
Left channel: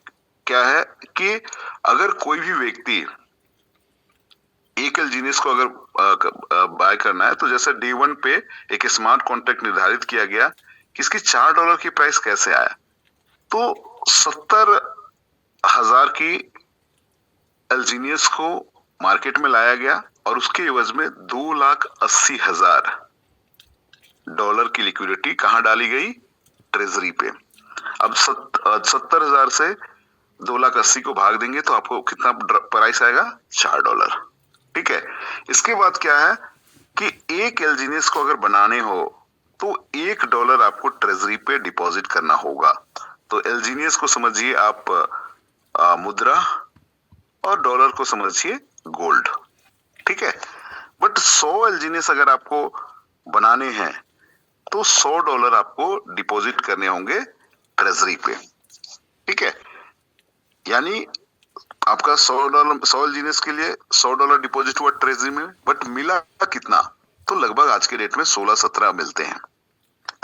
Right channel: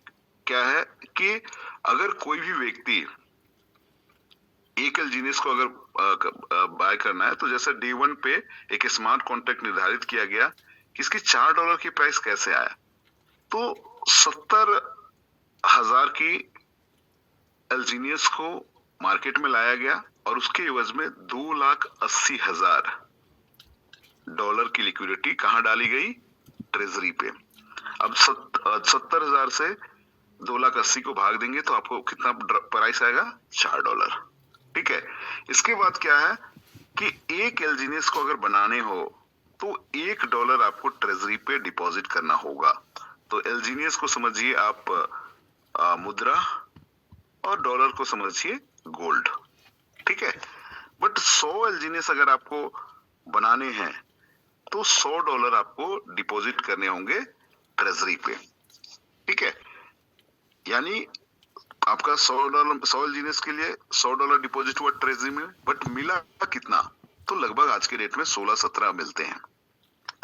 क्या है कि अगर कोई भी व्यक्ति एक एलजीनियस को अगर बाय करना है, तो जैसे डे 1 पे एक स्मार्ट कॉन्ट्रैक्ट निर्धारित किया गया कि इसकी $4 की प्राइस कैसे आया, तो 70,000 की एलजीनियस को मार्केट में लाया गया और उसके एवज में $2,80,000 की लिक्विडिटी कहां डाली गई, ट्रेजरी पे। अब 70,000 से 2,80,000 को भाग देंगे तो आपको कितना प्राइस आएगा, $4, ठीक है। इसके बाद क्या है कि एक एलजीनियस को अगर बनाने हो तो $1 आपको ट्रेजरी पे डिपॉजिट करना होगा। तो एलजीनियस को समझिए आप मुद्रा और डॉलर को समझिए गोल्ड, ठीक है। बट 100 एलजीनियस अगर आपको बनाने हैं तो $100 आपको डिपॉजिट करने होंगे ट्रेजरी पे, ठीक है। यानी आपका $100 एलजीनियस के लिए $100 डिपॉजिट हुआ ट्रेजरी में, बट मिला कितना? तो लगभग आज के डेट में 16-17 मिलते हैं,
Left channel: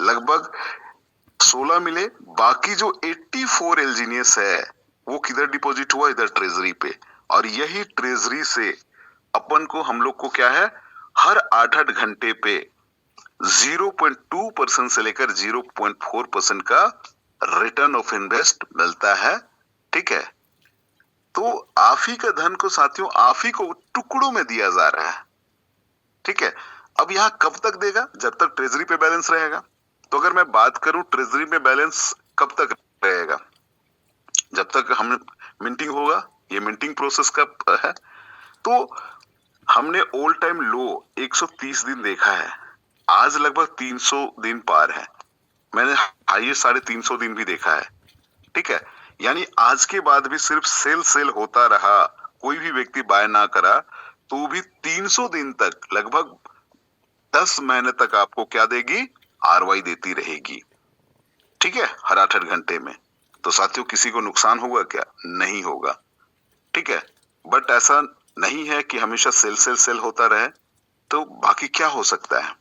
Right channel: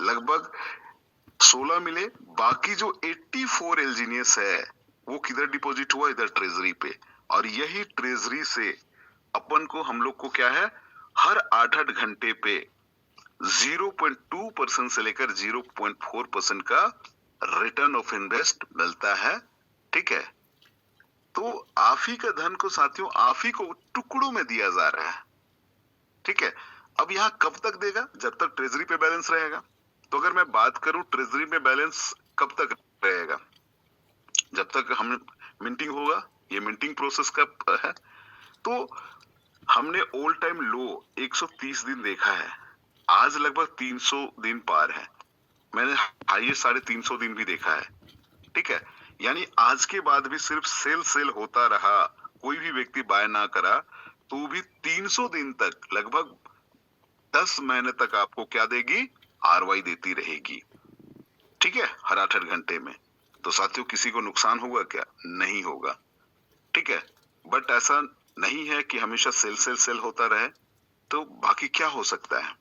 लगभग 16 मिले। बाकी जो 84 एलजीनियस है वो किधर डिपॉजिट हुआ? इधर ट्रेजरी पे। और यही ट्रेजरी से अपन को, हम लोग को क्या है, हर 8-8 घंटे पे 0.2% से लेकर 0.4% का रिटर्न ऑफ इन्वेस्ट मिलता है, ठीक है। तो आप ही का धन को साथियों, आप ही को टुकड़ों में दिया जा रहा है, ठीक है। अब यहाँ कब तक देगा? जब तक ट्रेजरी पे बैलेंस रहेगा। तो अगर मैं बात करूं ट्रेजरी में बैलेंस कब तक रहेगा? जब तक हम मिंटिंग होगा, ये मिंटिंग प्रोसेस का है। तो हमने ऑल टाइम लो 130 दिन देखा है, आज लगभग 300 दिन पार है। मैंने हाईएस्ट 350 दिन भी देखा है, ठीक है। यानी आज के बाद भी सिर्फ सेल होता रहा, कोई भी व्यक्ति बाय ना करा, तो भी 300 दिन तक, लगभग 10 महीने तक आपको क्या देगी? आरवाई देती रहेगी, ठीक है, हर 8-8 घंटे में। तो साथियों किसी को नुकसान होगा क्या? नहीं होगा, ठीक है। बट ऐसा नहीं है कि हमेशा सेल होता रहे, तो बाकी क्या हो सकता है,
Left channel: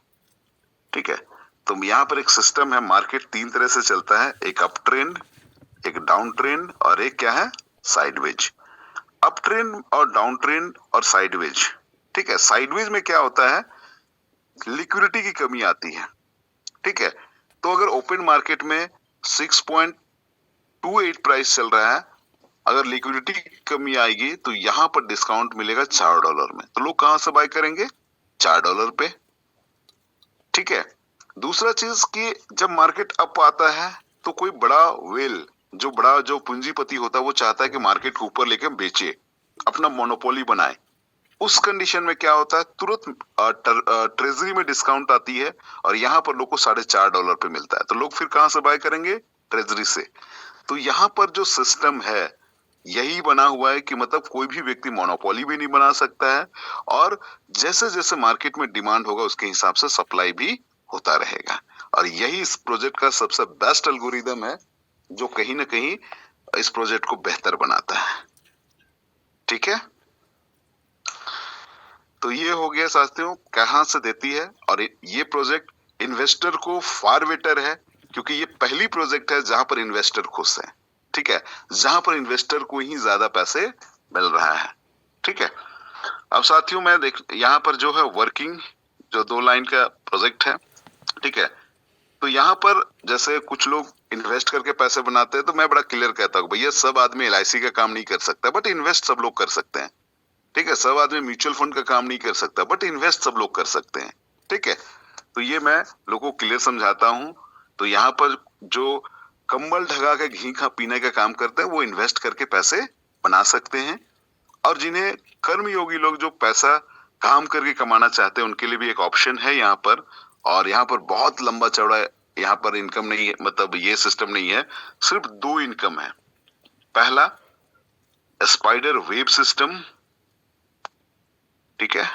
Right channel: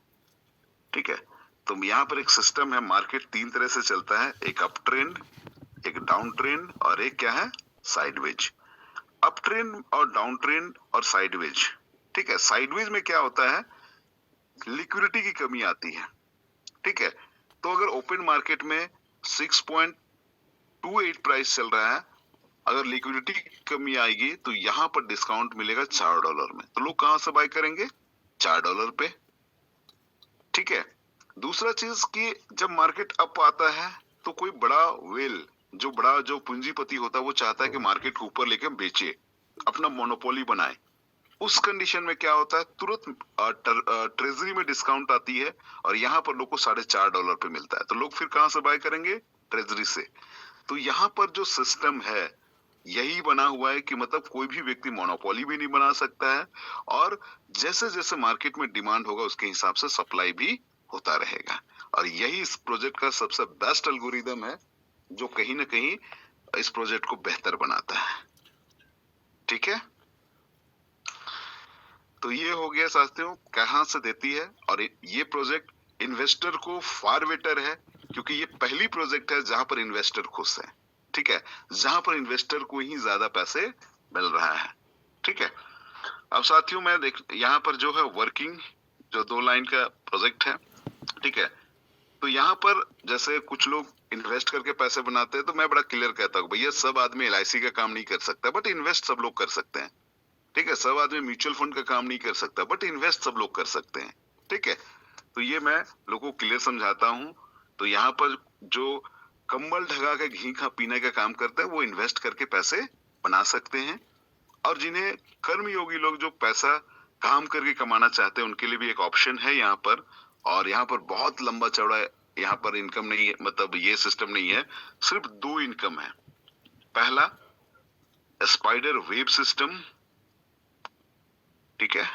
ठीक है। तो यहाँ पर एक सिस्टम है, मार्केट 3 तरह से चलता है, एक अप ट्रेंड, एक डाउन ट्रेंड और एक क्या है? साइडवेज। अप ट्रेंड और डाउन ट्रेंड और साइडवेज, ठीक है। साइडवेज में क्या होता है? लिक्विडिटी की कमी आती है, ठीक है। तो अगर ओपन मार्केट में 6.28 प्राइस चल रहा है, अगर लिक्विडिटी की कमी आएगी तो यहाँ पर डिस्काउंट मिलेगा $4 में, तो लोग कहां से बाय करेंगे? $4 पे, ठीक है। दूसरा चीज कि जब मार्केट अप आता है तो कोई बड़ा वेल, जो पूंजीपति होता है, वो चाहता है कि मार्केट को ऊपर लेके बेचे, अपना मोनोपोली बनाए। उस कंडीशन में क्या होता है? तुरंत ट्रेजरी में डिस्काउंट आती है और यहाँ पर लोग को $4.5 पे मिलता है, तो लोग फिर कहां से बाय करेंगे? ट्रेजरी से। तो यहाँ पर जो सिस्टम है यही बना हुआ है कि मतलब कोई भी व्यक्ति मोनोपोली भी नहीं बना सकता है, और जैसे जैसे मार्केट में डिमांड होगा उसके हिसाब से सप्लाई भी होता रहेगा। और यही इस प्रोजेक्ट का सबसे बेस्ट एल्गोरिदम है, जो कहीं ना कहीं इस प्रोजेक्ट को बेहतर बनाता है, ठीक है। तो ये हो गया साथियों कहां से देती है। और ये प्रोजेक्ट इन्वेस्टर को फार बेटर है, क्योंकि ये पहली प्रोजेक्ट है जहां पर इन्वेस्टर खुश है, ठीक है, जहां पर इन्वेस्टर को ही ज्यादा पैसे मिल रहा है, ठीक है। अब साथियों मैं यहाँ पर जो है वर्किंग, जो 2 लाइन का प्रोजेक्ट है, ठीक है। तो यहाँ पर जैसे कुछ लोग इन्वेस्ट करके पैसे बनाते हैं, तो मैं बड़ा क्लियर कहता हूँ, भैया सब आदमी LIC का काम नहीं कर सकता, बट इन्वेस्ट सब लोग कर सकते हैं, ठीक है। सब आदमी म्यूचुअल फंड का काम नहीं कर सकता, बट इन्वेस्ट सब लोग कर सकते हैं, ठीक है। तो ये मैं लोगों को क्लियर समझाता हूँ। तो यहाँ पर जो कंबल ढगा के घी खा पीने का काम करते हैं, वो इन्वेस्ट करके पैसे बना सकते हैं। और जिन्हें कर्मयोगी लोग जो पैसा काम करके कमाना चाहते हैं, उनके लिए भी एक ऑप्शन है यहाँ पर। और यहाँ पर बहुत लंबा चौड़ा यहाँ पर इनकम नहीं है, मतलब ये सिस्टम नहीं है, सिर्फ 2 इनकम है। पहला स्पाइडर वेब सिस्टम, ठीक है,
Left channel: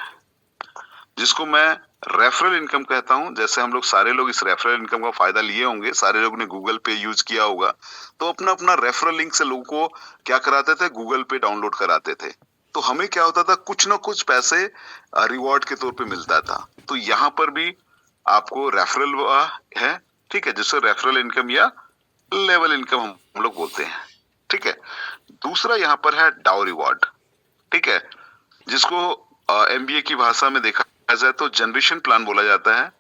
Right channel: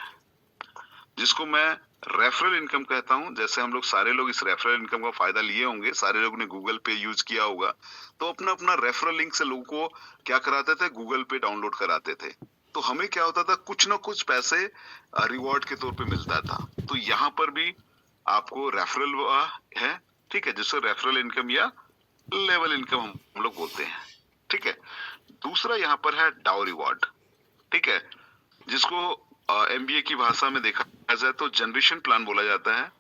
जिसको मैं रेफरल इनकम कहता हूं। जैसे हम लोग सारे लोग इस रेफरल इनकम का फायदा लिए होंगे, सारे लोग ने गूगल पे यूज किया होगा, तो अपना अपना रेफरल लिंक से लोगों को क्या कराते थे? गूगल पे डाउनलोड कराते थे। तो हमें क्या होता था? कुछ ना कुछ पैसे रिवॉर्ड के तौर पे मिलता था। तो यहाँ पर भी आपको रेफरल है, ठीक है, जिससे रेफरल इनकम या लेवल इनकम हम लोग बोलते हैं, ठीक है। दूसरा यहाँ पर है डाउ रिवॉर्ड, ठीक है, जिसको MBA की भाषा में देखा जाए तो जनरेशन प्लान बोला जाता है,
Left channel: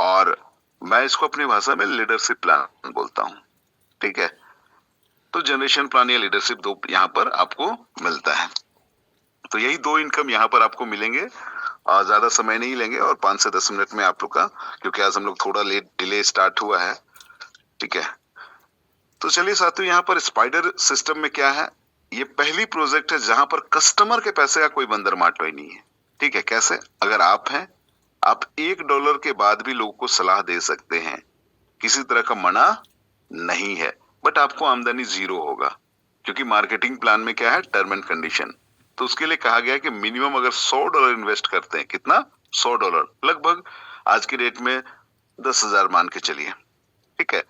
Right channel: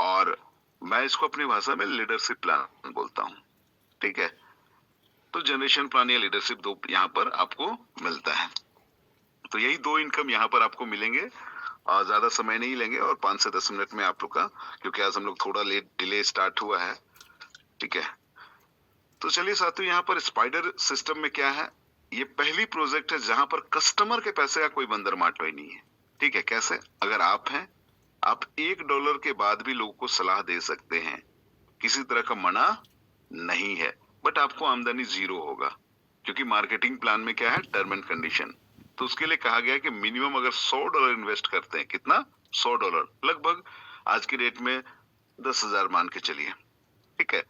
और मैं इसको अपनी भाषा में लीडरशिप प्लान बोलता हूँ, ठीक है। तो जनरेशन प्लान या लीडरशिप 2 यहाँ पर आपको मिलता है। तो यही 2 इनकम यहाँ पर आपको मिलेंगे, ज्यादा समय नहीं लेंगे, और 5 से 10 मिनट में आप लोग का, क्योंकि आज हम लोग थोड़ा लेट डिले स्टार्ट हुआ है, ठीक है। तो चलिए साथियों, यहाँ पर स्पाइडर सिस्टम में क्या है? ये पहली प्रोजेक्ट है जहां पर कस्टमर के पैसे का कोई बंदर माटोई नहीं है, ठीक है। कैसे? अगर आप हैं, आप $1 के बाद भी लोगों को सलाह दे सकते हैं, किसी तरह का मना नहीं है, बट आपको आमदनी 0 होगा, क्योंकि मार्केटिंग प्लान में क्या है? Term and condition. तो उसके लिए कहा गया कि मिनिमम अगर $100 इन्वेस्ट करते हैं, कितना, $100, लगभग आज की डेट में 10,000 मान के चलिए, ठीक है।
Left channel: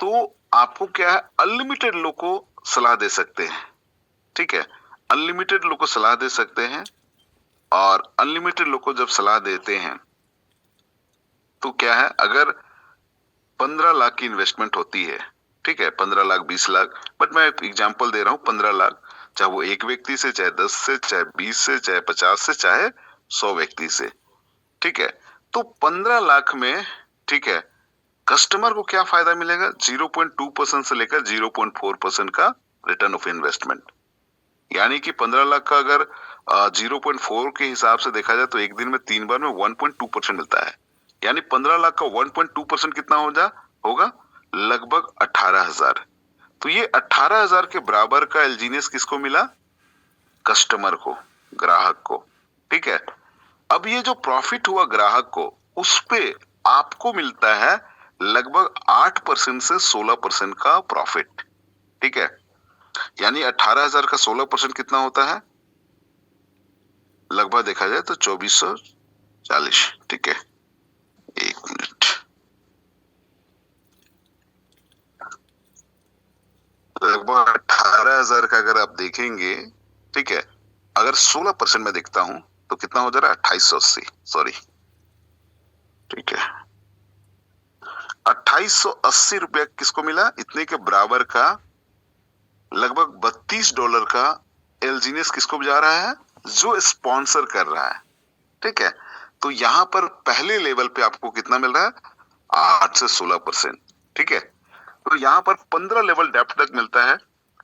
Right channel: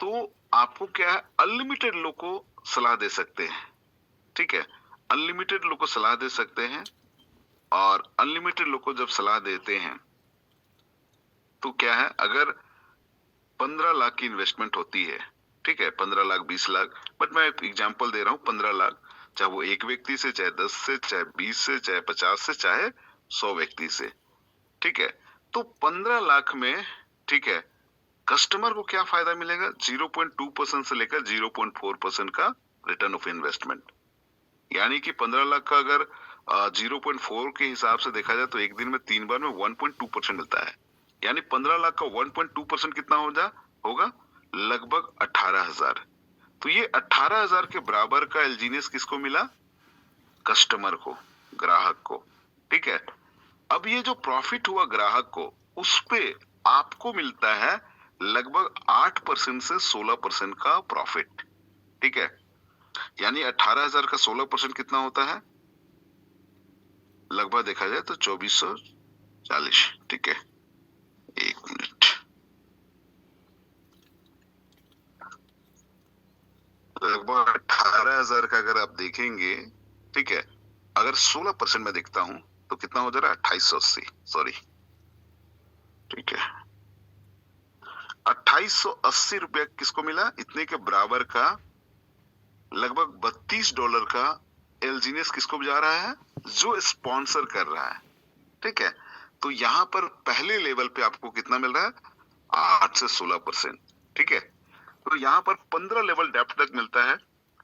तो आपको क्या है, अनलिमिटेड लोग को सलाह दे सकते हैं, ठीक है, अनलिमिटेड लोग को सलाह दे सकते हैं। और अनलिमिटेड लोग को जब सलाह देते हैं तो क्या है, अगर 15 लाख की इन्वेस्टमेंट होती है, ठीक है, 15 लाख 20 लाख, बट मैं एक एग्जांपल दे रहा हूं, 15 लाख, चाहे वो एक व्यक्ति से, चाहे 10 से, चाहे 20 से, चाहे 50 से, चाहे 100 व्यक्ति से, ठीक है। तो 15 लाख में, ठीक है, कस्टमर को क्या फायदा मिलेगा, 0.2% से लेकर 0.4% का रिटर्न ऑफ इन्वेस्टमेंट। यानी कि 15 लाख का अगर 0.4 के हिसाब से देखा जाए तो एक दिन में 3 बार में 1.2% मिलता है। यानी 15 लाख का 1.2% कितना होगा, लगभग 18,000। तो ये 18,000 के बराबर का एलजीनियस किसको मिला, कस्टमर को, ग्राहक को, ठीक है। अब ये जो प्रॉफिट हुआ ग्राहक को, उस पे आपको मिलता है लगभग 8% से 16% का प्रॉफिट, ठीक है। यानी 18,000 का 16% कितना होता है, लगभग देखा जाए तो 2440, ठीक है। एक मिनट, लगभग 18,000 का अगर आप देखेंगे, ठीक है, अगर 16% में देखता हूं तो कितना हो जा रहा है, 2880, सॉरी, ठीक है। 2880 रुपया किसको मिला, इतने के बराबर का लगभग $32 का एलजीनियस किसको जा रहा है, जो स्पॉन्सर कर रहा है, ठीक है। तो यहां पर पहले लेवल पे आपको कितना मिल रहा है, 8 से 16%, ठीक है। तो यहाँ पर 15 लेवल डेप्थ तक मिलता है।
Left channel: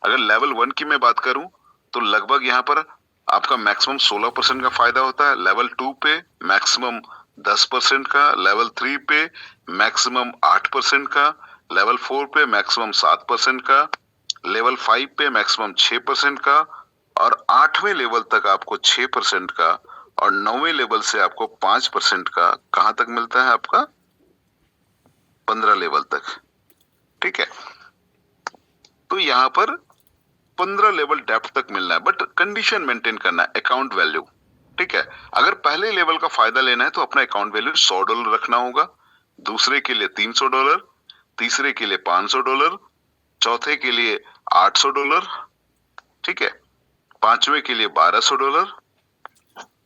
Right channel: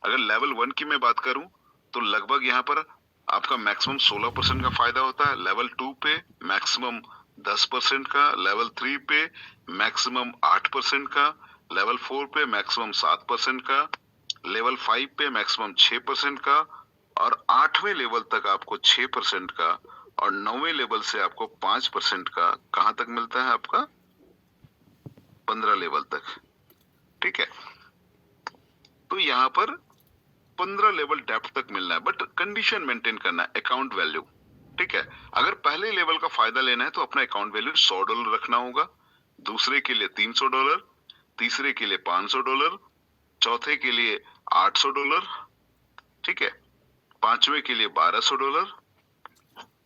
अगर लेवल 1 की मैं बात करूं तो लगभग यहाँ पर आपका मैक्सिमम 16% का फायदा होता है, लेवल 2 पे मैक्सिमम 10% का, लेवल 3 पे मैक्सिमम 8% का, लेवल 4 पे मैक्सिमम 7% का, लेवल 5 पे मैक्सिमम 6% का, और 8वें लेवल तक आपको 6% का, और 9वें लेवल से आपको 5% का, कहां तक मिलता है आपका, 15 लेवल तक, ठीक है। तो यहाँ पर 15 लेवल डेप्थ तक मिलना है, बट कंडीशन मेंटेन करना है, अकाउंट वैल्यू, ठीक है। अगर पहले लेवल का फायदा लेना है तो अपना अकाउंट वैल्यू $100 रखना होगा, दूसरे के लिए $300, तीसरे के लिए $500, चौथे के लिए $800, ठीक है, पांचवे के लिए $1,200।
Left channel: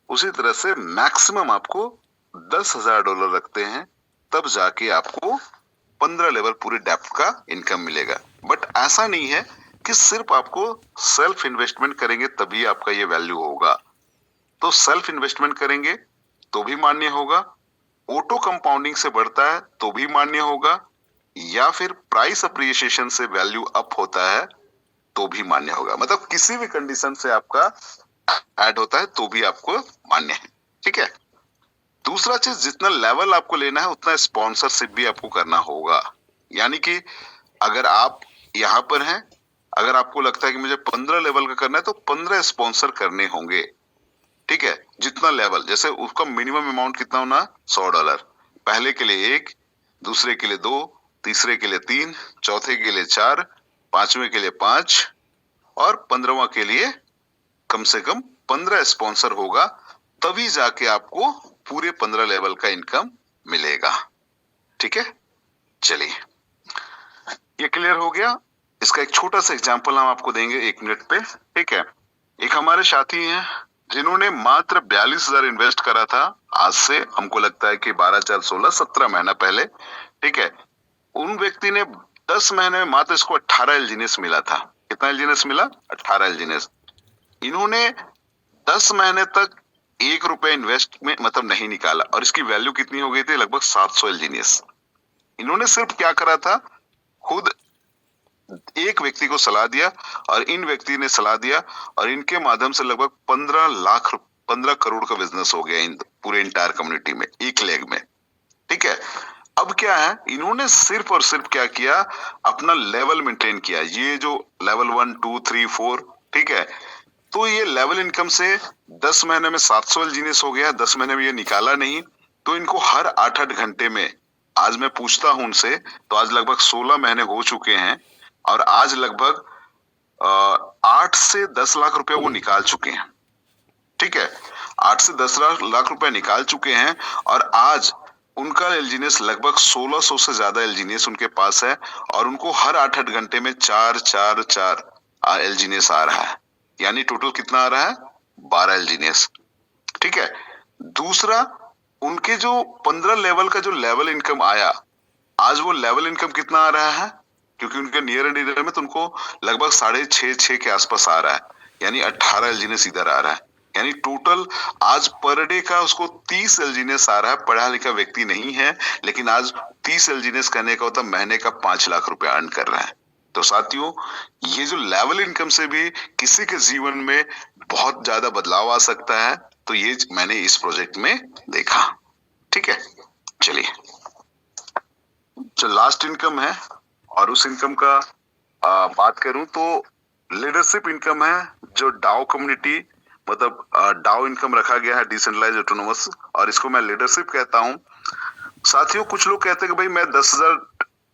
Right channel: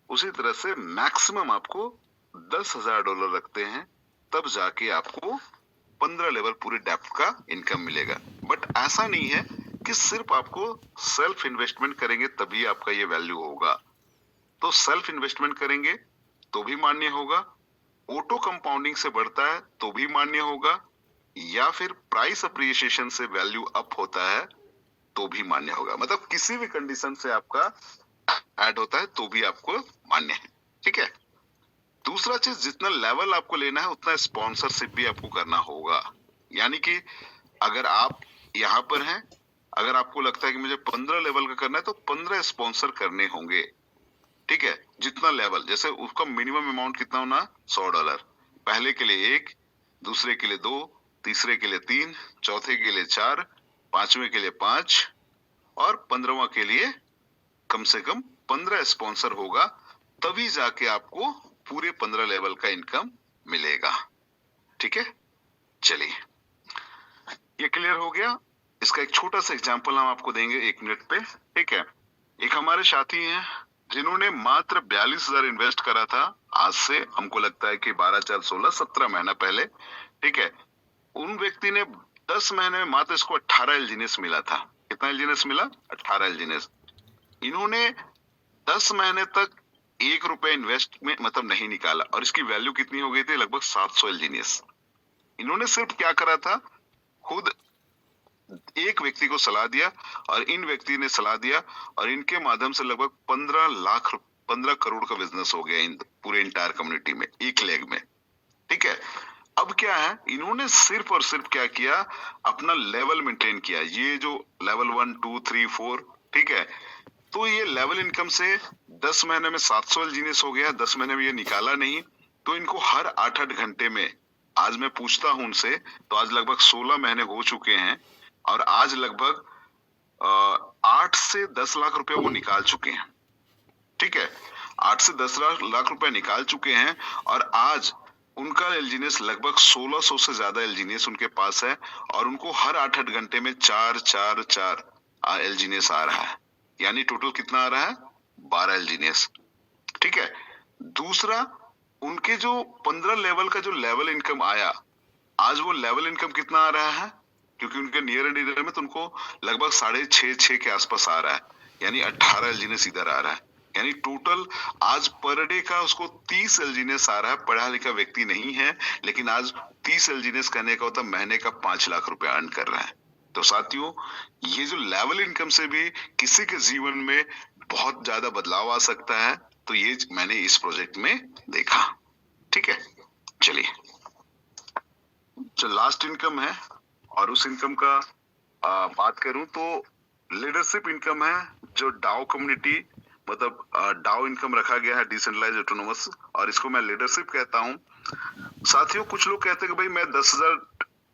उसी तरह से मैक्सिमम आपको $10,000 रखते हैं, तब जाके आपको 15 लेवल पूरे डेप्थ का इनकम मिलेगा। बट ऐसा नहीं है कि सिर्फ आपको सेल्फ इन्वेस्टमेंट करेंगे तभी आपका ये वैल्यू होगा। तो सेल्फ इन्वेस्टमेंट करेंगे तो भी मान्य होगा, ऑटो कंपाउंडिंग से बढ़ता है तो भी मान्य होगा, या फिर प्राइस अप्रिसिएशन से वैल्यू अप होता है तो भी मान्य होगा। मतलब किसी भी कंडीशन से आपका ऐड होता है तो भी आपको मान्य है, ठीक है। दूसरा चीज, जितना लेवल आपको लेना है उतना स्पॉन्सरशिप भी आपको करना होगा। यानी कि अगर आप यहाँ पर हैं, अगर आपको लगता है कि मुझे 15 लेवल का करना है तो 15 स्पॉन्सर करने होंगे, ठीक है। जितना लेवल, जैसे उसका मिनिमम अमाउंट कितना होना, $100, पहले के लिए 1, दूसरे के लिए 2, तीसरे के लिए 3, चौथे के लिए 4, पांचवें के लिए 5, और 15वां के लिए कम से कम 15 स्पॉन्सर होगा, तभी जाके आपको पूरे 15 लेवल का इनकम मिलेगा, ठीक है। चलिए, ये क्लियर हो गया। इसका एक छोटा सा एग्जांपल हम आपको देंगे 1 मिनट पे, ठीक है। एक हमारे साथी हैं जिन्होंने मात्र 42,000 इन्वेस्ट करा था, आज से हमको लगता है कि 12, 4, 16, 17 महीना पहले, ठीक है। उन व्यक्ति ने 10 महीने में मात्र इसको 18 एलजीनियस मिला था। कितना एलजीनियस मिला, 18 एलजीनियस। इन्होंने 10 महीने तक ₹1 इन्वेस्ट में मतलब नहीं निकाला, और इसकी वैल्यू कितनी हो गई थी, लगभग 700 एलजीनियस। इन्होंने सिर्फ क्या करा था, खुद एक व्यक्ति को सलाह दिया, और इन व्यक्ति ने सलाह दिया, और इनके माध्यम से लगभग 15 करोड़ का बिजनेस हो गया इन पूरे इंटायर कम्युनिटी में, एक लेग में, ठीक है। अब क्या है, इन्होंने सिर्फ और सिर्फ क्या किया, अपना लेवल मेंटेन किया। ये जो लेवल 1, 2, 3, 4, ठीक है। तो ये लेवल इनकम से 10 महीने में 700 एलजीनियस हो गया, 10 महीने में ये निकाला नहीं, तो इनको हर 8-8 घंटे में, आज मैं पूछता हूं उनसे, तो आज लगभग 16 महीने हो चुके हैं, और आज लगभग 8 से 10 लाख रुपए वो निकाल चुके हैं, ठीक है, 8 से 10 लाख रुपए निकाल चुके हैं और आज उनका एलजीनियस लगभग 1600 से ज्यादा एलजीनियस उनके पास है और उनको हर 8-8 घंटे में 4 एलजीनियस आ रहा है, यानी टोटल कितना आ रहा है? 12 एलजीनियस। ठीक है, दूसरा, उनके जो 15 लेवल का जो लेवल इनकम आया, आज वो लेवल इनकम कितना आ रहा है? क्योंकि उनके नियर एंड ईयर में तो उनको लगभग 6.5 के आसपास आ रहा है, यानी 18 एलजीनियस इधर आ रहा है, यानी टोटल आज पर डे का उसको 30 एलजीनियस आ रहा है। पढ़ा लिखा व्यक्ति नहीं है, लेकिन आज 30 एलजीनियस करने का होता महीने का 5 लाख रुपए अर्न कर रहा है। तो साथियों, ये जो लेवल इनकम से भी किसी के जीवन में बहुत ज्यादा बदलाव आ सकता है, तो ये मैंने इस प्रोजेक्ट में देखा। ठीक है, चलिए, जो लास्ट इनकम है और उस इनकम का बात करूं तो लीडरशिप इनकम है, जो डाओ कम्युनिटी मतलब डाओ इनकम रखा गया है, डिसेंट्रलाइज्ड ऑटोनोमस, और इसको मैं लीडरशिप कहता हूं। साथियों, कुछ लोग कहते हैं कि भाई मैं 10,000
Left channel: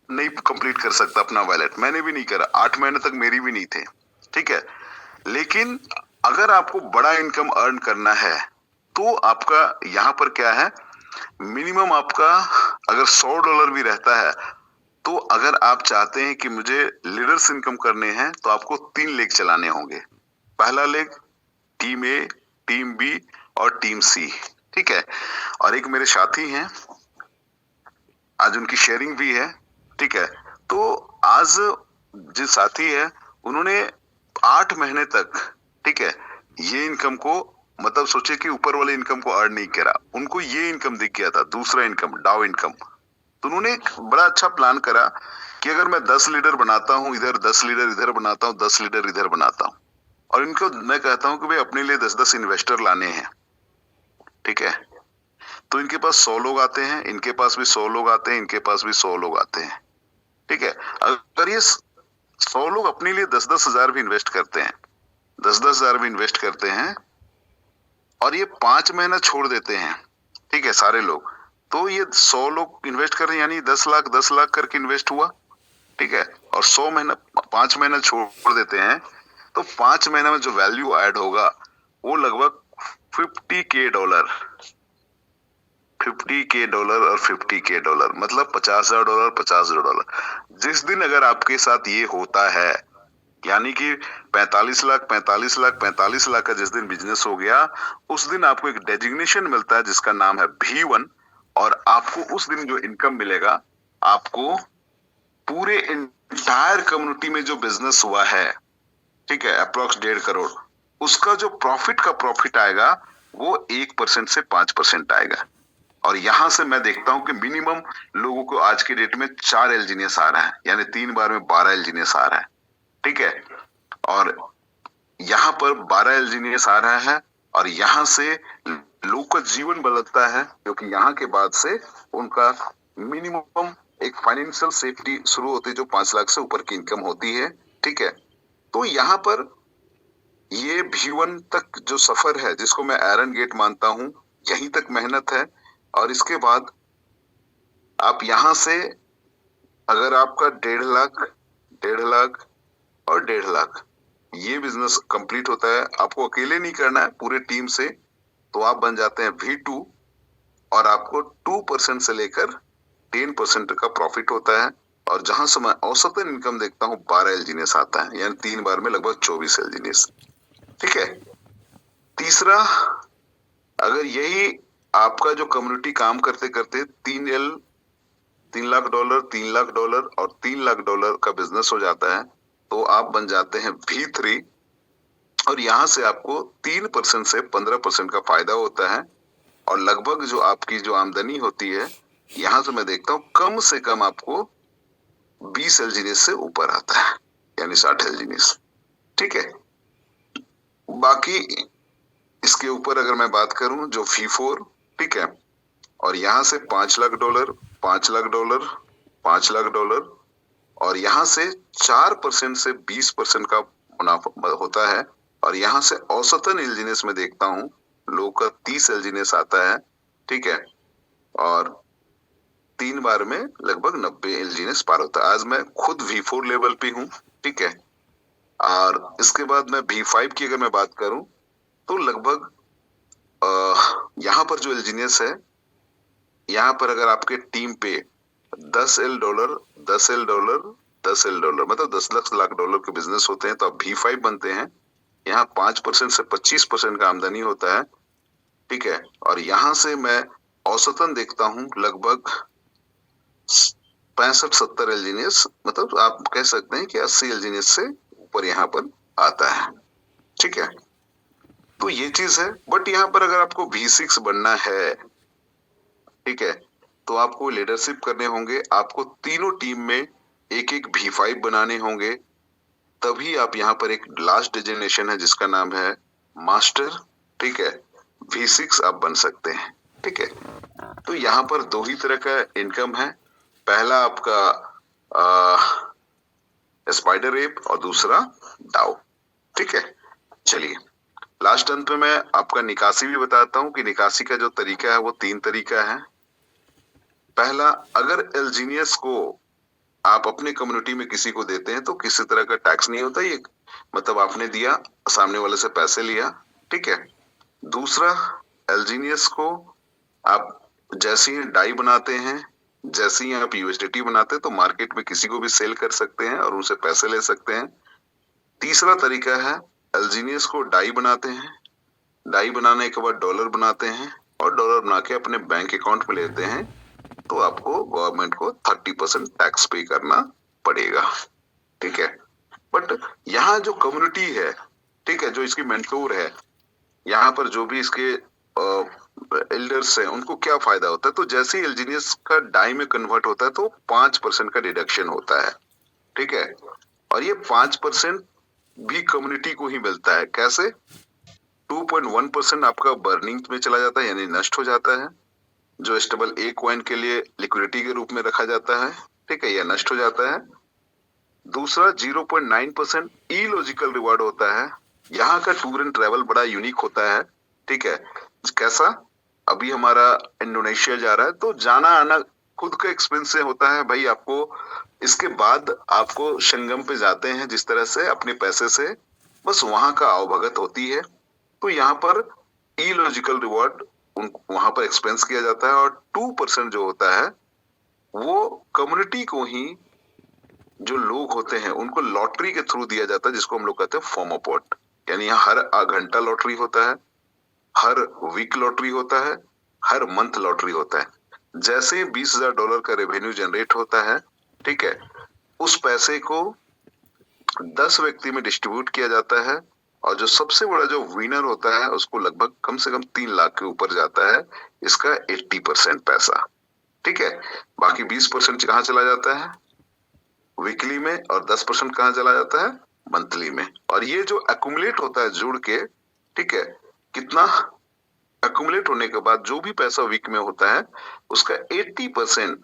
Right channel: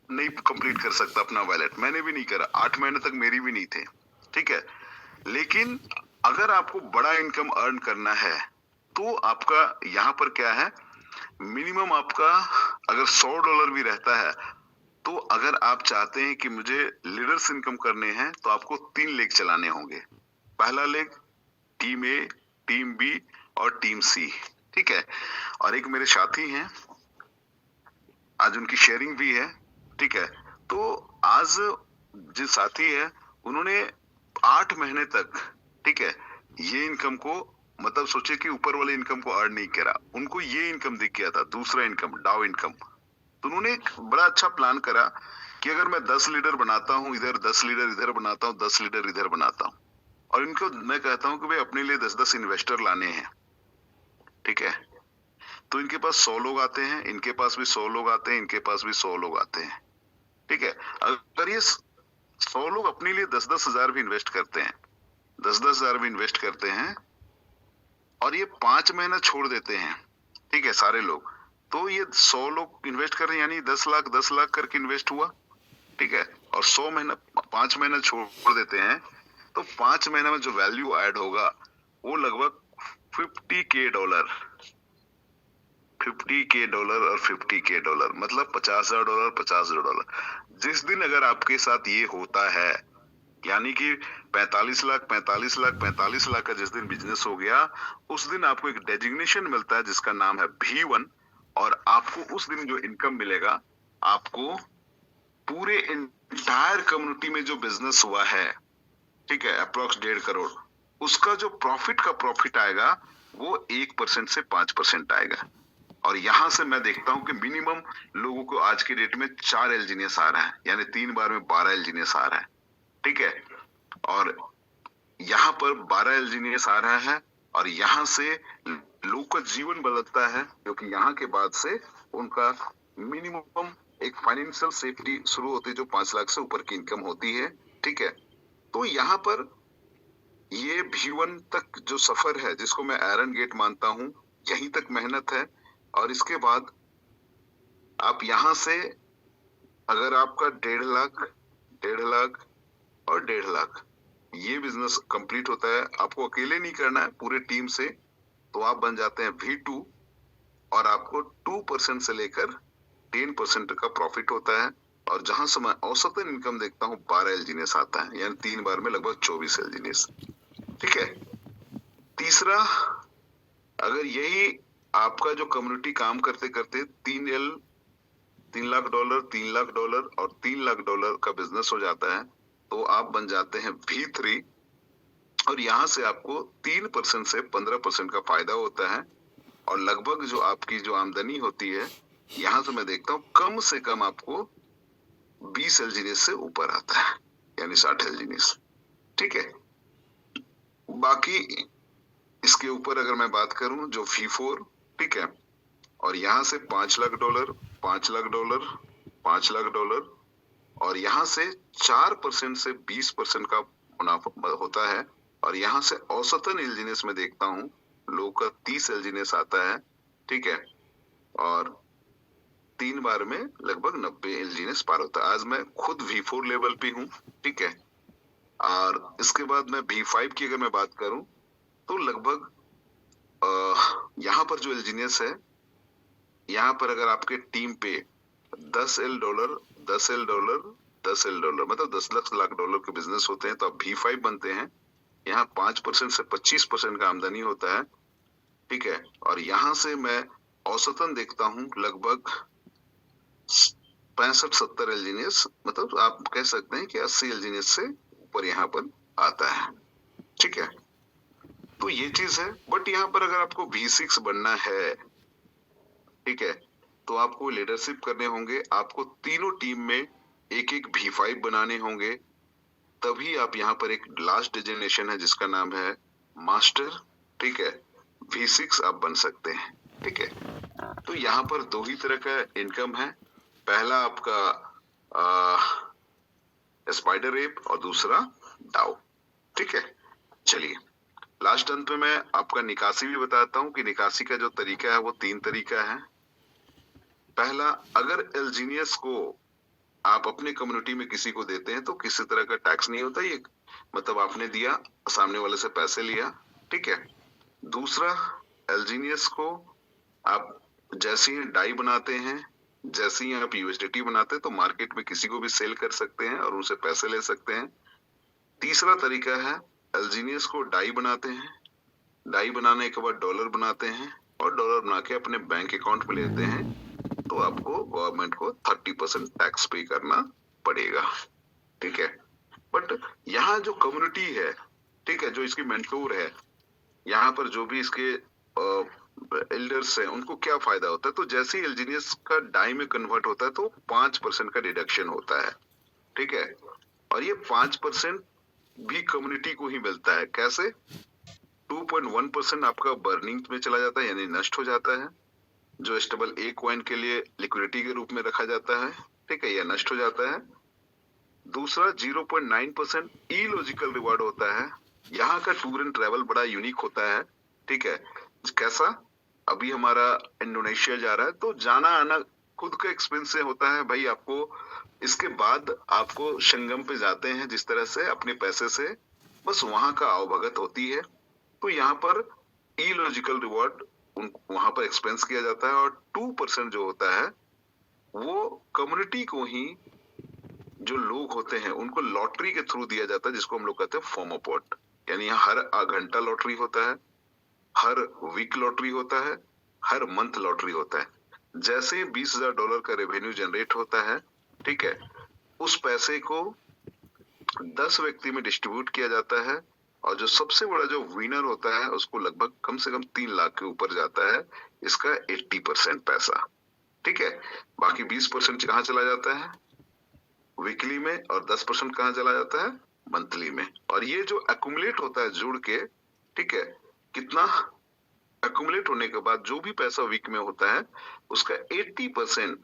नहीं कंप्लीट कर सकता अपना वैलेट, मैंने भी नहीं करा, 8 महीने तक मेरी भी नहीं थे। ठीक है, लेकिन अगर आपको बड़ा इनकम अर्न करना है तो आपका यहाँ पर क्या है, मिनिमम आपका अगर $100 भी रहता है, तो अगर आप चाहते हैं कि मुझे लीडर्स इनकम करने हैं तो आपको 3 लेग चलाने होंगे। पहला लेग टीम ए, टीम बी और टीम सी। ठीक है, और एक मेरे साथी हैं, आज उनकी शेयरिंग भी है। ठीक है, तो आज जो साथी है उन्होंने 8 महीने तक, ठीक है, ये इनकम को मतलब सोचे कि ऊपर वाले इनकम को अर्न नहीं करा, उनको ये इनकम दिख गया था, दूसरा इनकम, डाउ इनकम। तो उन्होंने एक बड़ा अच्छा प्लान करा कि अगर मैं 10 लीडर बनाता हूँ इधर, 10 लीडर इधर बनाता हूँ, 10 लीडर इधर बनाता हूँ, और इनको मैं कहता हूँ कि भाई अपने लिए 10-10 इन्वेस्टर लाने हैं। ठीक है, तो इनके पास 100 लोग आते हैं, इनके पास भी 100 लोग आते हैं, इनके पास भी 100 लोग आते हैं। ठीक है, अगर ये 100 लोग अपने लिए 10-10 हजार भी इन्वेस्ट करते हैं, 10-10 हजार भी इन्वेस्ट करते हैं, और ये 5 महीना छोड़ देते हैं, ठीक है, सारे लोग, तो ये 100 लोग इन्वेस्ट कर रहे हैं, यानी 10 लाख करके इन्वेस्ट हुआ। ठीक है, और 5 महीना छोड़ देते हैं, तो 5 महीने में जो वैल्यू ऐड होगा वो लगभग $50,000, $50,000 और $50,000, मतलब $50,000, $50,000। जिस दिन अगर आपके साथ ये होता है, यानी कि 45 लाख 45 लाख 45 लाख का जिस दिन बिजनेस हो गया, उस दिन आपको एक डेजिग्नेशन मिलता है जिसका नाम है V1, और आपको उस दिन जो इनकम मिलेगा, आपको पूरे इंटायर कम्युनिटी में जो बिजनेस हुआ है, ठीक है, अप्रोक्स 1.5 करोड़, उसका जो प्रॉफिट आएगा वो 1% से 5% आएगा। और यहां से मैं देखता हूं कि मिनिमम लोगों को आज के डेट में 4 एलजीनियस आ रहा है, यानी 3 बार में 12 एलजीनियस आ रहा है। ठीक है, और यहाँ पर 12 एलजीनियस आ रहा है, और यहाँ से लोग का जीवन बदलता है, क्योंकि यहाँ के बाद से उनका मिनिमम एक फाइनेंशियल सेफ्टी शुरू होती है, जो 5 लाख से ऊपर की इनकम होती है। ठीक है, तो यहाँ पर ये V1 तक जो सफर है, जिसको मैं आयरन गेट मानता हूं, यहीं तक मेहनत है, और इसके बाद आप यहां से अगर आपका 1.5 लाख, 1.5 लाख और 1.5 लाख ये बिजनेस कंप्लीट होता है, आपको अकेले नहीं करना है, पूरे टीम से, तो आप बन जाते हैं V2, और आपको 2% से लेकर 10% का प्रॉफिट होता है। और जहां से मैं औसतन इनकम देखता हूँ 12 एलजीनियस आता है, यानी 3 बार में लगभग 24 एलजीनियस। ठीक है, तीसरा, अगर यही आपका जो कम्युनिटी काम करते करते $3 लाख, $3 लाख और $3 लाख का बिजनेस हो जाता है, तो आप बन जाते हैं V3, और यहां से आपको 3% से 15% का फायदा होता है, और लगभग जो आपकी जो आमदनी होती है, यहां से मैं देखता हूँ कम से कम आपको 20 एलजीनियस से ऊपर आता है, यानी 60 एलजीनियस। ठीक है, बाकी इसके ऊपर अगर मैं बात करूं जो V4, ठीक है, और यहां से $5 लाख, $5 लाख, $5 लाख, और यहां से 4% से 20% का मुनाफा होता है, और यहां से औसतन एलजीनियस में देखता हूं लोग का 30 एलजीनियस आता है। ठीक है, और 3 बार में लगभग 90 एलजीनियस पार होता है। आज मैं खुद V4 लेवल पे हूँ। ठीक है, और इसके बाद मैं V5 की अगर मैं बात करूं तो लगभग यहाँ पर जो एलजीनियस है, यहाँ पर अगर आपके टीम पे $10 $10 मतलब 10 लाख डॉलर के बिजनेस होते हैं तो आप V5 बनते हैं। यहाँ 5% से 25% का आमदनी होता है, ठीक है। और यहाँ से मैं औसतन देखता हूँ लगभग 65-70 एलजीनियस, मतलब आप कह सकते हैं कि 80 एलजीनियस से ऊपर यहाँ पर आता है, ठीक है। तो ये चीज है। बट यहाँ पर अगर आपको V6 बनना है, ठीक है, तो आपको लीडरशिप करने होंगे, आपको तीनों टीम में एक एक V5 बनाने होंगे, तभी आप यहाँ पर एक लास्ट डेजिग्नेशन है जिसका नाम है मास्टर, ठीक है, V6 आप बन सकते हैं, ठीक है। तो यहाँ पर दो ही तरह का इनकम है, पहला आपका स्पाइडर एप और दूसरा डाउ, ठीक है। चलिए लास्ट अंत में मैं आपका निकासी भी बताता हूँ कि निकासी का जो तरीका है वो 3 तरीका है। पहला, अगर एलजीनियस को आप अपने कम्युनिटी में किसी को देते हैं तो किसी तरह का टैक्स नहीं होता, ये मतलब आपने दिया, सामने वाले से पैसे लिया, ठीक है। दूसरा, एलजीनियस को आप जैसे ही डाई बनाते हैं, जैसे ही आप यूएसडीटी बनाते हैं तो मार्केट में किसी को भी सेल कर सकते हैं और उनसे पैसे ले सकते हैं। तीसरा तरीका है, एलजीनियस को डाई बनाते हैं, डाई बनाने के बाद डॉलर बनाते हैं और डॉलर बना के अपने बैंक अकाउंट में लेते हैं, तो आपको गवर्नमेंट को 30% टैक्स पे करना पड़ेगा, ठीक है। बट यहाँ जो कम्युनिटी है, ठीक है, जो इसकी मेंटोर है, यहाँ पर जो भी इसके एल्डर्स हैं, उनको क्या फायदा होता है, तो जैसे ही एलजीनियस का डाई में कन्वर्ट होता है तो 5% का डिडक्शन होता है, ठीक है। और ये 5% भी कम्युनिटी को ही मिलता है। कैसे? 2.1% आपका बर्निंग में चला जाता है, यानी नष्ट हो जाता है, जो स्टेबल ए कॉइन के लिए लिक्विडिटी के रूप में रखा जाता है, ठीक है, यह नष्ट हो जाता है। दूसरा, 0.9% इलॉजिकल रिवार्ड होता है। यहाँ का टूर एंड ट्रेवल बड़ा यूनिक होता है, ठीक है। कैसा? अभी हमारा इंडोनेशिया जा रहा है तो जाना आना खुद का एक्सपेंस से होता है भाई, आपको इसके बाद आपको संगम पे जाते हैं जिस तरह से अपने पैसे से, बस वहां का आवभगत होती है। तो यहाँ पर इलॉजिकल रिवॉर्ड वहां पर एक्सपेंस किया जाता है, और 2% जो होता है वो कम्युनिटी को ही, जो लोग होते हैं उनको लॉटरी के थ्रू दिया जाता है, जिसको हम लोग कहते हैं फोमोपोट। यानी यहाँ हर घंटा लॉटरी होता है, हर वीक लॉटरी होता है, हर मंथ लॉटरी होता है। जैसे $20,000 का रेवेन्यू जनरेट होता है, ठीक है, उस पैसे को 10 व्यक्ति में डिस्ट्रीब्यूट किया जाता है, और जो सबसे बड़ा जो विनर होता है उसको लगभग कम से कम 3 लाख के ऊपर जाता है इसका 80% पैसा, ठीक है। बाकी 20% कहाँ चला जाता है? वीकली में, और 10% कहाँ चला जाता है? मंथली में। और ये जो एक्यूमुलेट होता है जुड़ के, ठीक है, कितना एक्यूमुलेट होने के बाद जो भी पैसा वीक में होता है उसका 80%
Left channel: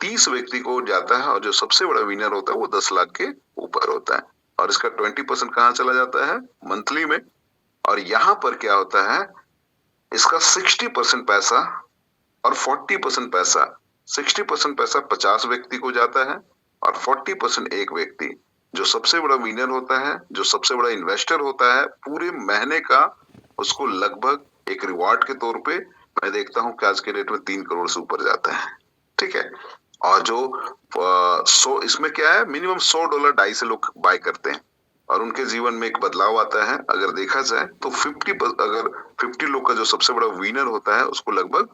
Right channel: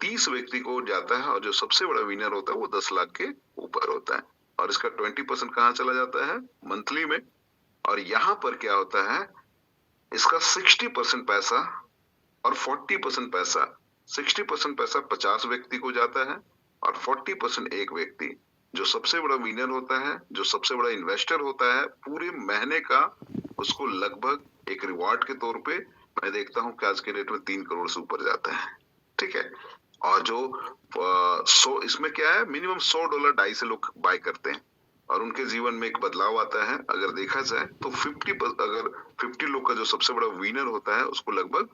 30 व्यक्ति को जाता है, और जो सबसे बड़ा विनर होता है वो 10 लाख के ऊपर होता है, और इसका 20% कहाँ चला जाता है? मंथली में। और यहाँ पर क्या होता है, इसका 60% पैसा और 40% पैसा, 60% पैसा 50 व्यक्ति को जाता है और 40% एक व्यक्ति, जो सबसे बड़ा विनर होता है, जो सबसे बड़ा इन्वेस्टर होता है, पूरे महीने का उसको लगभग एक रिवार्ड के तौर पे मैं देखता हूँ कि आज के डेट में 3 करोड़ से ऊपर जाता है, ठीक है। और जो इसमें क्या है, मिनिमम $100 डाई से लोग बाय करते हैं, और उनके जीवन में एक बदलाव आता है। अगर देखा जाए तो 50 लोग का जो सबसे बड़ा विनर होता है उसको लगभग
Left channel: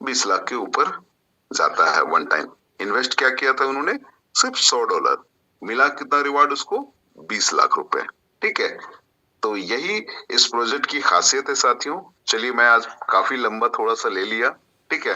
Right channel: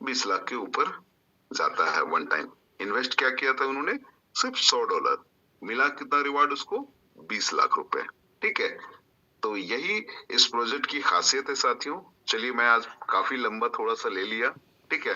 20 लाख के ऊपर जाता है वन टाइम। इन्वेस्ट क्या किया था उन्होंने? सिर्फ $100, मिला कितना रिवार्ड उसको? 20 लाख रुपए, ठीक है। तो यही इस प्रोजेक्ट की खासियत है साथियों। चलिए, मैं आज काफी लंबा थोड़ा सा ले लिया, ठीक है।